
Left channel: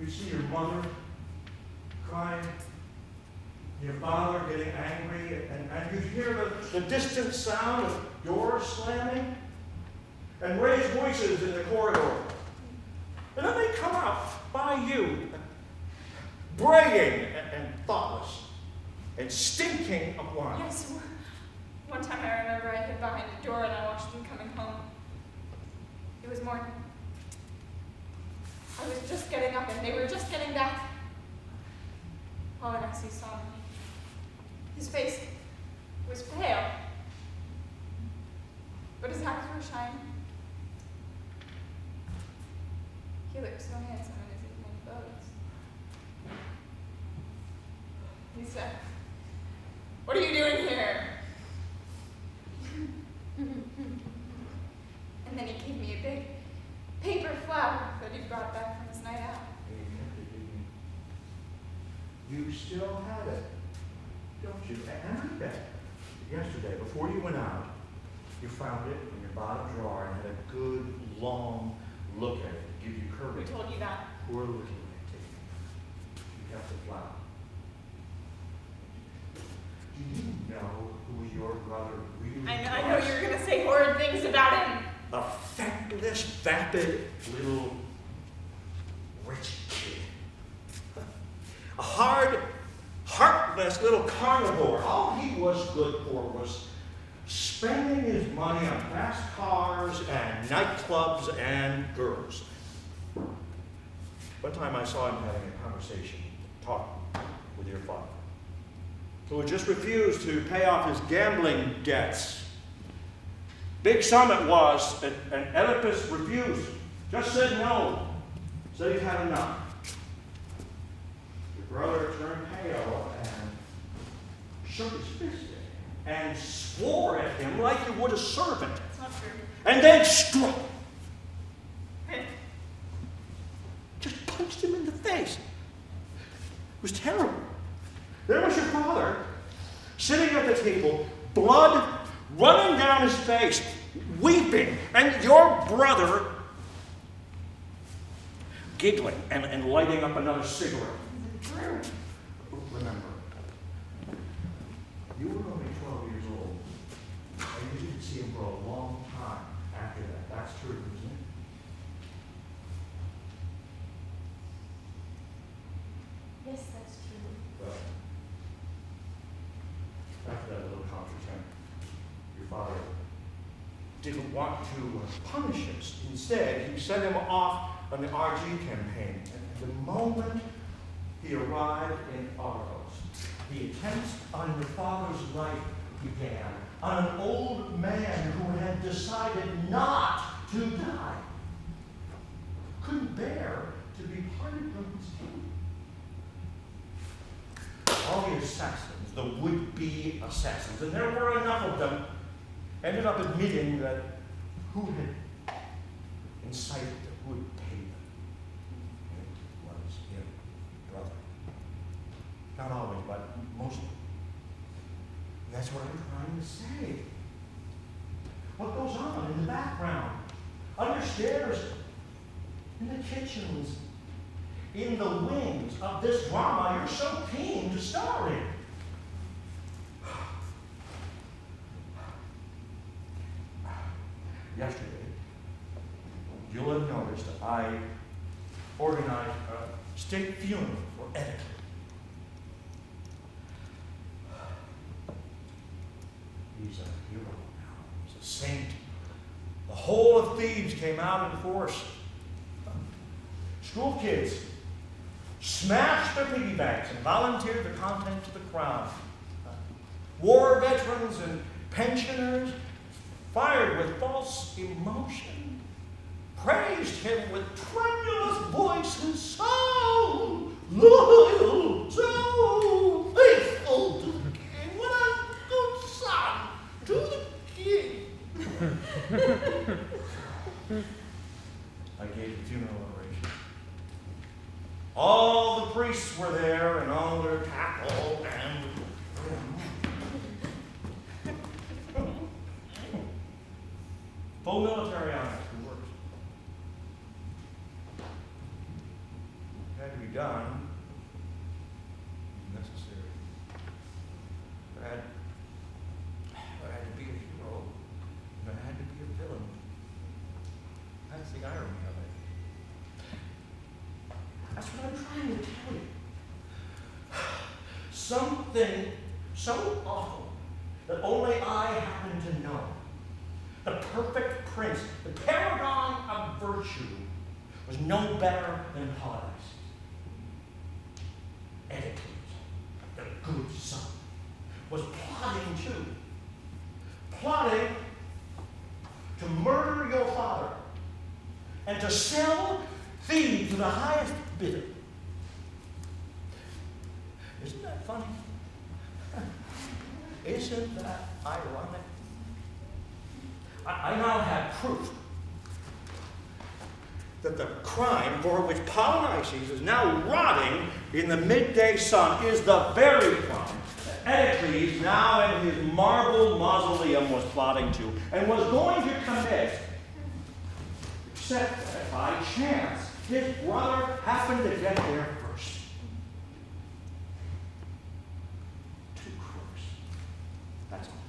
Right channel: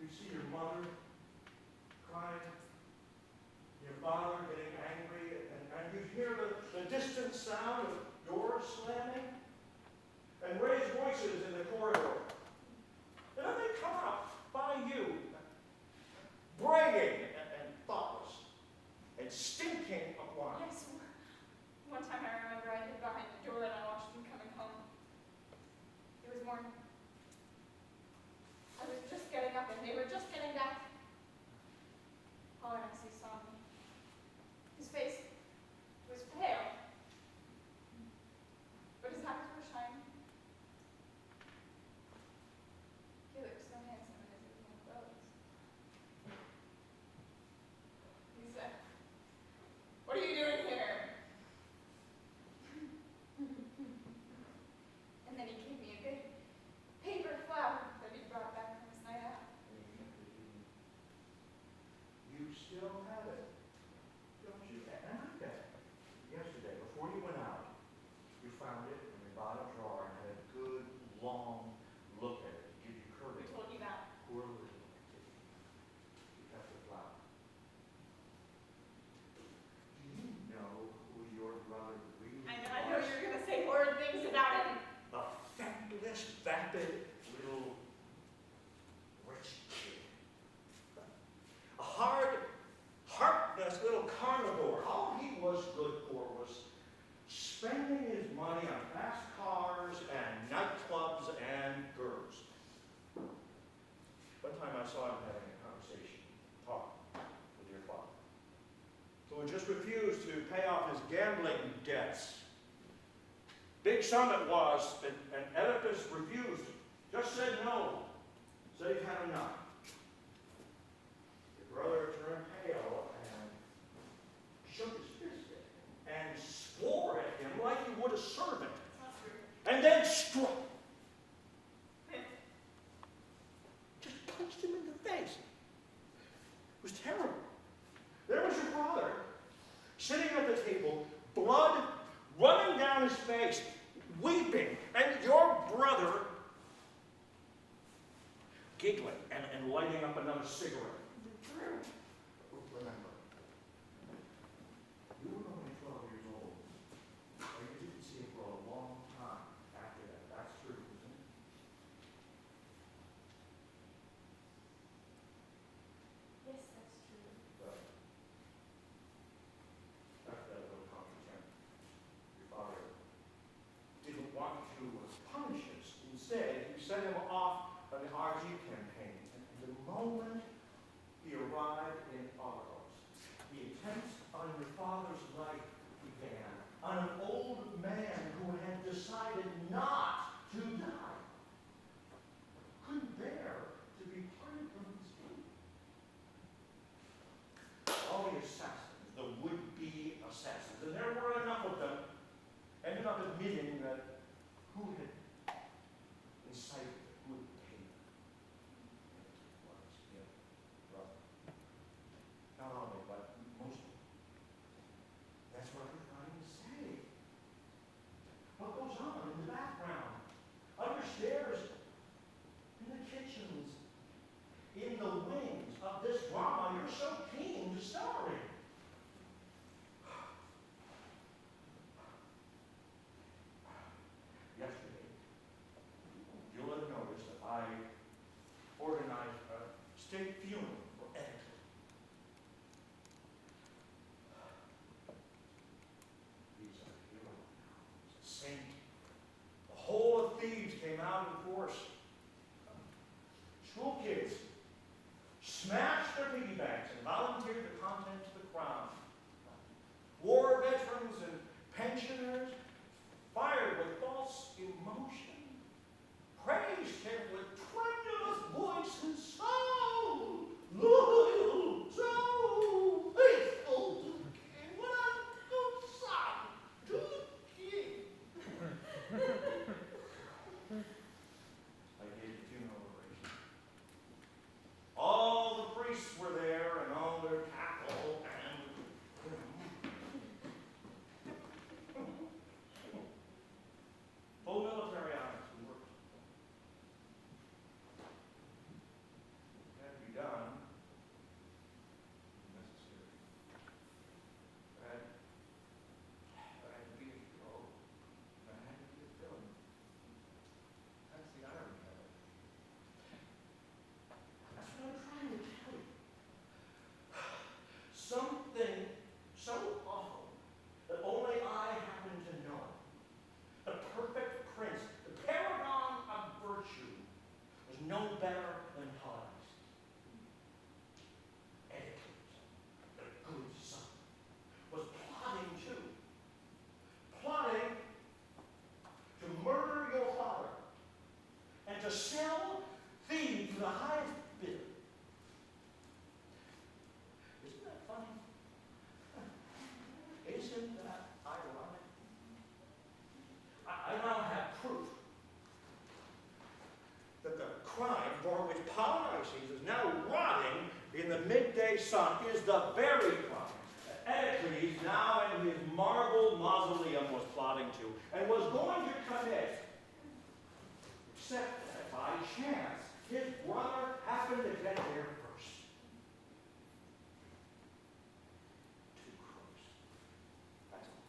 you see your mother crying, your father getting angry, and you hear the distant sound of doors slamming and raised voices in the corridor. And then they come out by you, braying and thoughtless, and stinking of wine. Yes, one time I remember I hid behind a door and I watched them coming home. It was morning. I was just getting up and they were just getting back. All I see saw me. His face was pale, but his eyes were shining. He looked so handsome in his evening clothes. He said, "What are you doing here?" And then he gave me a big paper flower that he brought back from his night out. You still have it, don't you? And I bet yesterday, before you went out, you found it in your bottom drawer and had a good, long look at it to give you courage. Who told you that? Poor little Antigone. You kept the flower. Do you know who your brother really was? I know you're going to say horrid things about him. A feckless, vapid little rich kid. A hard, heartless little carnivore. All he was good for was spending his money on fast cars and nightclubs and girls. One time I saw him having a conversation, talking with your father, who had just refused to pay off his gambling debts. Big sum it was, and Oedipus refused, just said no, said he'd had enough. Your brother turned pale and shook his fist at him and swore at him like you would a servant. It's not true. And then struck. Just punched him in the face. It was terrible. There was your father, sitting at the table, blood running down his face, weeping, and your brother giggling and lighting up another cigarette. Remember, you were only 12 years old, and you didn't see him for a long time after that. That's true, isn't it? Yes, that's true. Well, after that little contretemps, your father didn't want to punish him. Instead, he sent him off on the RG campaign. And the moment he arrived in Urias, the attempts on your father's life began, on an old man who had decided not to die. Couldn't bear to be parted from his king. All the assassins, the would-be assassins, and there were enough of them, ended up admitting that who had incited them, who had paid them. And it was him, brother. Not always, but mostly. And that's what I'm trying to say. What goes on in the background, understairs, in the kitchens, in the wings of this drama you're so keen to star in. Yesterday, you'll have noticed I organized a state funeral for Oedipus. He's a hero now. He's a saint. The whole of Thebes came out in force. School kids smashed their piggy banks and volunteered the contents of the CREON. War veterans and pensioners, fired with false emotion, praised him with tremulous voices, so loyal, so faithful to the king, what a good son to the king. I gave the funeral oration. All the priests were there in all their tackle and full military honors, good works. Had to be done. Necessary. There had to be a hero. And there had to be a villain. That's the irony of it. That's what I'm trying to tell you. Something so awful that only I happen to know. The perfect prince, the paragon of virtue, was no better than Paradise. Oedipus, the good son, was plotting to murder your father and to sell Thebes to the highest bidder. Isn't that funny? Isn't that ironic? I now have proof that the crime for which Polynices is now rotting in the midday sun is the very crime that Oedipus, now in his marble mausoleum, was plotting to and was going to commit, except that by chance his brother happened to get there first. 2 crooks. That's all.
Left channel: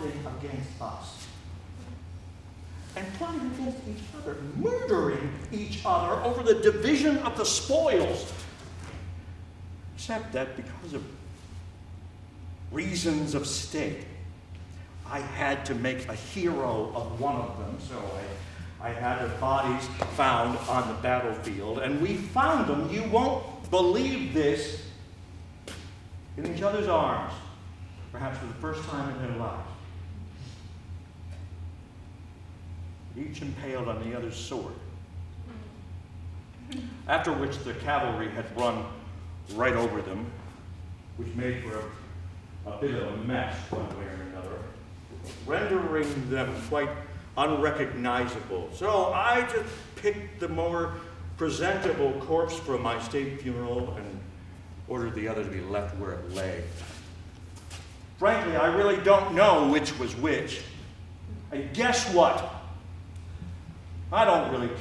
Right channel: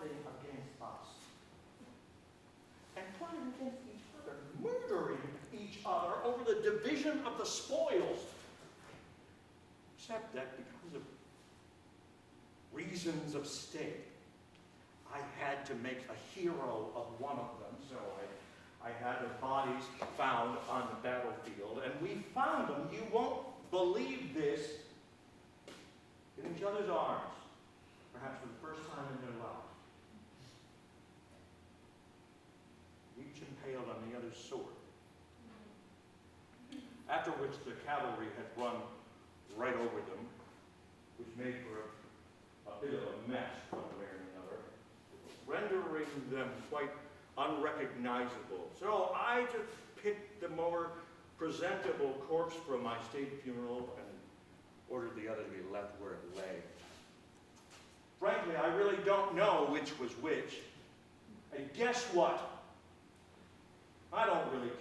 Plotting against us. And plotting against each other, murdering each other over the division of the spoils. Except that because of reasons of state, I had to make a hero of one of them, so I had the bodies found on the battlefield, and we found them, you won't believe this, in each other's arms, perhaps for the first time in their lives. Each impaled on the other's sword. After which the cavalry had run right over them, which made for a bit of a mess one way or another, rendering them quite unrecognizable. So I just picked the more presentable corpse from my state funeral and ordered the other to be left where it lay. Frankly, I really don't know which was which. And guess what? I don't really care.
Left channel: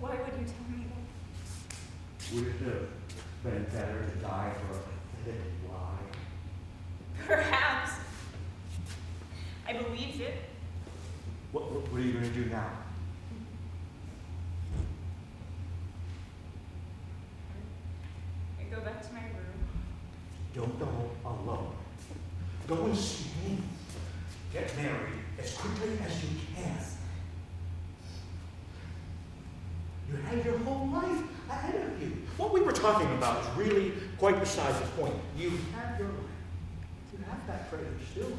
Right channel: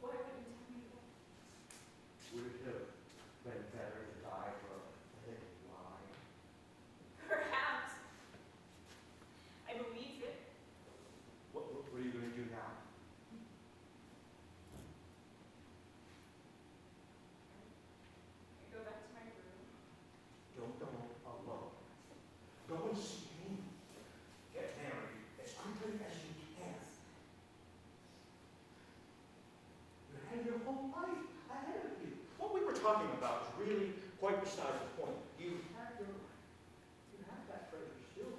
Why would you tell me that? Would it have been better to die for a pathetic lie? Perhaps. I believed it. What are you going to do now? I go back to my room. Don't go alone. Go and see me. Get married as quickly as you can. You have your whole life ahead of you. What we were talking about is really quite beside the point. You have your life. You have that treasure still.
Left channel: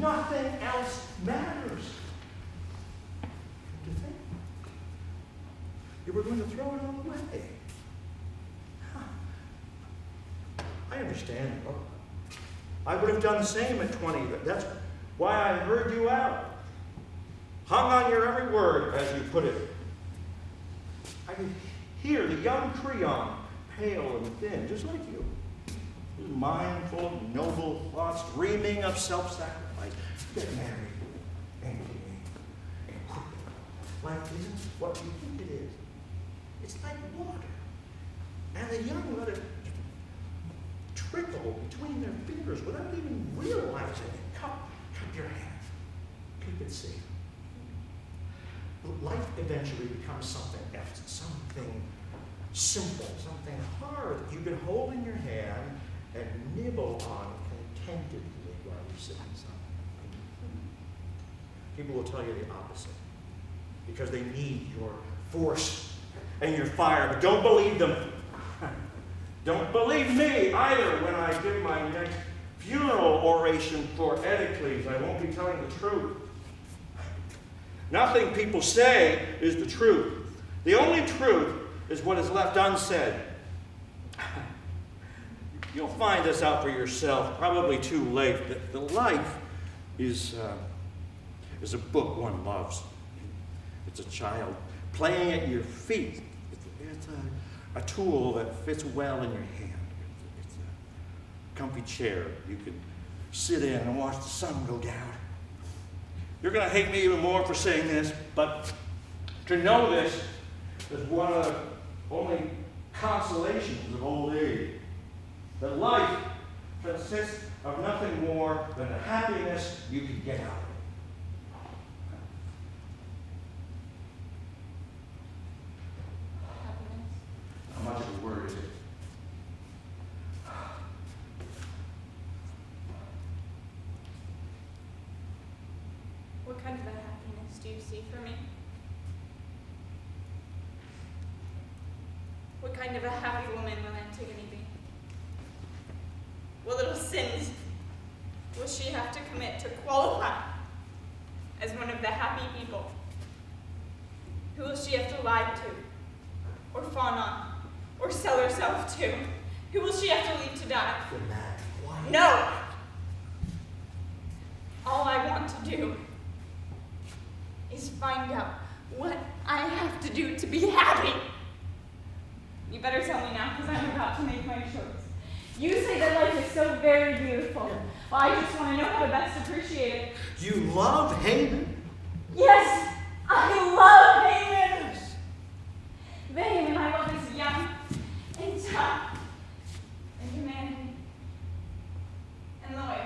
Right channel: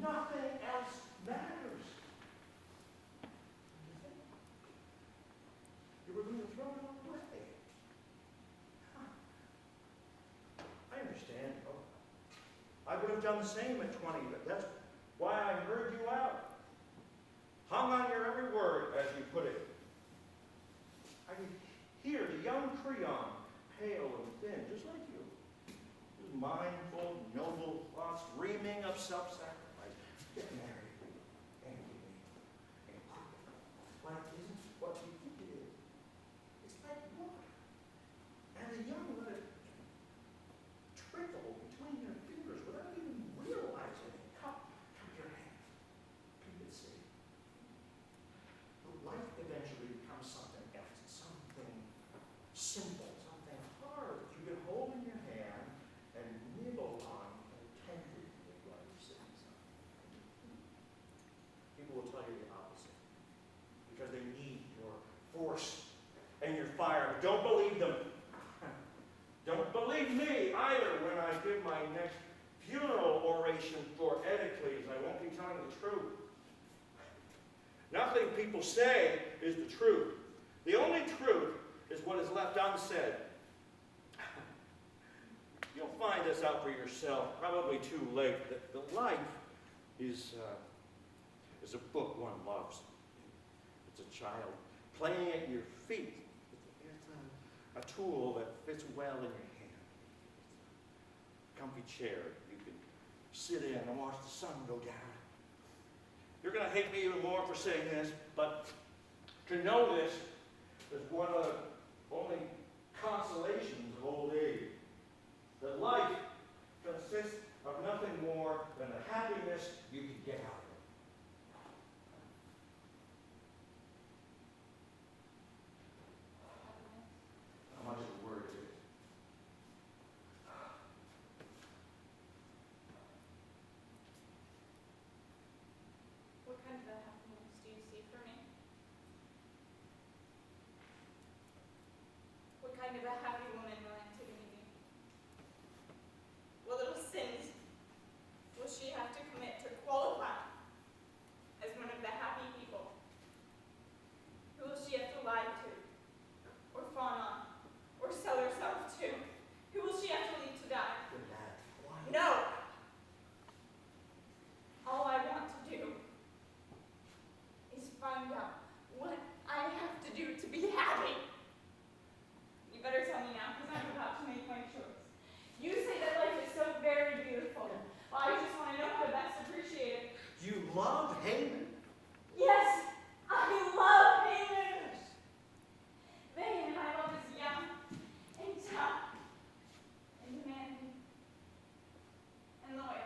Nothing else matters. To think you were going to throw it all away. I understand. I would have done the same at 20. That's why I heard you out. Hung on your every word, as you put it. I could hear the young CREON, pale and thin, just like you. Mindful, noble thoughts, dreaming of self-sacrifice. Get married, Antigone, and quickly. Life isn't what you think it is. It's like water. And the young let it trickle between their fingers without even realizing it. Cup your hand. Keep it safe. Life eventually becomes something else, something simple, something hard that you can hold in your hand and nibble on contentedly while you're sitting aside. People will tell you the opposite because they need your force and your fire, but don't believe them. Don't believe me either when I give my next funeral oration for Olyvia. I won't be telling the truth. Nothing people say is the truth. The only truth is what is left unsaid. You'll find this out for yourself, probably too late. The life is a book one loves. It's a child playing at your feet. It's a tool that fits well in your hand. It's a comfy chair you can sit in and watch the sun go down. You're going to hate me even more for saying this, but to know this is one of the only consolations of old age. That life consists of nothing more than the happiness you can get out of it. How much of a word is it? What kind of a happiness do you see for me? What kind of a happy woman will Antigone be? What little sins will she have to commit to qualify as one of the happy people? Who will she have to lie to, or fawn on, or sell herself to? Who will she have to leave to die? You're mad. Why? No! All I want to do is find out what I have to do to be happy. You better tell me now, because I'm about to make my choice. You say that life is so very beautiful. Well, I just want to know how to best appreciate it. You love HAEMON? Yes, I love HAEMON. The HAEMON I love is young and tough and demanding and loyal.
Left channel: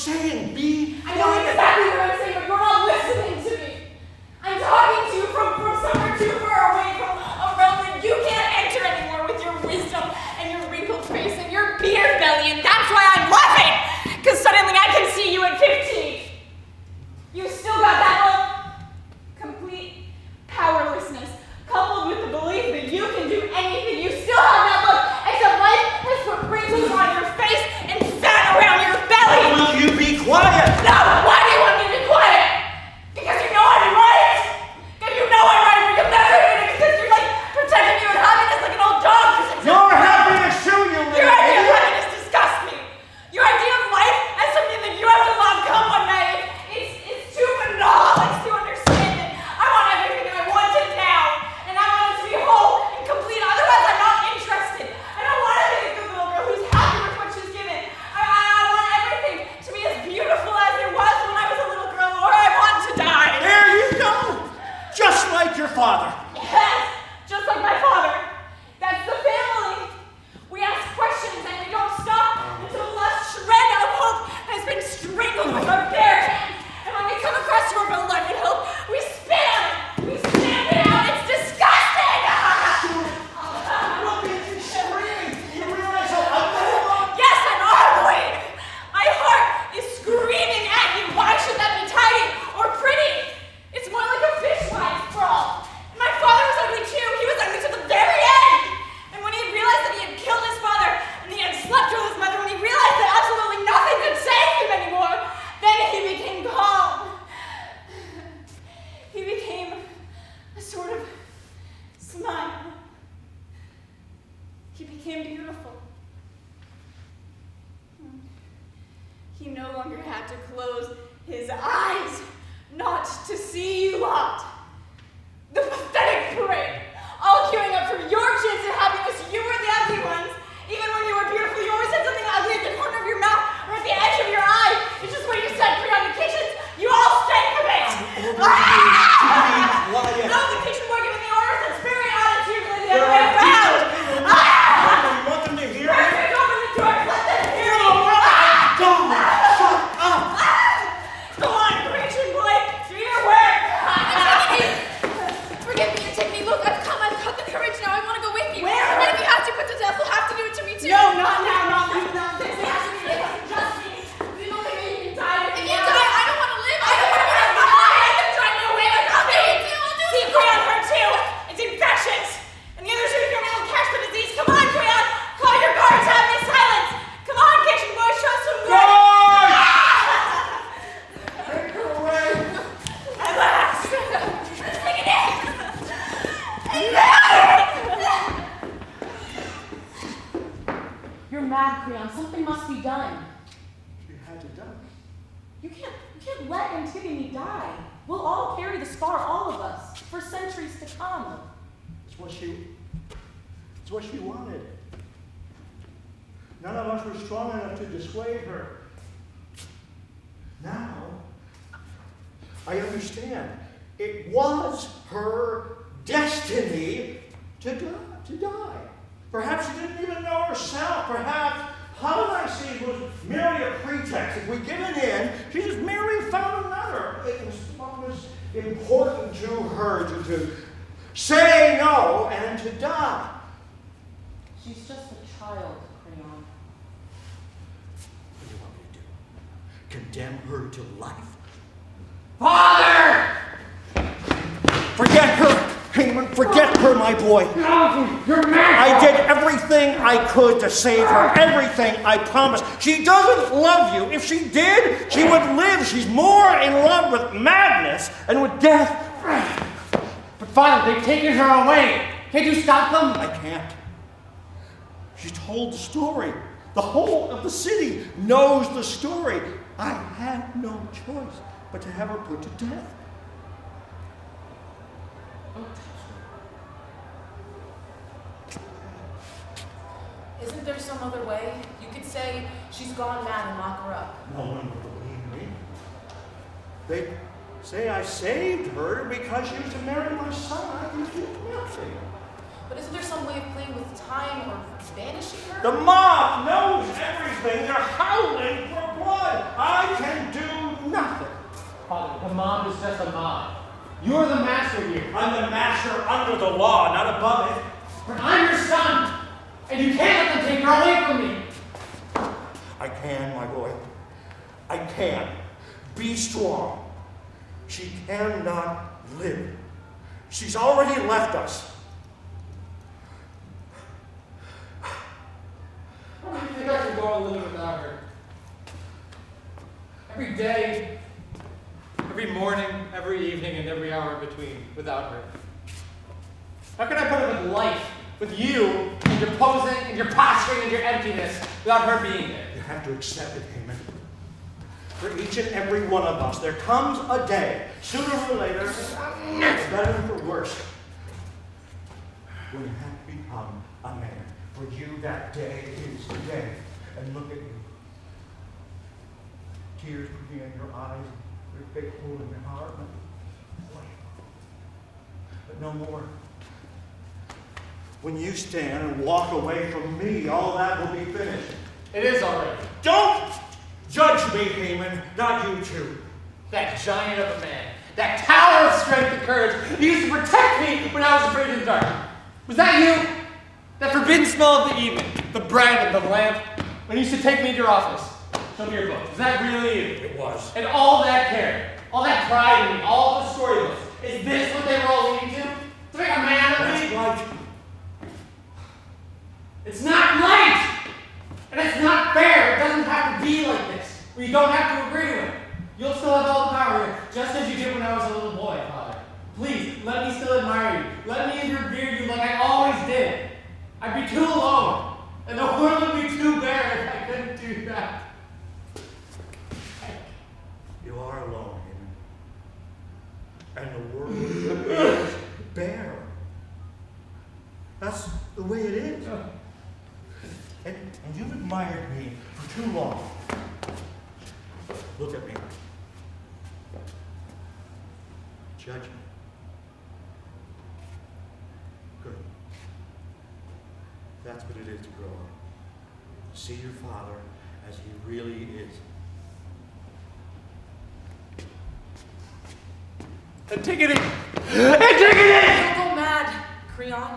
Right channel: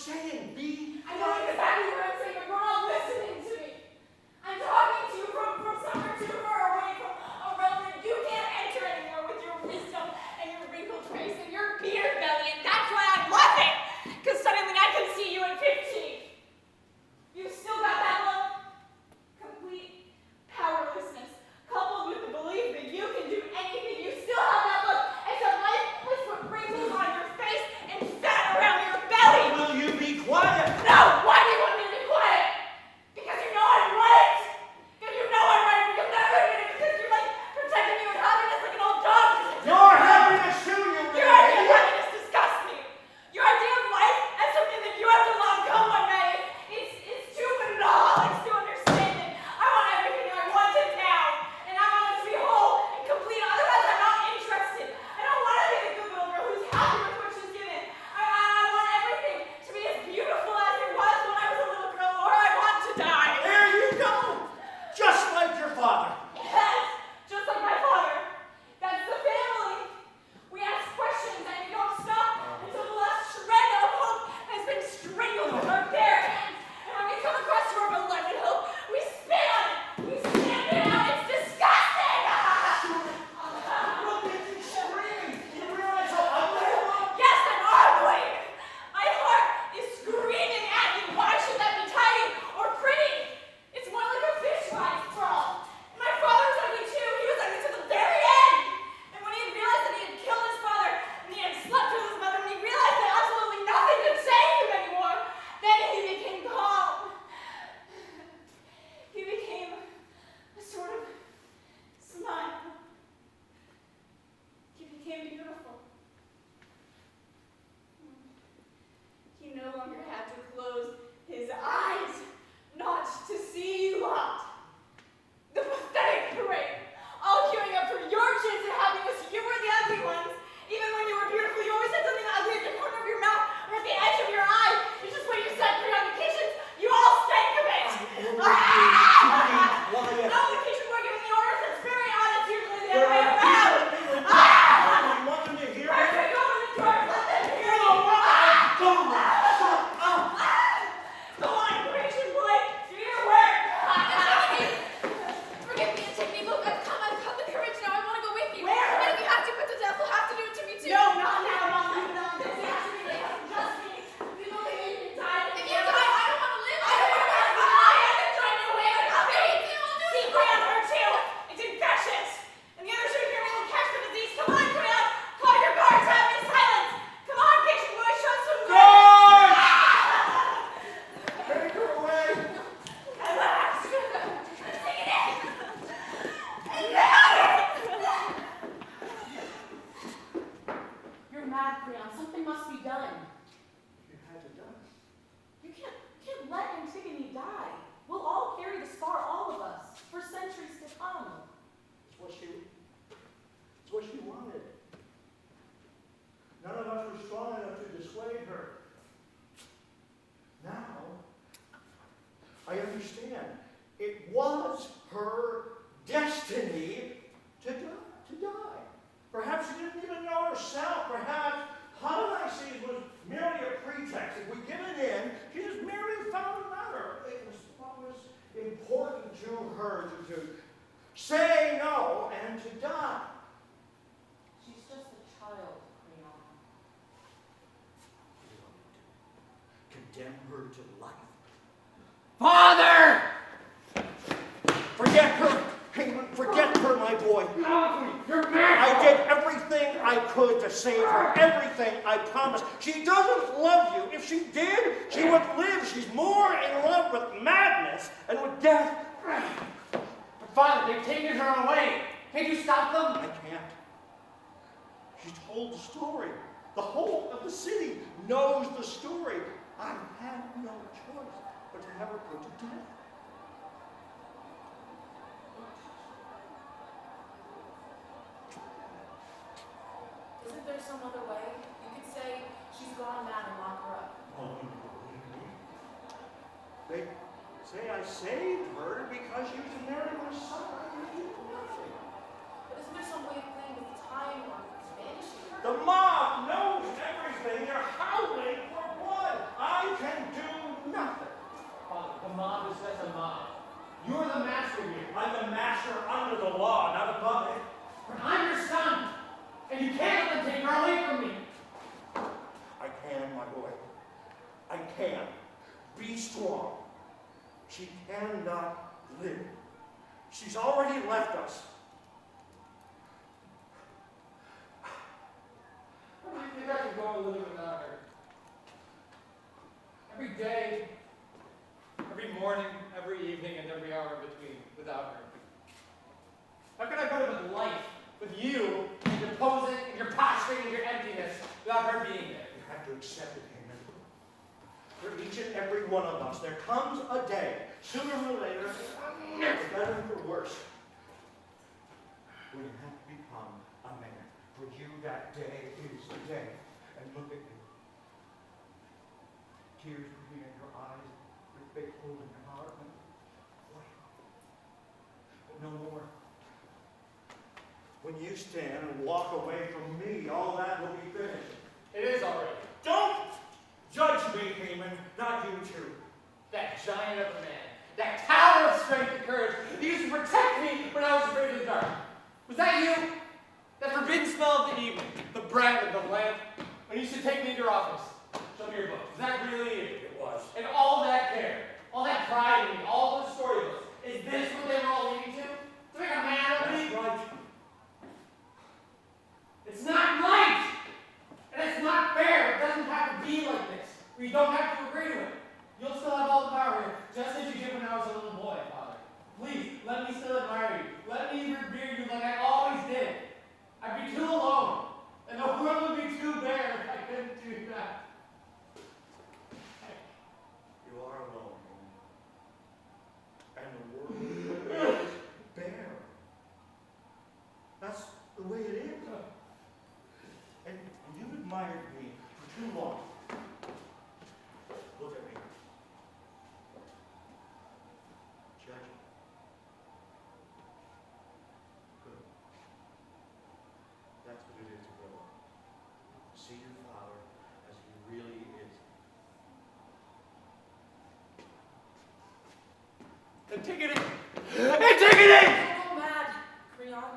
saying? Be I know exactly what I'm saying, but you're not listening to me. I'm talking to you from somewhere too far away, from a realm that you can't enter anymore with your wisdom and your wrinkled face and your beer belly, and that's why I'm laughing, because suddenly I can see you at 15. You still got that look? Complete powerlessness, coupled with the belief that you can do anything. You still have that look, except life has put wrinkles on your face and fat around your belly. Will you be quiet? No! Why do you want me to be quiet? Because you know I'm right! Because you know I'm right, but you'll never admit it because you're like protecting your happiness like an old dog. Your happiness too, you Your idea of idiot. happiness disgusts me. Your idea of life as something that you have to love come one night. It's too banal. It's too understanding. I want everything that I wanted now. And I want it to be whole and complete. Otherwise, I'm not interested. I don't want to be the good little girl who's happy with what she's given. I want everything to be as beautiful as it was when I was a little girl, or I want to die. There you go. Just like your father. Yes, just like my father. That's the family. We ask questions and we don't stop until the last shred of hope has been strangled with our bare hands. And when we come across your beloved hope, we spit on it. We stamp it out. It's disgusting. Look at you screaming. You realize how ugly you are? Yes, I'm ugly. My heart is screaming at you. Why should that be tidy or pretty? It's more like a fishwife brawl. And my father was ugly too. He was ugly to the very end. And when he realized that he had killed his father and he had slept with his mother, when he realized that absolutely nothing could save him anymore, then he became calm. He became a sort of smile. He became beautiful. He no longer had to close his eyes not to see you lot. The pathetic parade, all queuing up for your chance at happiness. You were the ugly ones. Even when you were beautiful, you always had something ugly at the corner of your mouth or at the edge of your eye. It's just what you said, CREON. The kitchens, you all stank of it. Quiet. No, the kitchen boy giving the orders. That's very odd. It's usually the other way around. You want them to hear me? Perfect, open the door. Let them hear you. Don't shut up. Go on, kitchen boy. Do your work. Forgive me, Antigone. Look, I've got the courage now. I want to go with you. Where? And if you have to put to death, you'll have to do it to me too. No, not now, not without this. It has to be just me. We don't think you can die. If you die, I don't want to live. I don't want to live. I can try no way without me. I'll do See, it. CREON hurt too. It's infectious. And the other two of you will catch the disease. Come on, CREON. Call your guards. Have me silence. Come on, kitchen boy. Show some good. Take her away. At last. Take it in. You're mad, CREON. Something must be done. You had to die. You can't let Antigone die. We'll all carry the scar, all of us, for centuries to come. It's what she wanted. None of us were strong enough to dissuade her. Now, I understand. It was her destiny to die. Perhaps she didn't even know herself. Perhaps Hanna was merely a pretext. If we'd given in, she just merely found another. It was what was important to her to say no and to die. She's just a child, CREON. What do you want me to do? Condemn her to life? Father! Forget her, HAEMON. Forget her, my boy. No, you're mad. I did everything I could to save her. Everything, I promise. She doesn't love you. If she did, she would live. She's more in love with madness and with death. But Father, they've taken her away. Can't you stop them? I can't. She told the story. The whole of the city knows the story. I had no choice but to have her put to death. Isn't there some other way? You could say she's gone mad and lock her up. No one will believe me. They say I saved her because she was to marry my son. I can do nothing. But isn't there some way of playing with time or banishing her? The mob knows everything. They're howling for blood. I is just a mod. You're the master here. I'm the master under the law, not above it. But I'm your son, and you can't let them take her away from me. I can, my boy. I can. Be strong. She cannot live. She's already left us. How do you think I can go on living without her? Every day, every morning, every evening, and every hour in between without her. How can I put up with life, with you, and your posing, and your posturing, and your emptiness, without her being there? You have to accept it, HAEMON. For each and every one of us, there comes a day, sooner or later, for better and for worse, when you have to become a man. For you, that day is today. And look at you. Tears being in your eyes, your big hole in your heart. But no more. When you stand and walk away from me, all that will be finished. It is already. Don't judge me, HAEMON, not you two. That giant of a man, that tower of strength and courage, he used to protect me when I was afraid of the dark. Was that you? That forbidden smell of the evening, the bread and the lamp, when you used to take me to your office, show me your book. Is that really you? It was. And all that care, all that pride in me, all the storybooks, is this what they were all leading to? To make a man of me? That's right. It's not right! And it's not fair. It doesn't have to be like this. We don't have to agree to it. You'll still have all the power here, just as you did when I was a little boy, Father. Please, let me still admire you. Let me revere you like I always did. I'd be too alone. And the world would be too bare if I couldn't do that. You are alone, HAEMON. And the world is bare. That's the way it is. And you've admired me for too long. Look at me. Judge me. Good. That's what it is to grow up. See your father as he really is. Antigone! Antigone! Don't go mad, CREON.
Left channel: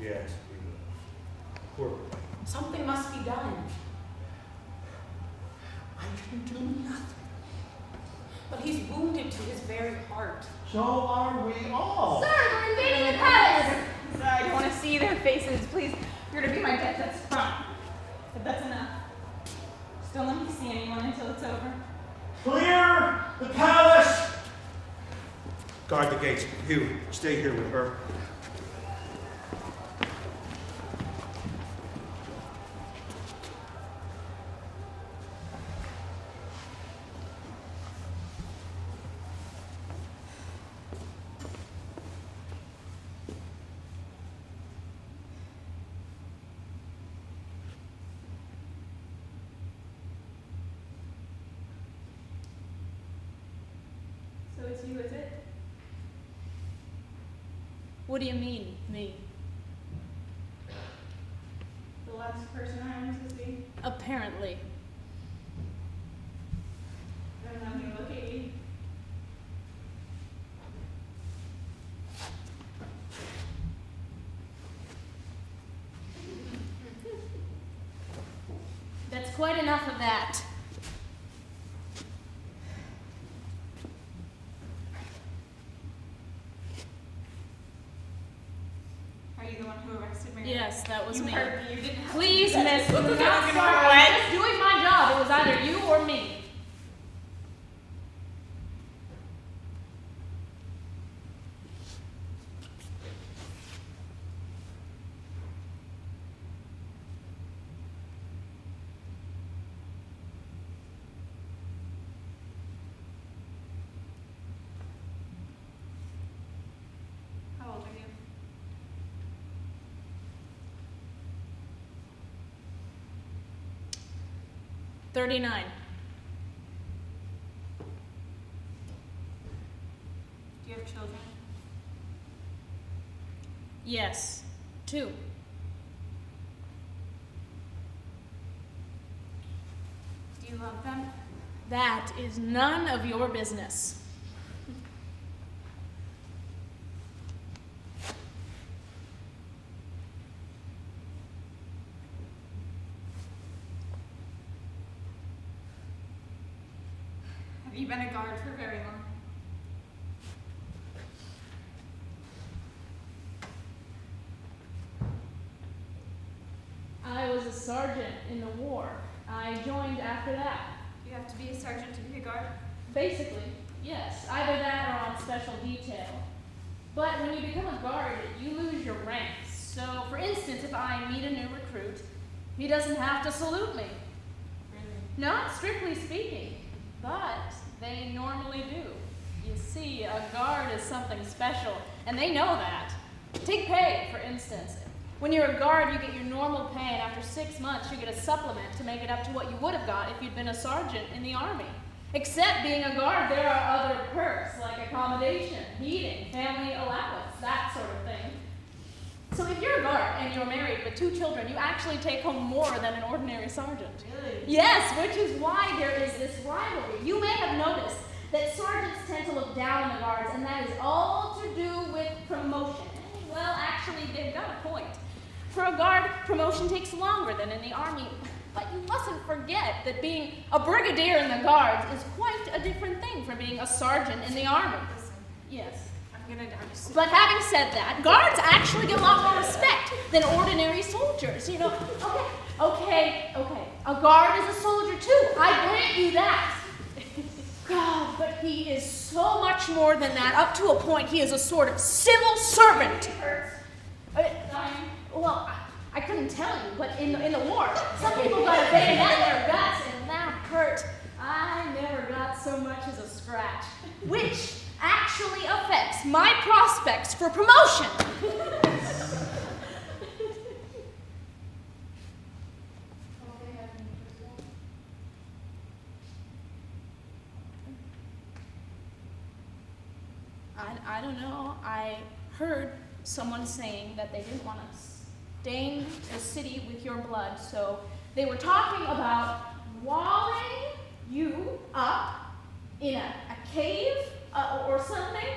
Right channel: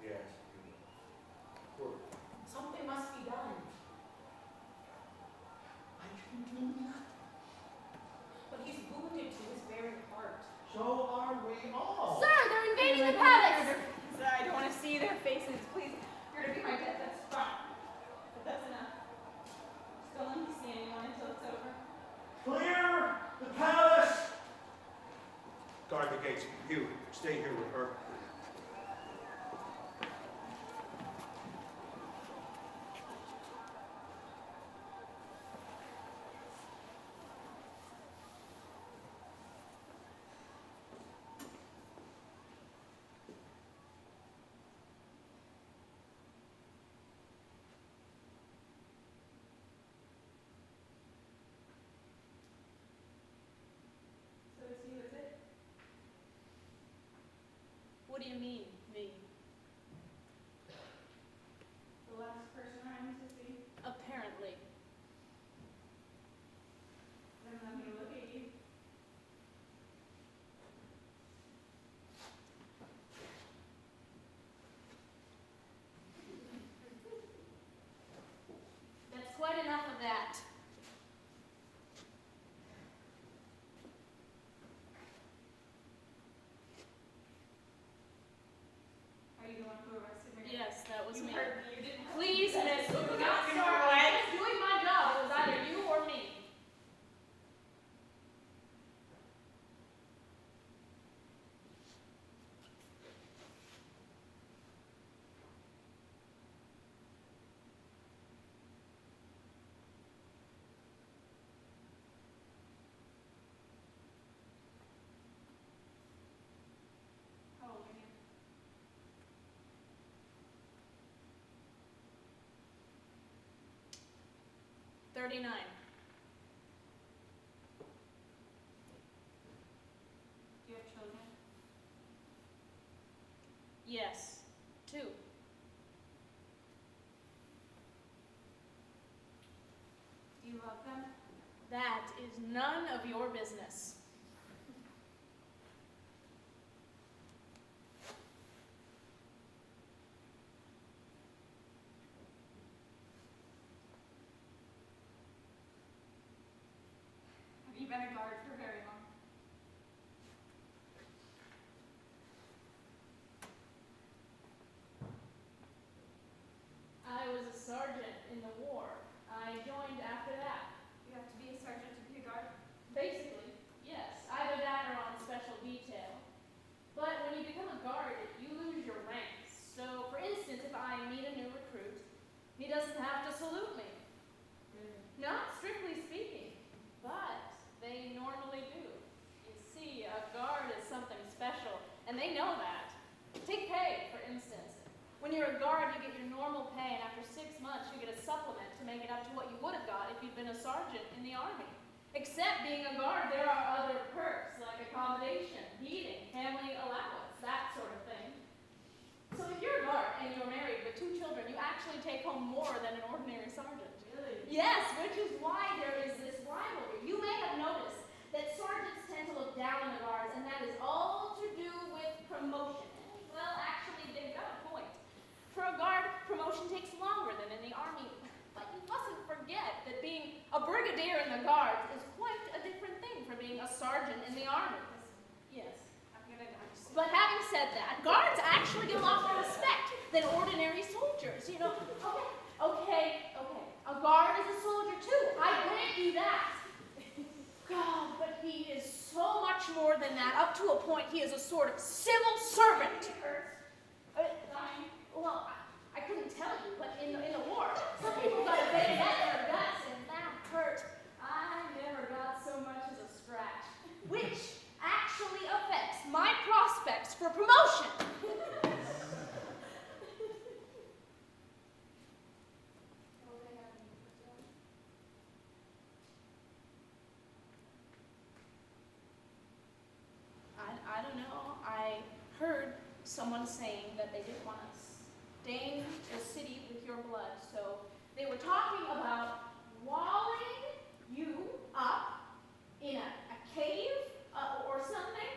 Yes, we will. Poor boy. Something must be done. I can do nothing. But he's wounded to his very heart. So are we all. Sir, they're invading the palace! I don't want to see their faces. Please, you're going to be my death. That's fine. But that's enough. Just don't let me see anyone until it's over. Clear the palace! Guard the gates. You, stay here with her. So it's you, is it? What do you mean, me? The last person I am to see? Apparently. I don't know how you look at you. That's quite enough of that. Are you the one who arrested me? Yes, that was You me. heard me. You didn't have to Please, do that. miss, do Look not at me, start. you know I'm what? just doing my job. It was either you or me. How old are you? $39. Do you have children? Yes, 2. Do you love them? That is none of your business. Have you been a guard for very long? I was a sergeant in the war. I joined after that. You have to be a sergeant to be a guard? Basically, yes. Either that or on special detail. But when you become a guard, you lose your ranks. So, for instance, if I meet a new recruit, he doesn't have to salute me. Really? Not strictly speaking, but they normally do. You see, a guard is something special, and they know that. Take pay, for instance. When you're a guard, you get your normal pay, and after 6 months, you get a supplement to make it up to what you would have got if you'd been a sergeant in the Army. Except being a guard, there are other perks, like accommodation, heating, family allowance, that sort of thing. So if you're a guard and you're married with 2 children, you actually take home more than an ordinary sergeant. Really? Yes, which is why there is this rivalry. You may have noticed that sergeants tend to look down on the guards, and that is all to do with promotion. Well, actually, they've got a point. For a guard, promotion takes longer than in the Army, but you mustn't forget that being a brigadier in the Guards is quite a different thing from being a sergeant in the Army. Yes. I'm gonna die soon. But having said that, guards actually get a lot more respect than ordinary soldiers. You know, okay. A guard is a soldier too. I grant you that. God, but he is so much more than that. Up to a point, he is a sort of civil servant. Well, I couldn't tell you, but in the war, some people got a bayonet in their guts, and that hurt. I never got so much as a scratch, which actually affects my prospects for promotion. I don't know. I heard someone saying that they didn't want to stain the city with your blood, so they were talking about walling you up in a cave or something.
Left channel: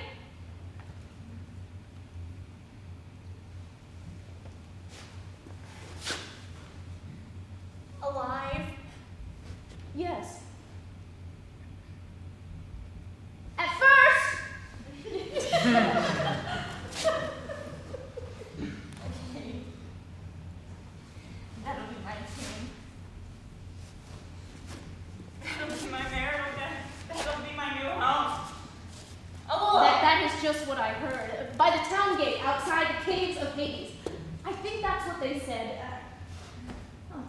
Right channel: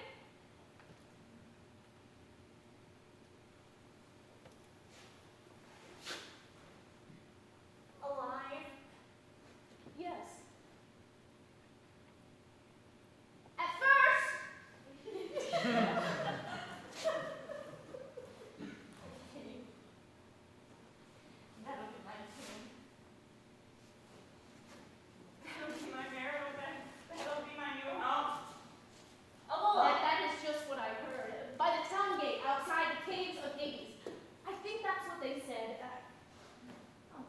Alive? Yes. At first. Okay. That'll be my team. That'll be my marital bed. That'll be my new home. Oh, That is just what I heard. By the town gate outside the caves of Hades. I think that's what they said.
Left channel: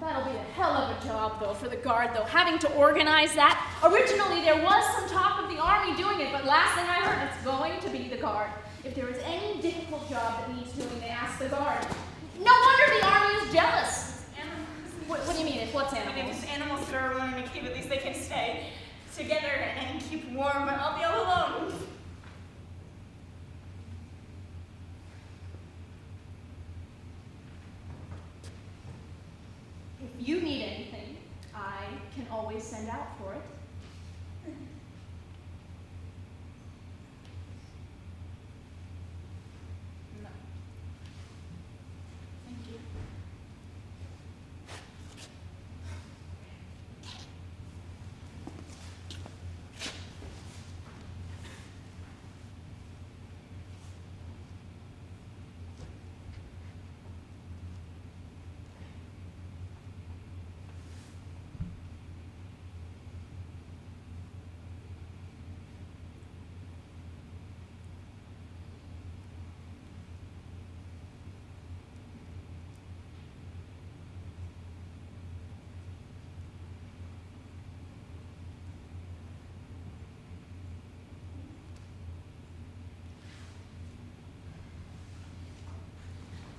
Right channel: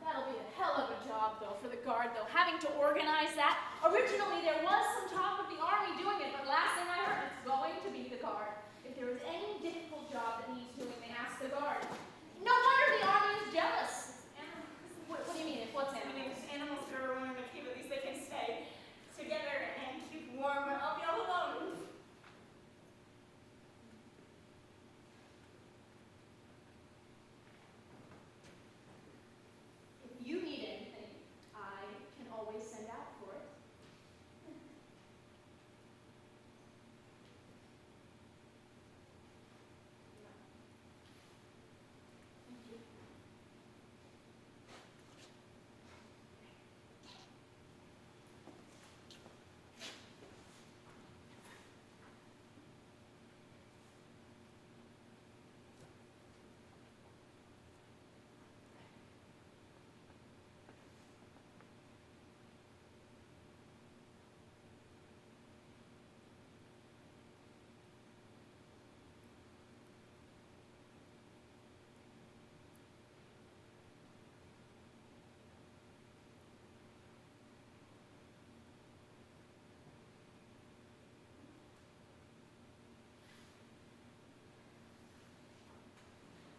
That'll be a hell of a job, though, for the guard, though, having to organize that. Originally, there was some talk of the Army doing it, but last thing I heard, it's going to be the guard. If there is any difficult job that needs doing, they ask the guard. No wonder the Army is jealous. What do you mean? It's what's I mean, animals? if animals that are alone in a cave, at least they can stay together and keep warm, but I'll be all alone. If you need anything, I can always send out for it. No. Thank you.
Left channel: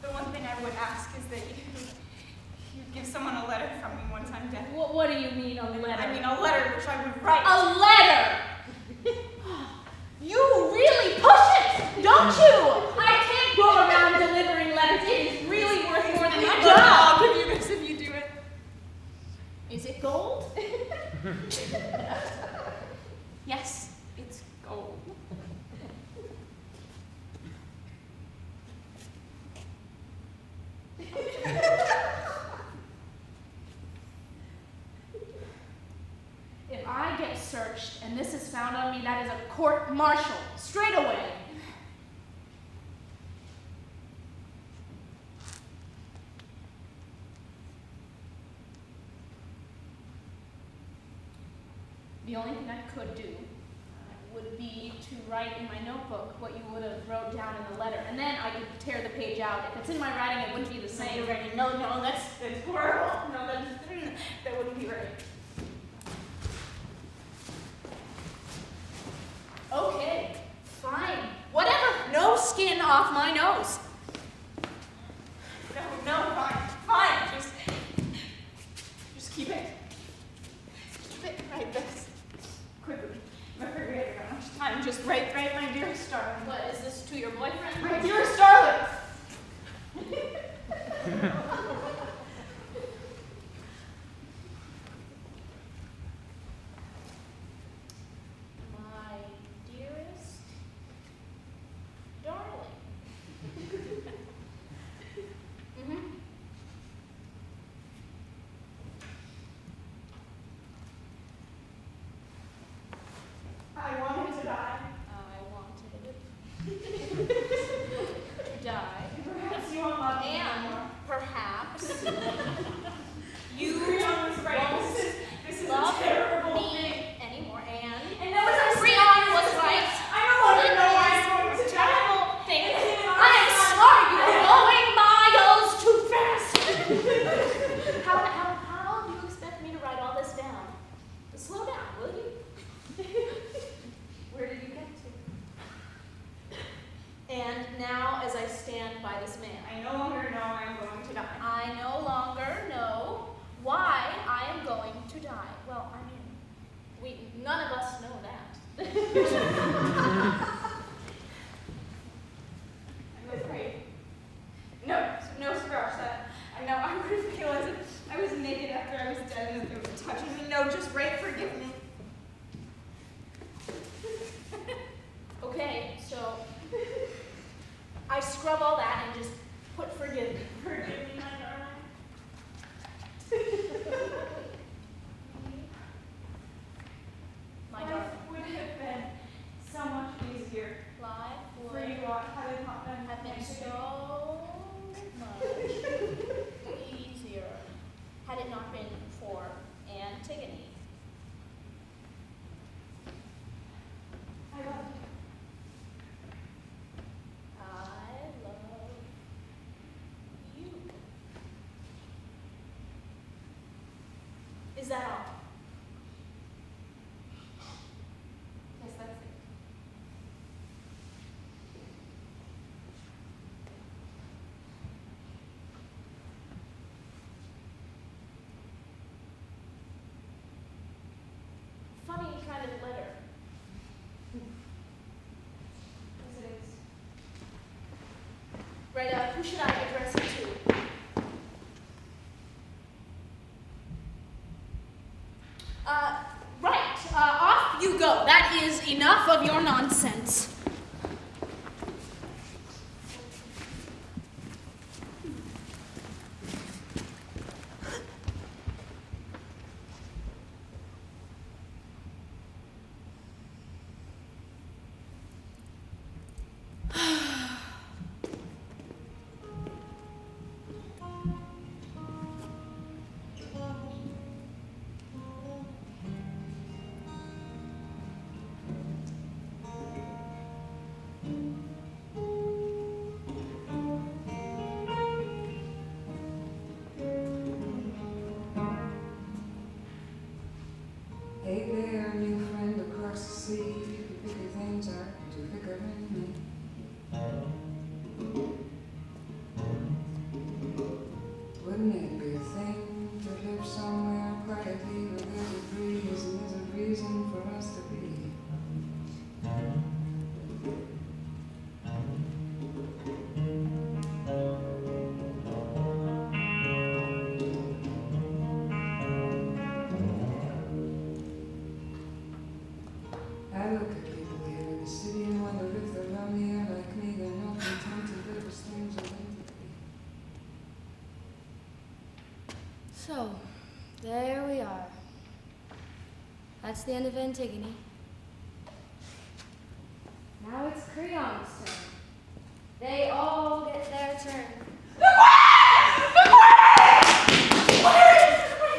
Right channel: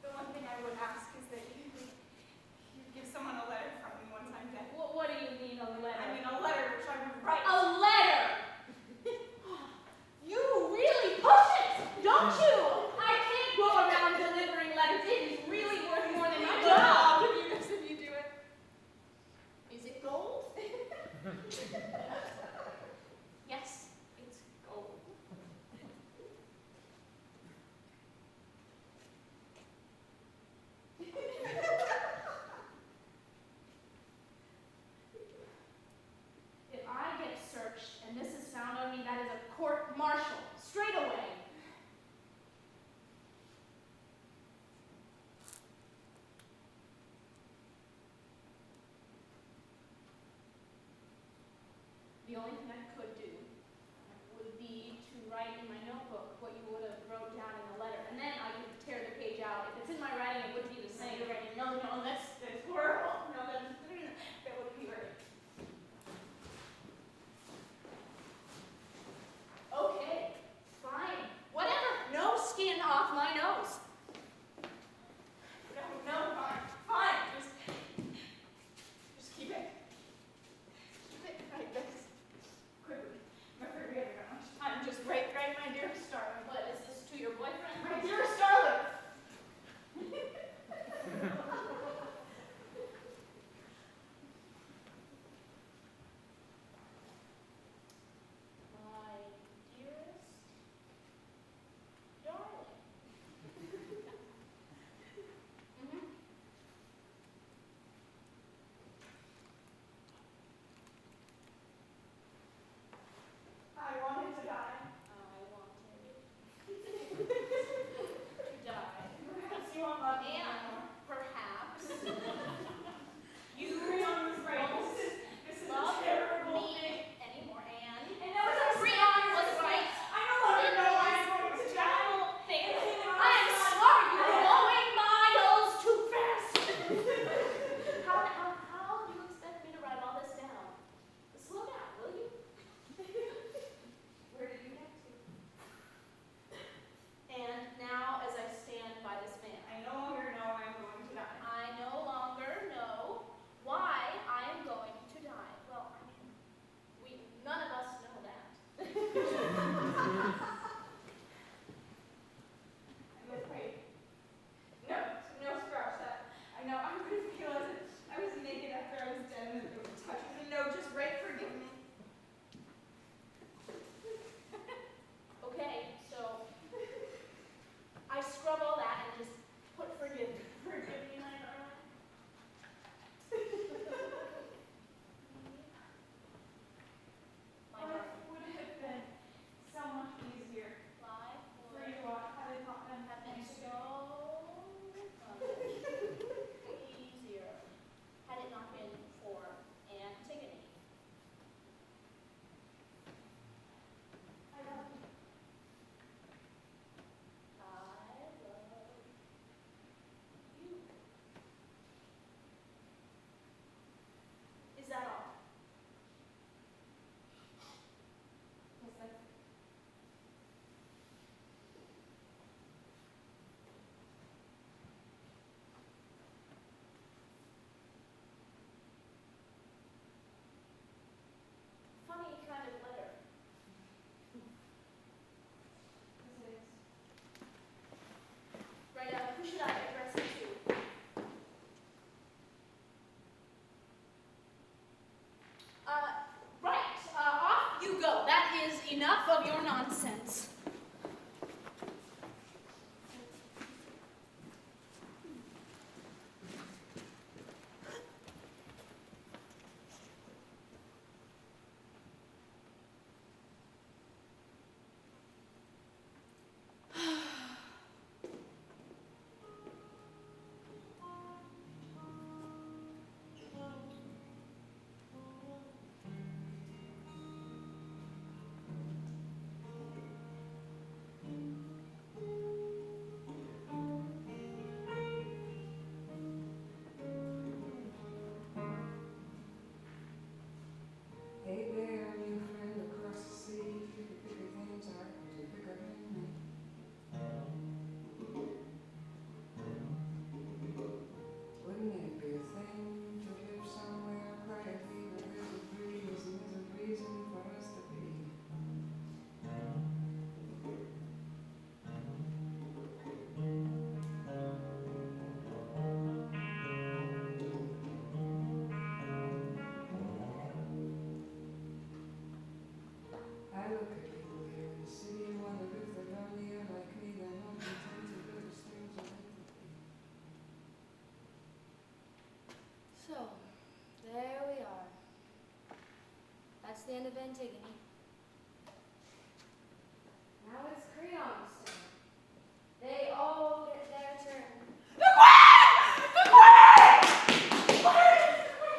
The one thing I would ask is that you give someone a letter from me once I'm dead. What do you mean, a letter? I mean a letter which I would write. A letter! You really push it, don't you? I can't go around delivering letters. It is really worth more than my job. I'll give you this if you do it. Is it gold? Yes, it's gold. If I get served searched, and this is found on me, that is a court-martial, straight away. The only thing I could do would be to write in my notebook what you would have wrote down in the letter, and then I could tear the page out. If it's in my writing, it wouldn't be the same. No, that's horrible. No, that wouldn't be right. Okay, fine, whatever. No skin off my nose. No, fine. Just keep it. Keep it right this. Quickly. I'm afraid we haven't got much time. Just write, my dearest darling. What, is this to your boyfriend? My dearest darling. My dearest darling. Mm-hmm. I wanted to die. I wanted to die. Perhaps you won't love me And anymore. perhaps You you CREON was right. won't This is love a terrible me thing. anymore. And that was our CREON was right. I no longer know why I'm It going is to a die. terrible thing. It's in our I am son. sorry, you are going miles too fast. How do you expect me to write all this down? Slow down, will you? Where did you get to? And now, as I stand by this man, I no longer know I'm going to die. I no longer know why I am going to die. Well, I mean, none of us know that. I'm afraid. No, scratch that. I know I would feel as if I was naked after I was dead and it was touching me. No, just write, forgive me. Okay, so I scrub all that and just put forgive me. Forgive me, my darling. My Life darling. would have been so much easier Life for would you had it not been have been Antigone. so much easier had it not been for Antigone. I love you. I love you. Is that all? Yes, that's it. Funny kind of letter. Yes, it is. Right, who should I address it to? Right, off you go. That is enough of your nonsense. Hey there, new friend across the sea. The bigger things are too thicker than me. Wouldn't it be a thing to live somewhere quietly where there's a breeze and there's a reason for us to be? That's the end of Antigone. Now it's CREON's turn. They all get their turn.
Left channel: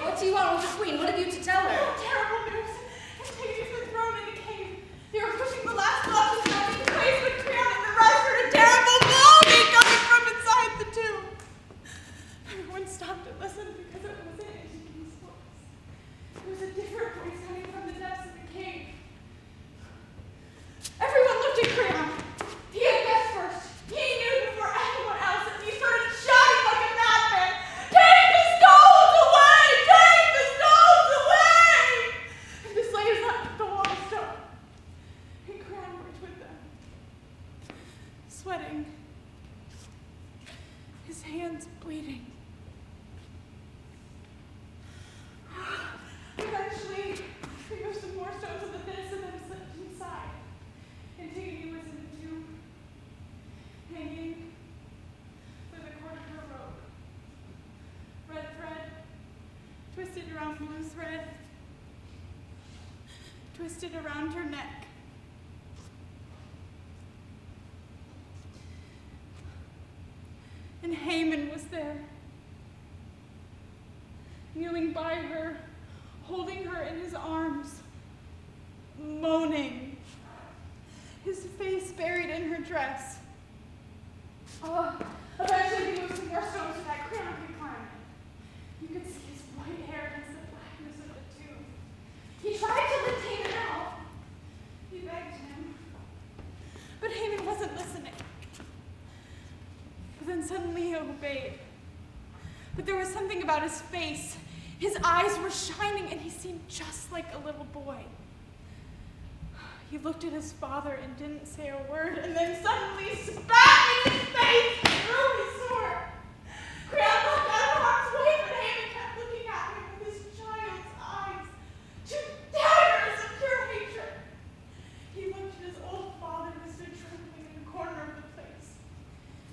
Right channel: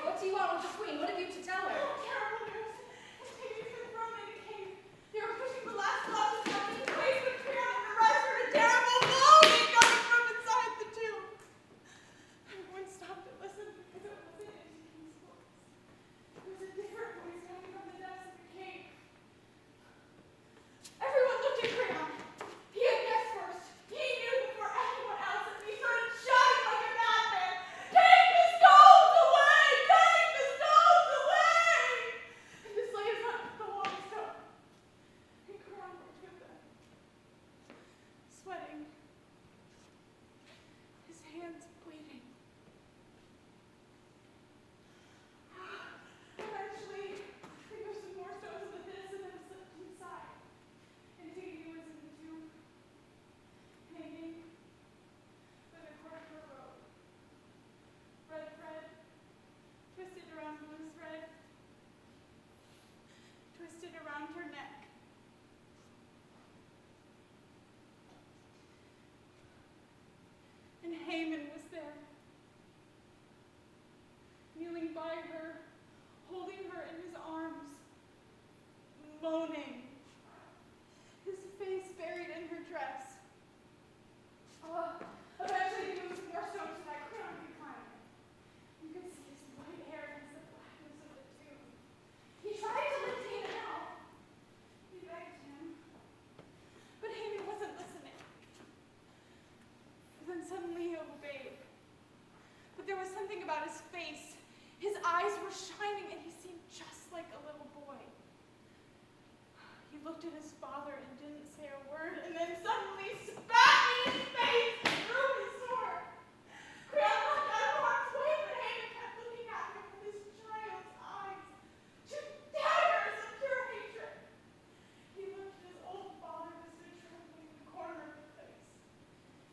What do you want with the queen? What have you to tell her? Terrible news. Antigone's been thrown in a cave. They were pushing the last blocks of snow into place, but CREON and the rest heard a terrible moaning coming from inside the tomb. Everyone stopped and listened because it wasn't Antigone's voice. It was a different voice coming from the depths of the cave. Everyone looked at CREON. He had guessed first. He knew before anyone else, and he started shouting like a madman, "Take the stones away! Take the stones away!" And the slayers left the long stone. And CREON worked with them, sweating, his hands bleeding. Eventually, they moved some more stones in the pits and then slipped inside. Antigone was in the tomb, hanging by the cord of her robe. Red thread, twisted around blue thread, twisted around her neck. And HAEMON was there, kneeling by her, holding her in his arms, moaning, his face buried in her dress. Eventually he moved some more stones so that CREON could climb it. You could see his white hair against the blackness of the tomb. He tried to lift HAEMON out. He begged him, but HAEMON wasn't listening. But then suddenly he obeyed. But there was something about his face. His eyes were shining and he seemed just like a little boy. He looked at his father and didn't say a word, and then suddenly spat in his face and drew his sword. CREON looked out of harm's way, but HAEMON kept looking at him with his child's eyes, two daggers of pure hatred. He looked at his old father who stood trembling in the corner of the place,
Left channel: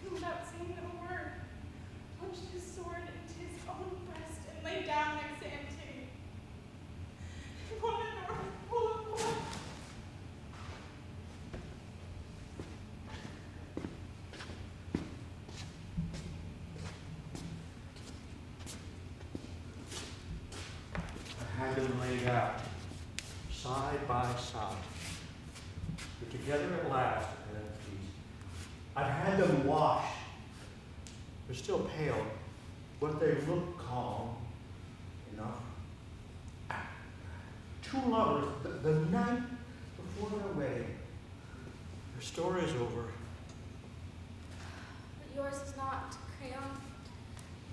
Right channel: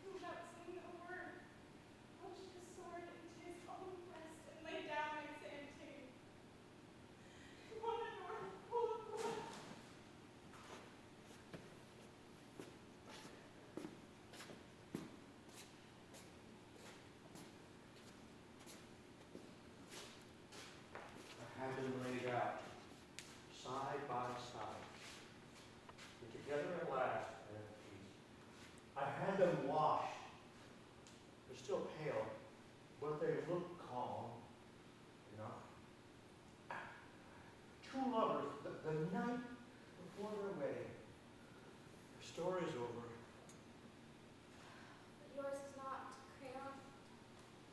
and without saying a word, plunged his sword into his own breast and lay down next to Antigone. He wanted her full of blood. I had them laid out, side by side. But together at last, and at peace. I've had them washed. They're still pale, but they look calm enough. Two lovers, the night before their wedding. Their story's over. But yours is not, CREON.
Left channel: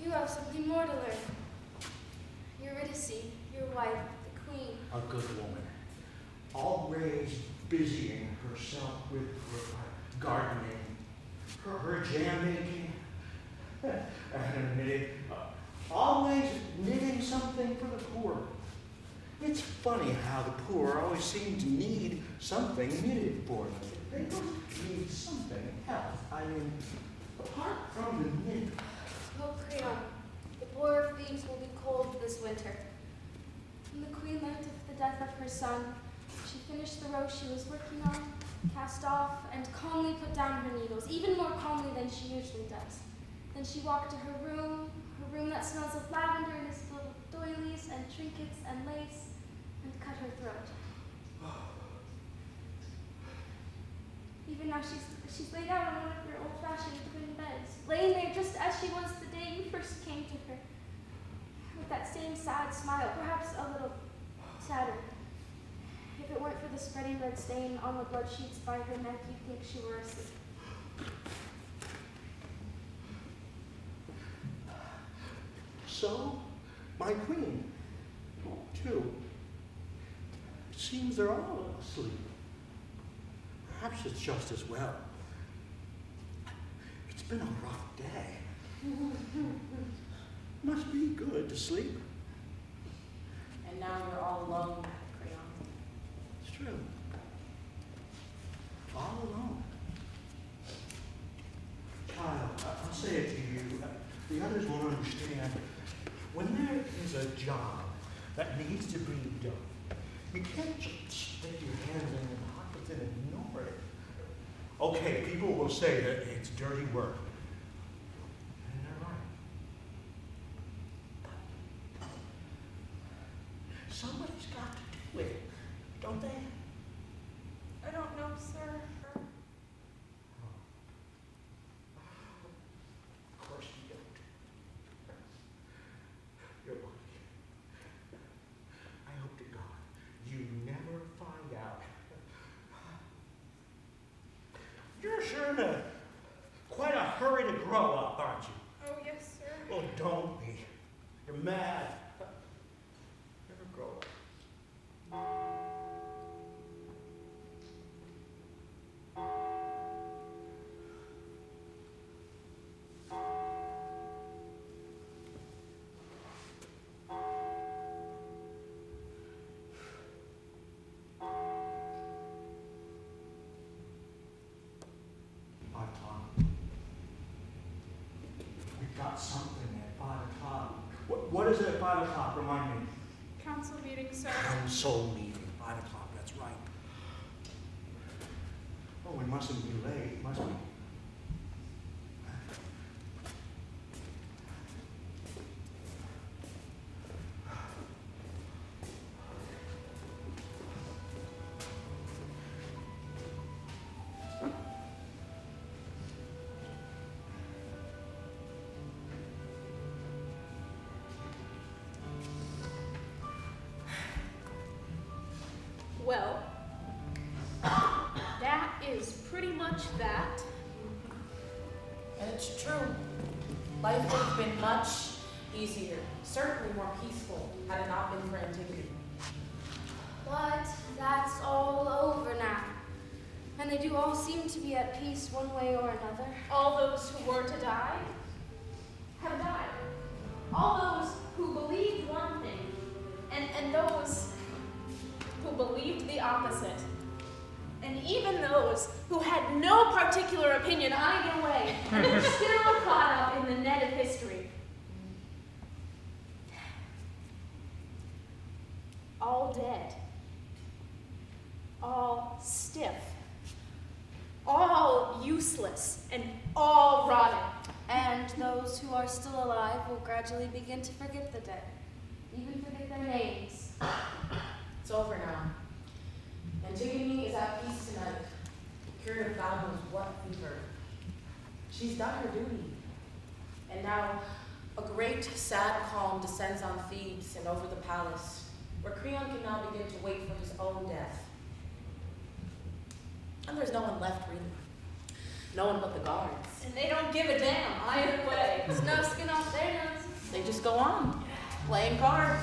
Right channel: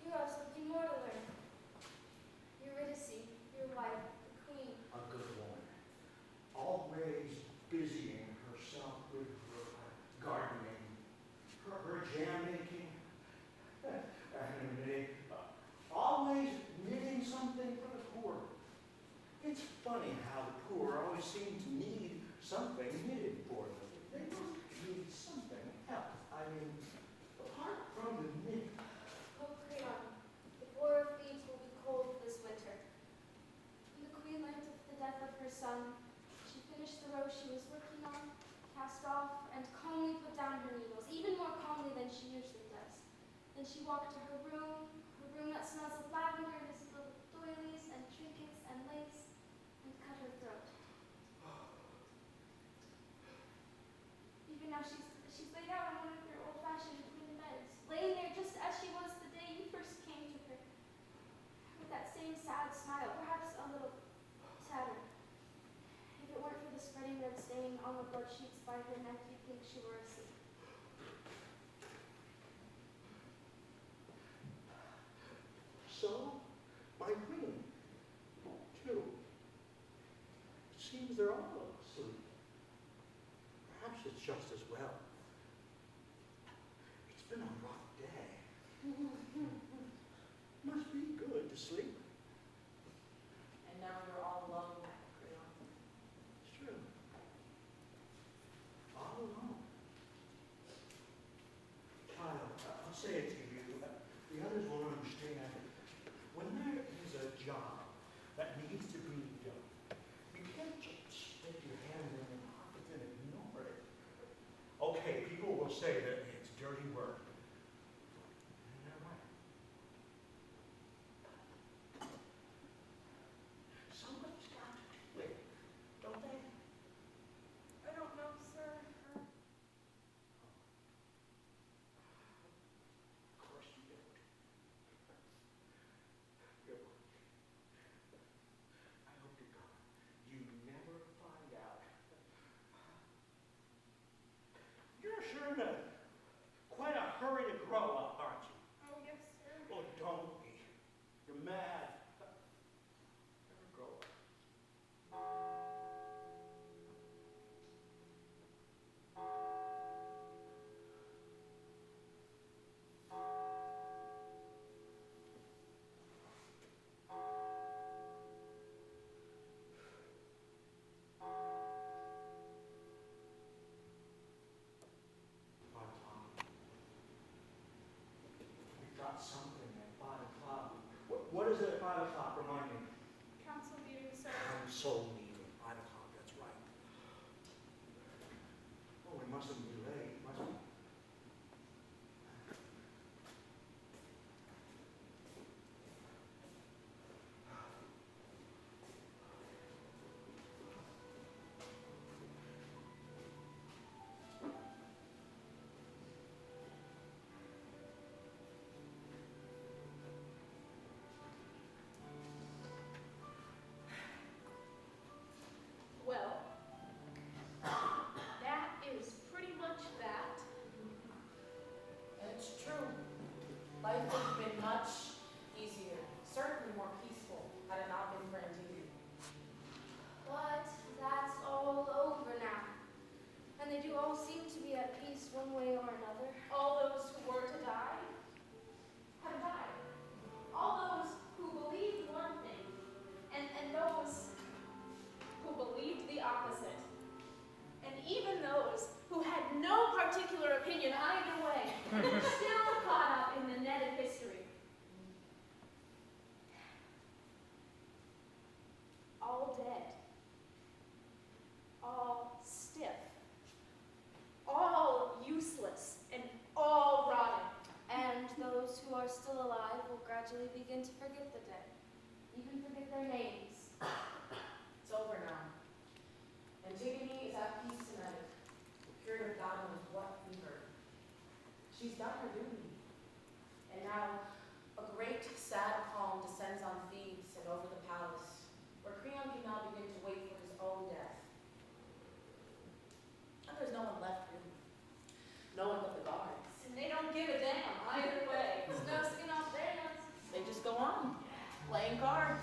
You have something more to learn. Eurydice, your wife, the queen. A good woman, always busying herself with her gardening, her jam making, and her knitting, always knitting something for the poor. It's funny how the poor always seem to need something knitted for them. They must need something else. I mean, apart from the knitting. Oh, CREON, the border of Thebes will be cold this winter. When the queen learned of the death of her son, she finished the row she was working on, cast off, and calmly put down her needles, even more calmly than she usually does. Then she walked to her room that smells of lavender and is filled with doilies and trinkets and lace, and cut her throat. Even now she's laid out on one of your old-fashioned twin beds, laying there just as she was the day you first came to her, with that same sad smile, perhaps a little sadder. If it weren't for the spreading red stain on the blood sheets by her neck, you'd think she were asleep. So, my queen, too. It seems they're all asleep. Perhaps it's just as well. It's been a rough day. Must be good to sleep. And now you're all alone, CREON. It's true. All alone. Child, I'll say it to you. The others won't understand. When there is a job that needs to be done, you can't People say that it's dirty work. And they're right. But somebody's got to do it, don't they? I don't know, sir. Of course you don't. You're lucky. I hope to God you never find out. You're sure in quite a hurry to grow up, aren't you? Oh, yes, sir. Oh, don't be. You're mad. Never grow up. We've got something at 5 o'clock. What is it at 5 o'clock? Remind me. Council meeting, sir. Council meeting, 5 o'clock, that's right. Oh, we mustn't be late, must we? Well, that is pretty much that. And it's true. Life would have been much easier, certainly more peaceful, had it not been for Antigone. But that's all over now. And they do all seem to be at peace one way or another. All those who were to die have died. All those who believed one thing, and those who believed the opposite. And even those who had no particular opinion either way, and are still caught up in the net of history. All dead. All stiff. All useless, and all rotted. And those who are still alive will gradually begin to forget the dead, even forget their names. It's over now. Antigone is at peace tonight, cured of God knows what fever. She's done her duty. And now a great sad calm descends on Thebes and over the palace, where CREON can now begin to wait for his own death. And there's no one left, really. No one but the guards. And they don't give a damn either way. There's no skin off their noses. They just go on, playing cards.